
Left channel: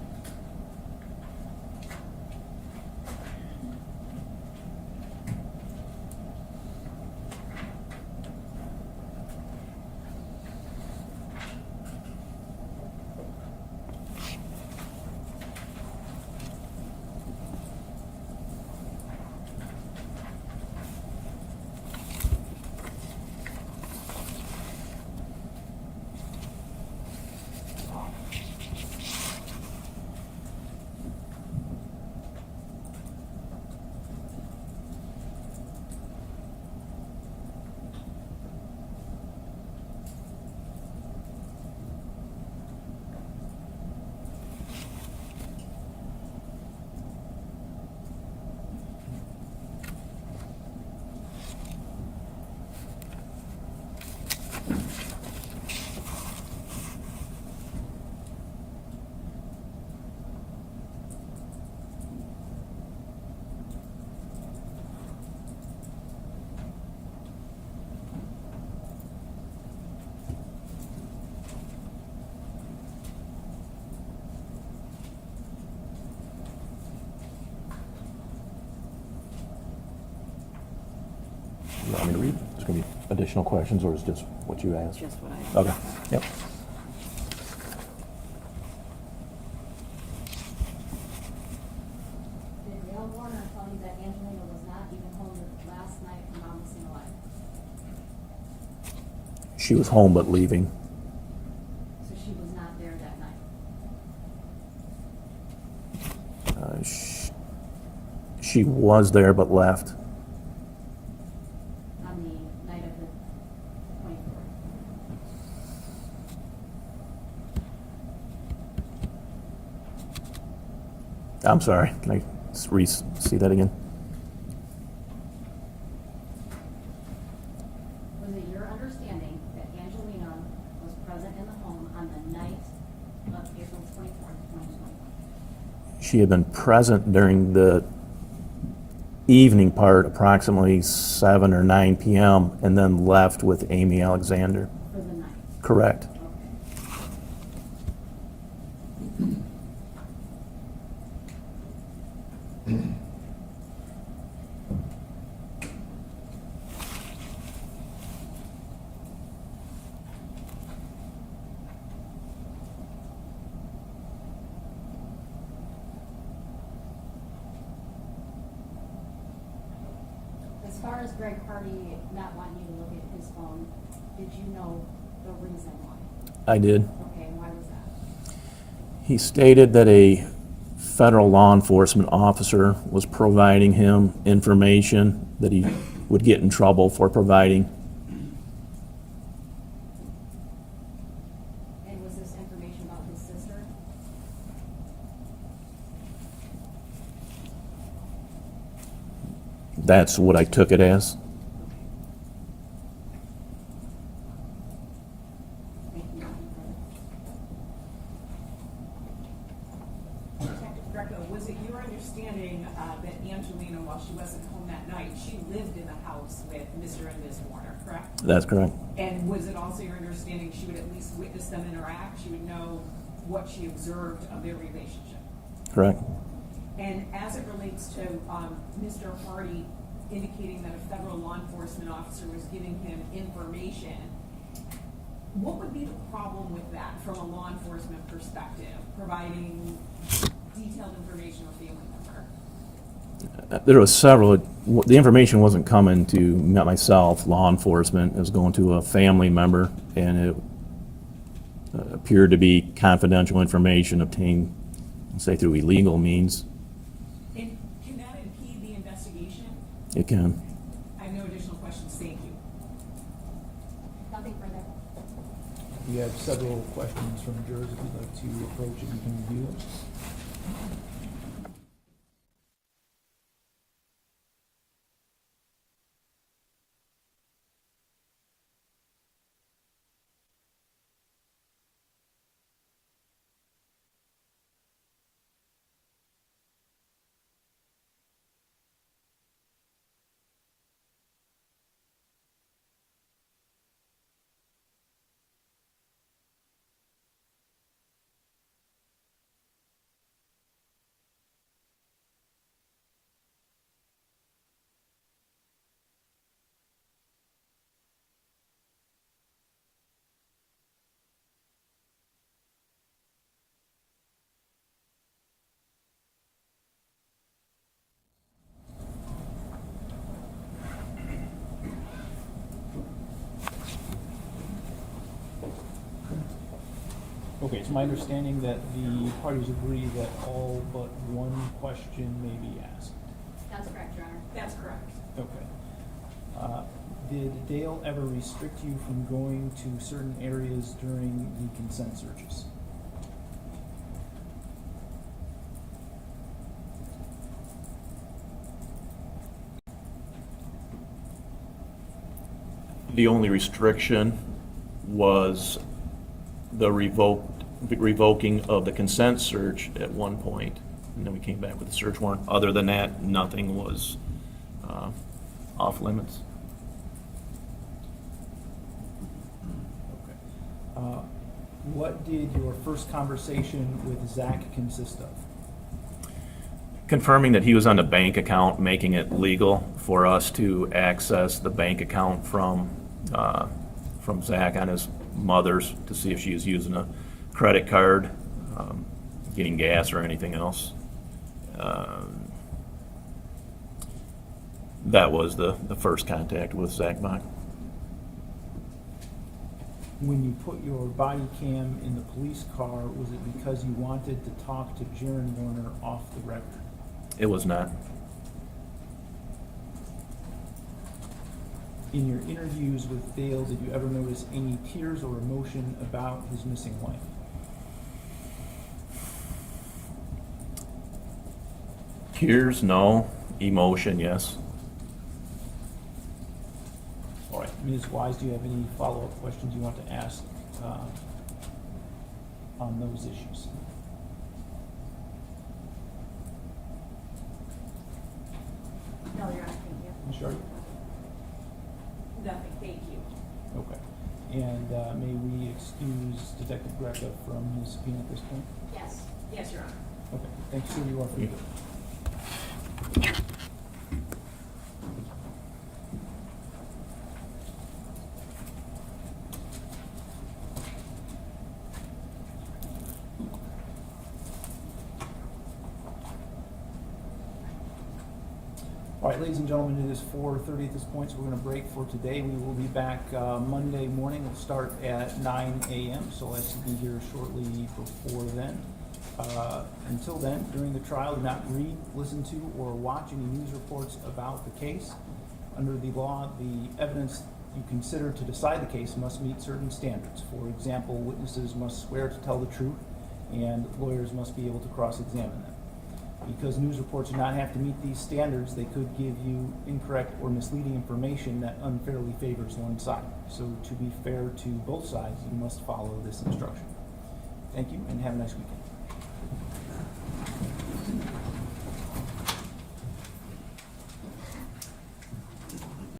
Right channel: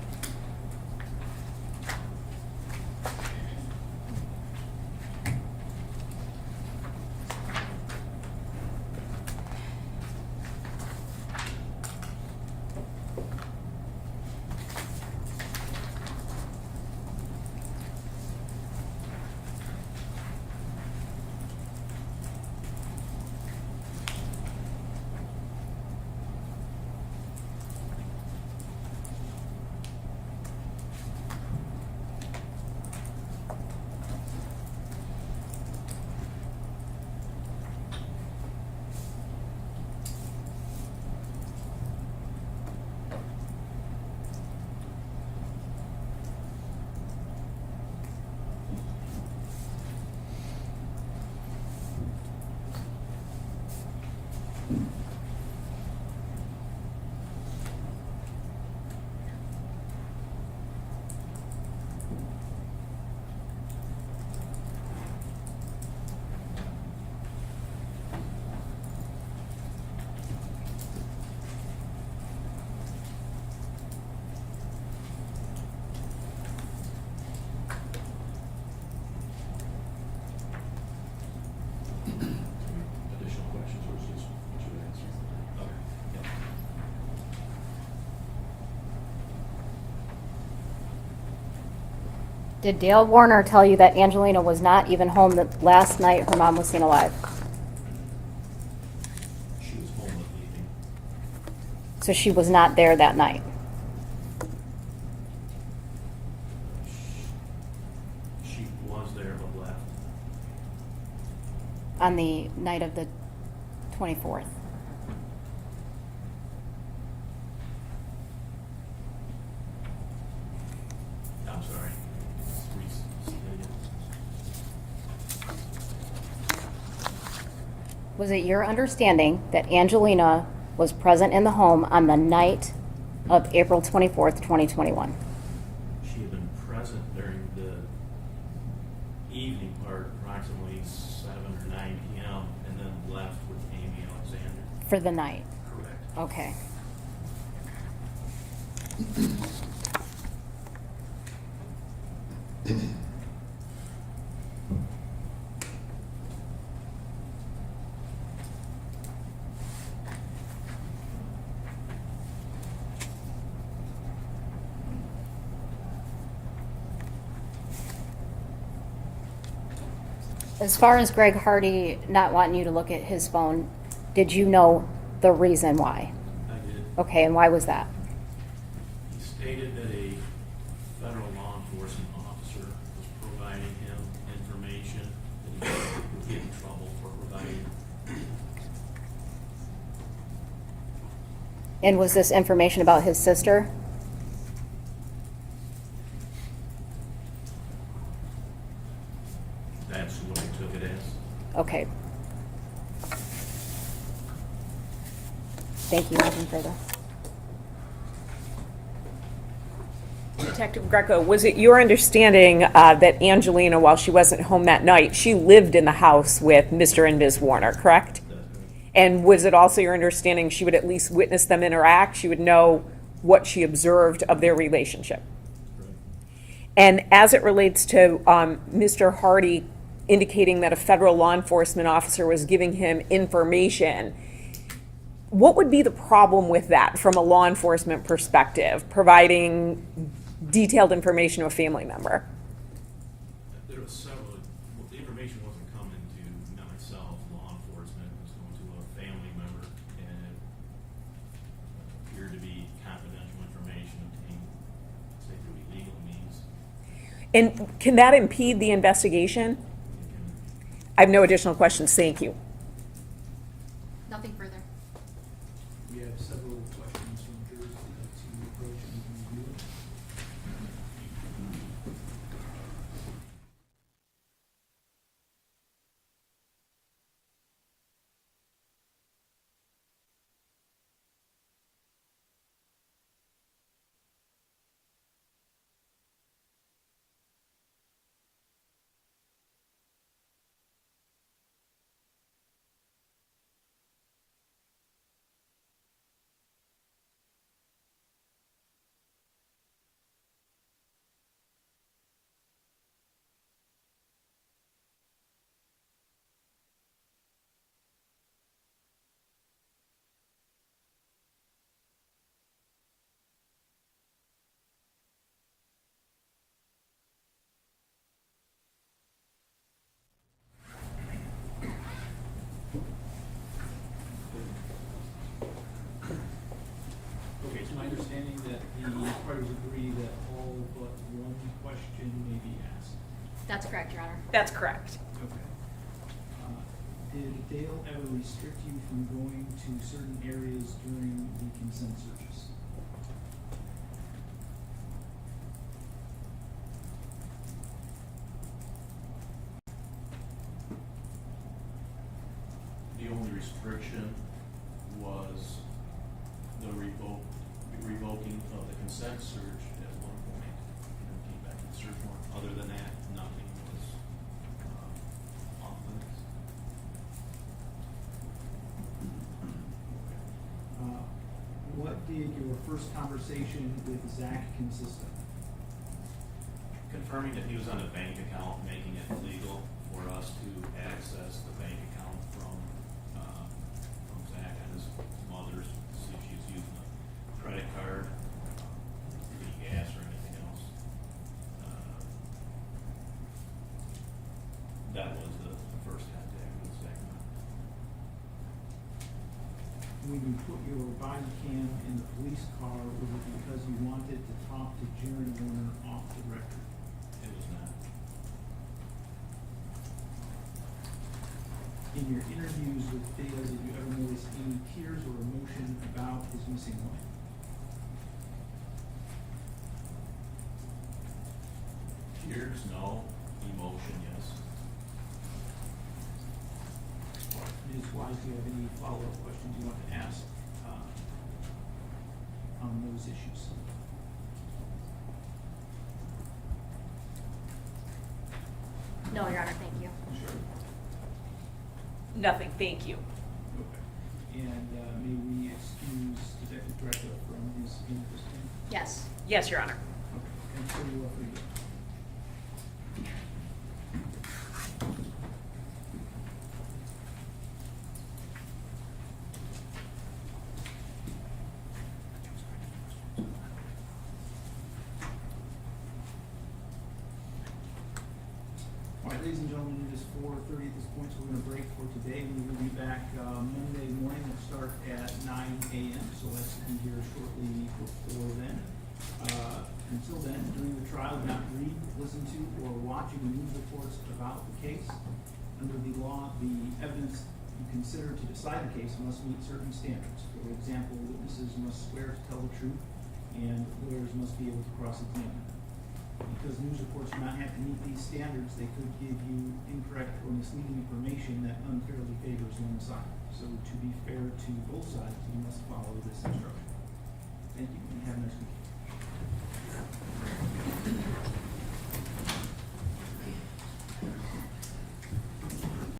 additional questions, or is just what you asked? Just what I- Okay, yep. Did Dale Warner tell you that Angelina was not even home the last night her mom was seen alive? She was home but leaving. So she was not there that night? She was there but left. On the night of the 24th? I'm sorry, can I just see that again? Was it your understanding that Angelina was present in the home on the night of April 24th, 2021? She had been present during the evening part, approximately 7 or 9 p.m., and then left with Amy Alexander. For the night? Correct. Okay. As far as Greg Hardy not wanting you to look at his phone, did you know the reason why? I did. Okay, and why was that? He stated that a federal law enforcement officer was providing him information that he would get in trouble for providing. And was this information about his sister? That's what I took it as. Okay. Thank you, nothing further. Detective Greco, was it your understanding that Angelina, while she wasn't home that night, she lived in the house with Mr. and Ms. Warner, correct? That's correct. And was it also your understanding she would at least witness them interact? She would know what she observed of their relationship? Correct. And as it relates to Mr. Hardy indicating that a federal law enforcement officer was giving him information, what would be the problem with that from a law enforcement perspective, providing detailed information to a family member? There was several. The information wasn't coming to myself, law enforcement. It was going to a family member, and it appeared to be confidential information obtained, say, through illegal means. And can that impede the investigation? It can. I have no additional questions. Thank you. Nothing further. We have several questions from jurors who'd like to approach it, we can review it. Okay, it's my understanding that the parties agree that all but one question may be asked. That's correct, Your Honor. That's correct. Okay. Did Dale ever restrict you from going to certain areas during the consent searches? The only restriction was the revoking of the consent search at one point, and then we came back with the search warrant. Other than that, nothing was off limits. Okay. What did your first conversation with Zach consist of? Confirming that he was on the bank account, making it legal for us to access the bank account from from Zach on his mother's to see if she was using a credit card, getting gas or anything else. That was the first contact with Zach Bach. When you put your body cam in the police car, was it because you wanted to talk to Jaron Warner off the record? It was not. In your interviews with Dale, did you ever notice any tears or emotion about his missing wife? Tears, no. Emotion, yes. All right, Ms. Wise, do you have any follow-up questions you want to ask on those issues? No, Your Honor, thank you. Ms. Sharp? Nothing, thank you. Okay. And may we excuse Detective Greca from his being at this point? Yes. Yes, Your Honor. Okay, thanks, sir, you are free. All right, ladies and gentlemen, it is 4:30 at this point, so we're going to break for today. We will be back Monday morning. We'll start at 9 a.m., so I'll be here shortly before then. Until then, during the trial, do not read, listen to, or watch any news reports about the case. Under the law, the evidence you consider to decide the case must meet certain standards. For example, witnesses must swear to tell the truth, and lawyers must be able to cross-examine them. Because news reports do not have to meet these standards, they could give you incorrect or misleading information that unfairly favors one side. So to be fair to both sides, you must follow this instruction. Thank you, and have a nice weekend.